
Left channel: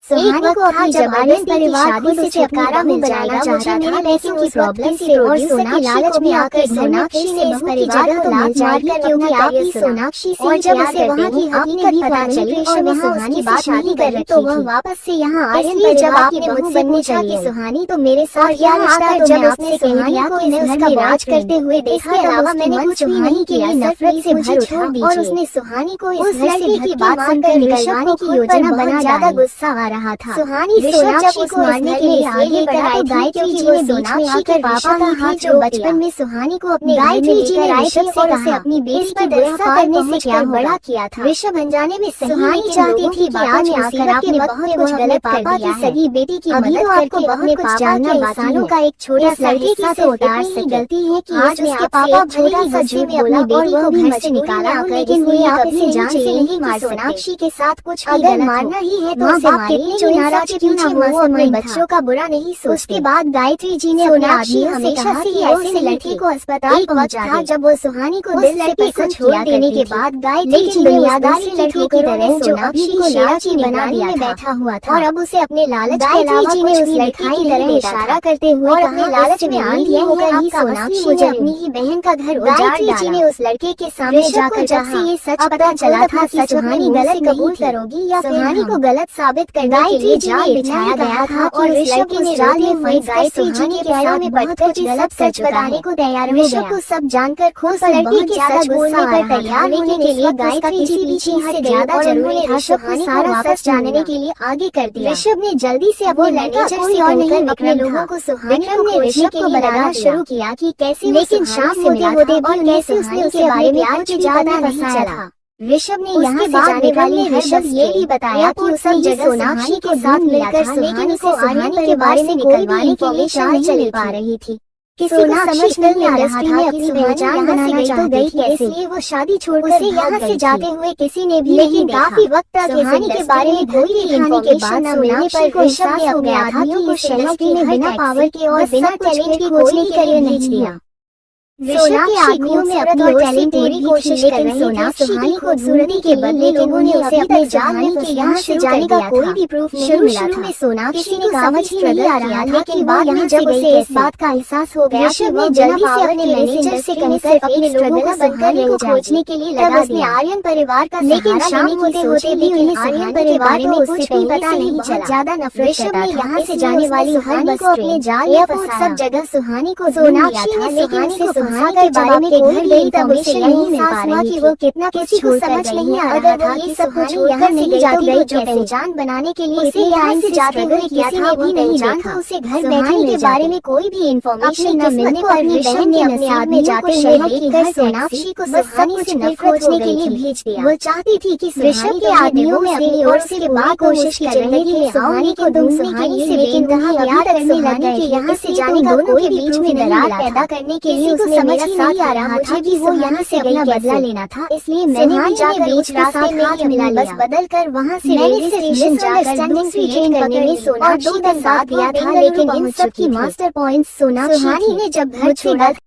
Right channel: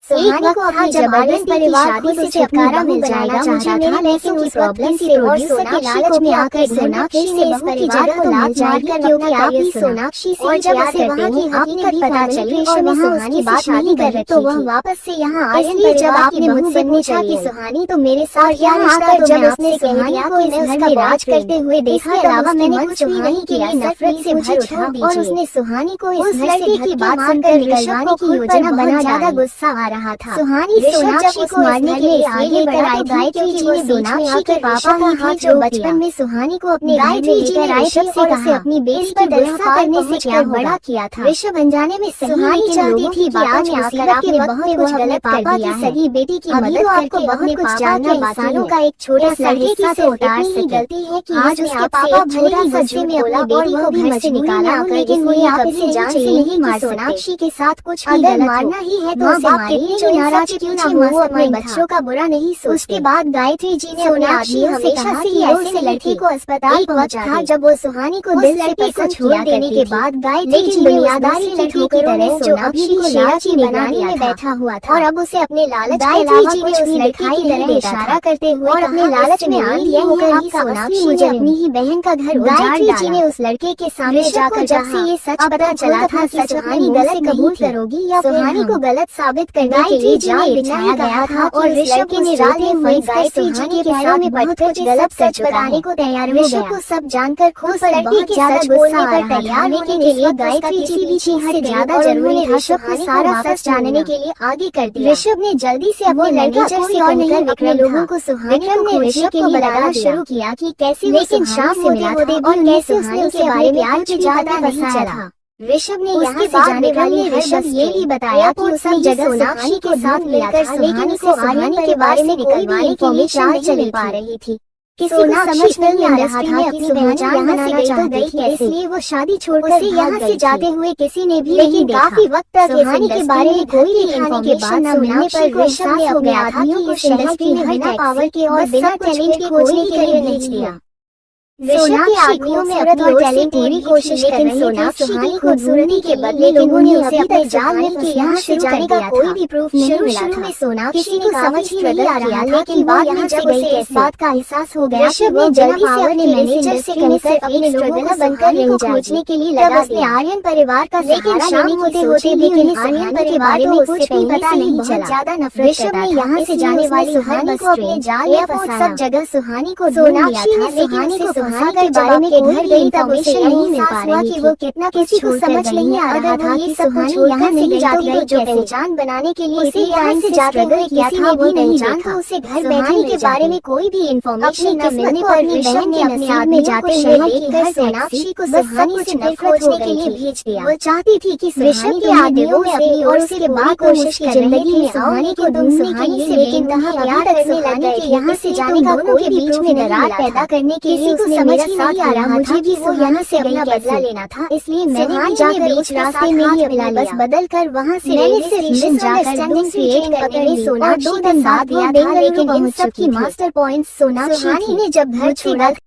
सुहानी को अपनी जबरदस्ती की शादी से छुटकारा मिल जाएगा चाहता था लेकिन उस प्रॉब्लम से और सोना के लालच में आकर सोनाक्षी से बहू की जगह तो मिल जाएगी क्योंकि आप ही सोनाक्षी से जब उसे वहाँ की हकीकत पता चली और वहाँ सुहानी बात शादी कर रही तो वह वापस से यहाँ आए। इसलिए जब आपने मुझसे पूछा कि सुहानी तो मेरे साथ क्या रिश्ता तो मैं आपसे कह दिया कि मैं उसका राज करते हुए देखा के अलावा मैंने कुछ भी नहीं किया नफरत से मुझे छोड़ दीजिए। और उसने सुहानी को उस लड़की की बात सुनकर ऋषभ को खुद पर बहुत ज्यादा गुस्सा आ रहा था। सुहानी सोनाक्षी को मारने के लिए आगे लेकर आई थी क्योंकि वो सोनाक्षी के पापा ही थे जो बचपन में सुहानी को अपने घर में लेकर आए थे और उसे अपनी बेटी पर गुस्सा करने से क्या बड़ा किया था। ऋषभ अनजाने में सुहानी चाहती थी बातों में आकर आपने बहुत कुछ गलत कर दिया है। सगी बेटी की मदद आपको बहुत कुछ जानना इंसानों का एक छोटा सा हिस्सा से उतार सके। गलती है कि आज उसके पापा छोटा सा झूठ बोला और वो भी घर से निकाला लेकिन वो आप इसे जान से नहीं मार। सोनाक्षी के साथ कुछ अगर मारना ही है तो उसे मारिए भले ही नाराज क्यों ना हो, वो अपने बच्चों का बुरा नहीं सोचते। उसके बाद गायत्री जी ने अपने आदमियों हमेशा से ऐसे लड़के को अस्पताल पहुंचा जब वो सुहानी को दिल से पसंद किया करने के बाद गायत्री जी दुनियादारी की ठोकरों ने सोनाक्षी को लालची बना दिया बैठा हुआ था और अब उसे अपने लालच के अलावा जी ने उस लड़की की तरह इशारा करते हुए और अपने लालच में आंधी होकर ही सोनाक्षी ने अपनी ही बहन का घर उजाड़ डाला। जी ने उस लड़के के सामने जाकर जब से ये सच पता चला था कि सुहानी गलत कबूल करोगी या सुहानी को गलत साबित करने के लिए जाल बिछाया गया था और ऋषभ ने जाल में फंस गायत्री जी के पैरों में पड़कर गलत सच बताने को तैयार हो गया। को सब जानकर खुद पर बहुत ज्यादा बोलने पर तैयार होने के लिए गायत्री जी भी चीज से ज्यादा जरूरी था सुहानी को वापस जानने के लिए आगे कर दिया। ऋषभ ने जल्दी से अपने मैनेजर से और नहीं अपने लोगों को सुहानी को खोजने के लिए लगाना शुरू किया कि कैसे, लेकिन शाम से होते भी उन्हें सुहानी के बारे में कुछ ज्यादा नहीं चला। ऋषभ ने यहाँ से जाने वाले ऋषभ ये भी बताया कि उस सब जगह सोनाक्षी के साथ मिलकर सुहानी को आर्यन के बारे में कोई भी इंफॉर्मेशन नहीं चल पा रही थी। किसी को समझ नहीं आ रहा था कि अपनी पहचान बनाना चाहती थी, इसलिए वो शादी छोड़कर यहाँ से जाते हुए किसी ने भी नहीं देखा। काफी वक्त तक सुहानी के बारे में कोई भी खाने के बाद सुनने पर ऋषभ ने अपने आदमियों को इंडस्ट्री में बिना पावर के और बिना टैलेंट के खोजने के लिए नहीं दिया। सोनाक्षी में अपनी टैलेंट पूरी कोशिश कर रही सोनाक्षी खूबसूरती के बदले लोगों ने उसे अपने जाल में के यहाँ से जाने का कोई भी प्रूफ नहीं मिला था। सोनाक्षी को समझ ही नहीं आ रहा, लेकिन बाद में जब उसे इस बात का एहसास हो गया कि वो जल्दी से अपने मैनेजर से कहकर अपने लोगों को सुहानी को खोजने के लिए लगा दिया। आर्यन परिवार का लेकिन शाम होते होते भी उन्हें आर्यन के बारे में कुछ भी पता नहीं चला। ज्यादा नफरत ऋषभ ने यहाँ से जाने वाली सुहानी को अपने जाल या सब जगह सुहानी को सोनाक्षी ने सुहानी को सुहानी के बारे में घर गई तब उसे यही एहसास हुआ कि वो कितना किसी को समझ नहीं आ रहा था कि सब कुछ यहाँ से गई जाती तो जो पहचान बनाने के लिए उसे यहाँ से जाते हुए क्या था वो पहचान था। उसे घर बैठे के बारे में कोई भी इंफॉर्मेशन न मिलने पर ऋषभ ने अपने आदमी जाते हुए देखकर सोनाक्षी को सुहानी से दिल खोजने के लिए भेज दिया। वो चाहती थी कि ऋषभ के आदमियों में अपनी ओर से बाद कोशिश की जिंदगी में आओ, लेकिन तुम सुहानी से बेइंतहा प्यार करने लग गए। यहाँ से जाने का कोई भी बीच में दरार पैदा करने के लिए उसे समझ नहीं आ रहा मुझे कि वो यहाँ से अपना बदला लेना था, इसलिए मैंने जाकर बीच रास्ते में ही अपना बस बदल कर वहाँ से रेलवे स्टेशन जाकर ट्रेन करने में सोनाक्षी का साथ दिया था। लेकिन इन सब की मास्टर पॉइंट सोनाक्षी ने जब घर छोड़ा